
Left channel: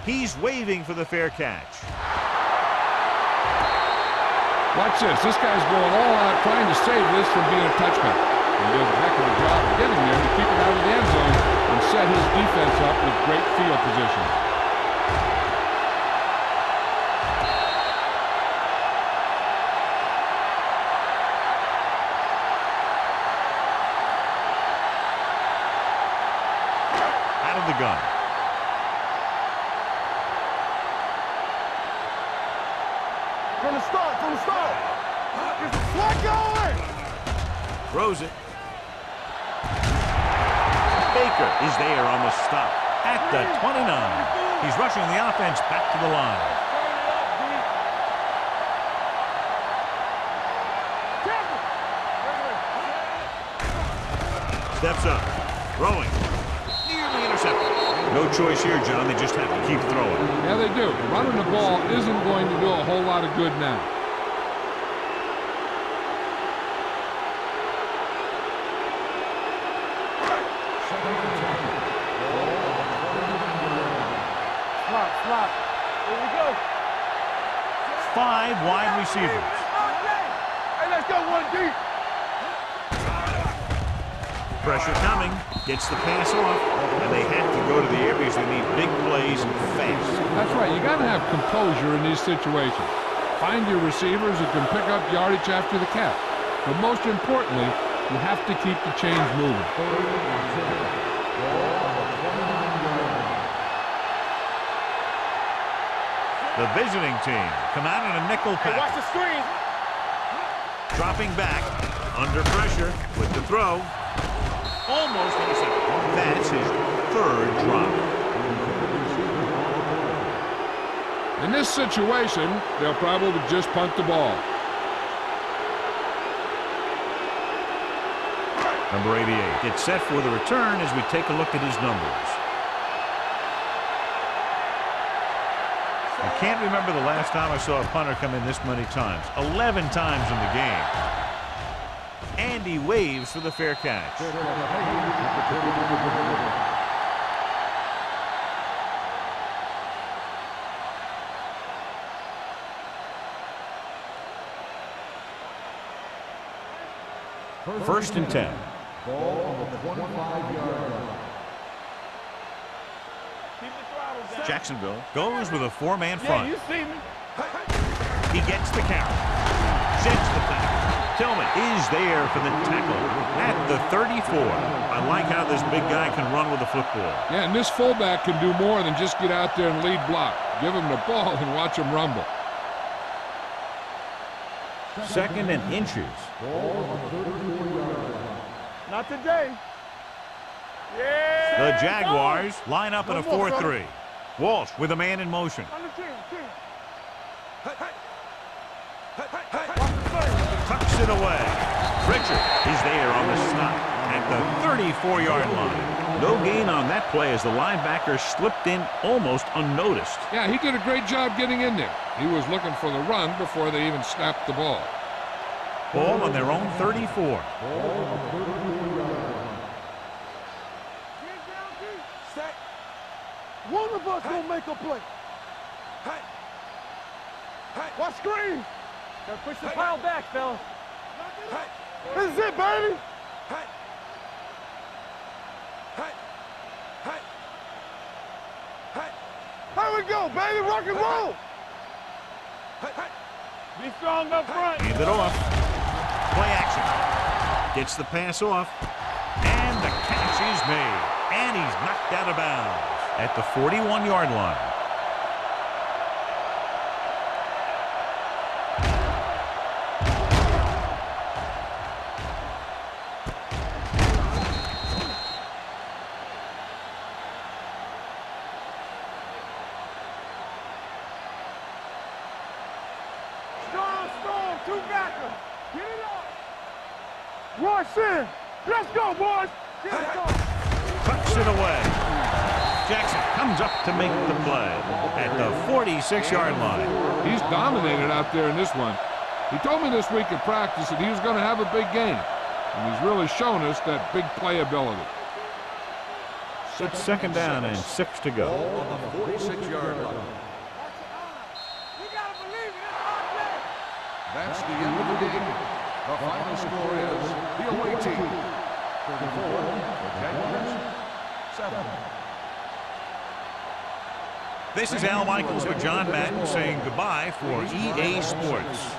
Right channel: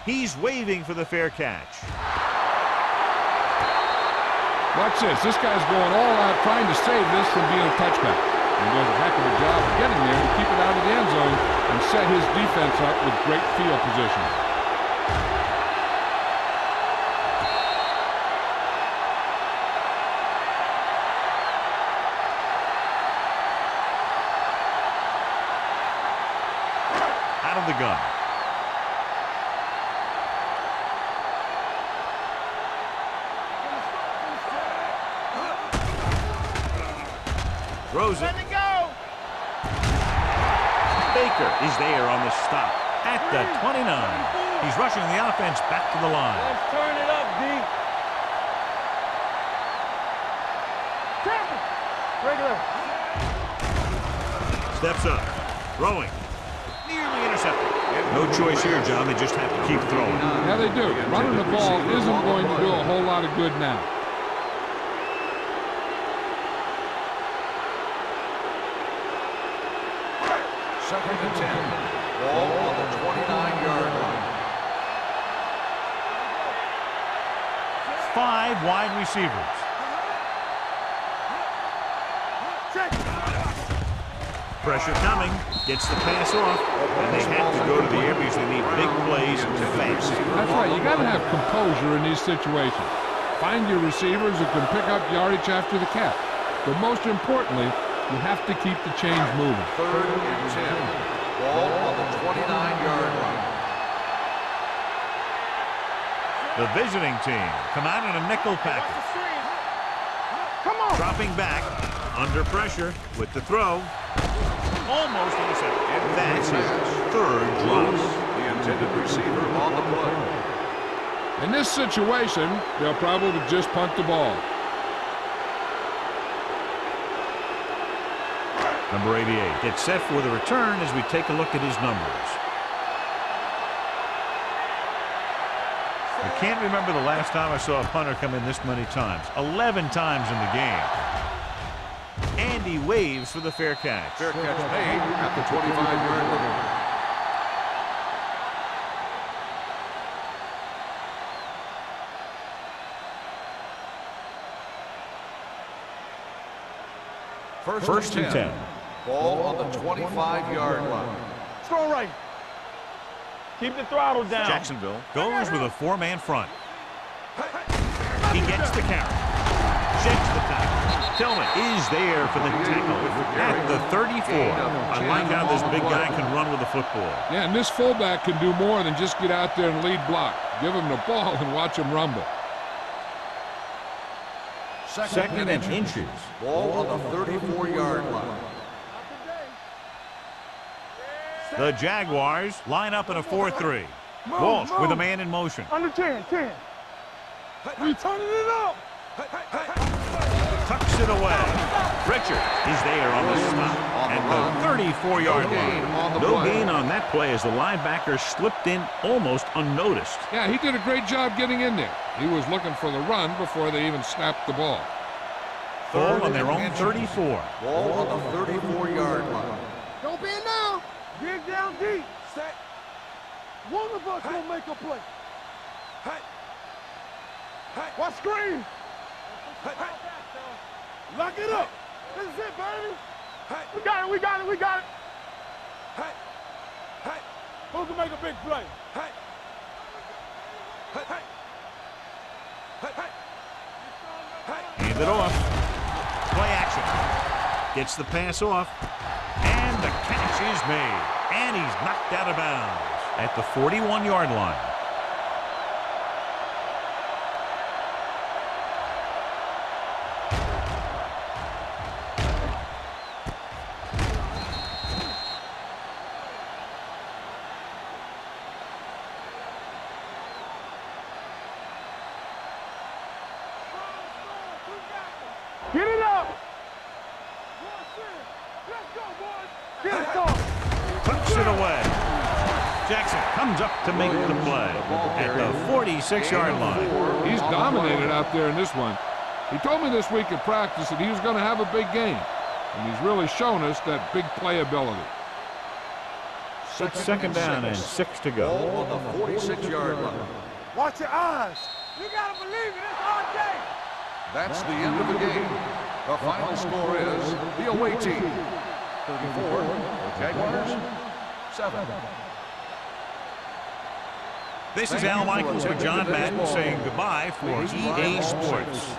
He's waving for the fair catch. Watch this. This guy's going all out trying to save this from being a touchback. He does a heck of a job of getting there to keep it out of the end zone and set his defense up with great field position. Out of the gun. Throws it. Baker is there on the stop at the 29. He's rushing the offense back to the line. Let's turn it up, D. Regular. Steps up. Throwing. Nearly intercepted. No choice here, John. They just have to keep throwing. Yeah, they do. Running the ball isn't going to do a whole lot of good now. Second and 10. Ball on the 29-yard line. Slot. Here we go. 5 wide receivers. Hey, let's go, 1D. Pressure coming. Gets the pass off. And they have to go to the air because they need big plays fast. That's right. You got to have composure in these situations. Find your receivers who can pick up yardage after the catch. But most importantly, you have to keep the chains moving. Third and 10. Ball on the 29-yard line. The visiting team come out in a nickel Hey, watch package. the screen. Come on. Dropping back Under pressure with the throw. Almost intercepted. That's his third drop. The intended receiver on the play. In this situation, they'll probably just punt the ball. Number 88 gets set for the return as we take a look at his numbers. I can't remember the last time I saw a punter come in this many times. 11 times in the game. And he waves for the fair catch. Fair catch made at the 25-yard line. First and 10. Ball on the 25-yard line. Throw right. Keep the throttle down. Jacksonville goes with a four-man front. Yeah, you see me. He gets the count. Sheds the tackle. Tillman is there for the tackle at the 34. I like how this big guy can run with the football. Yeah, and this fullback can do more than just get out there and lead block. Give him the ball and watch him rumble. Second and inches. Ball on the 34-yard line. Not today. Yeah. The Jaguars line up in a 4-3. Walsh with a man in motion. Under 10, 10. We turning it up. Tucks it away. Richard is there on the stop at the 34-yard line. No gain on that play as the linebacker slipped in almost unnoticed. Yeah, he did a great job getting in there. He was looking for the run before they even snapped the ball. Ball on their own 34. Ball on the 34-yard line. Don't bend now. Get down deep. Set. One of us gonna make a play. Watch screen. Push the ball back, fellas. Lock it up. This is it, baby. We got it, we got it, we got it. Who can make a big play? Here we go, baby. Rock and roll. Be strong up front. Hand it off. Play action. Gets the pass off. And the catch is made. And he's knocked out of bounds at the 41-yard line. Get it up. Rush in. Let's go, boys. Get it off. Tucks it away. Jackson comes up to make the play at the 46-yard line. He's dominated out there in this one. He told me this week at practice that he was going to have a big game, and he's really shown us that big playability. It's second down and 6 to go. Ball on the 46-yard line. Watch your eyes. You got to believe it. It's our day. That's the end of the game. The final score is the away team 34, the Jaguars 7. This is Al Michaels with John Madden saying goodbye for EA Sports.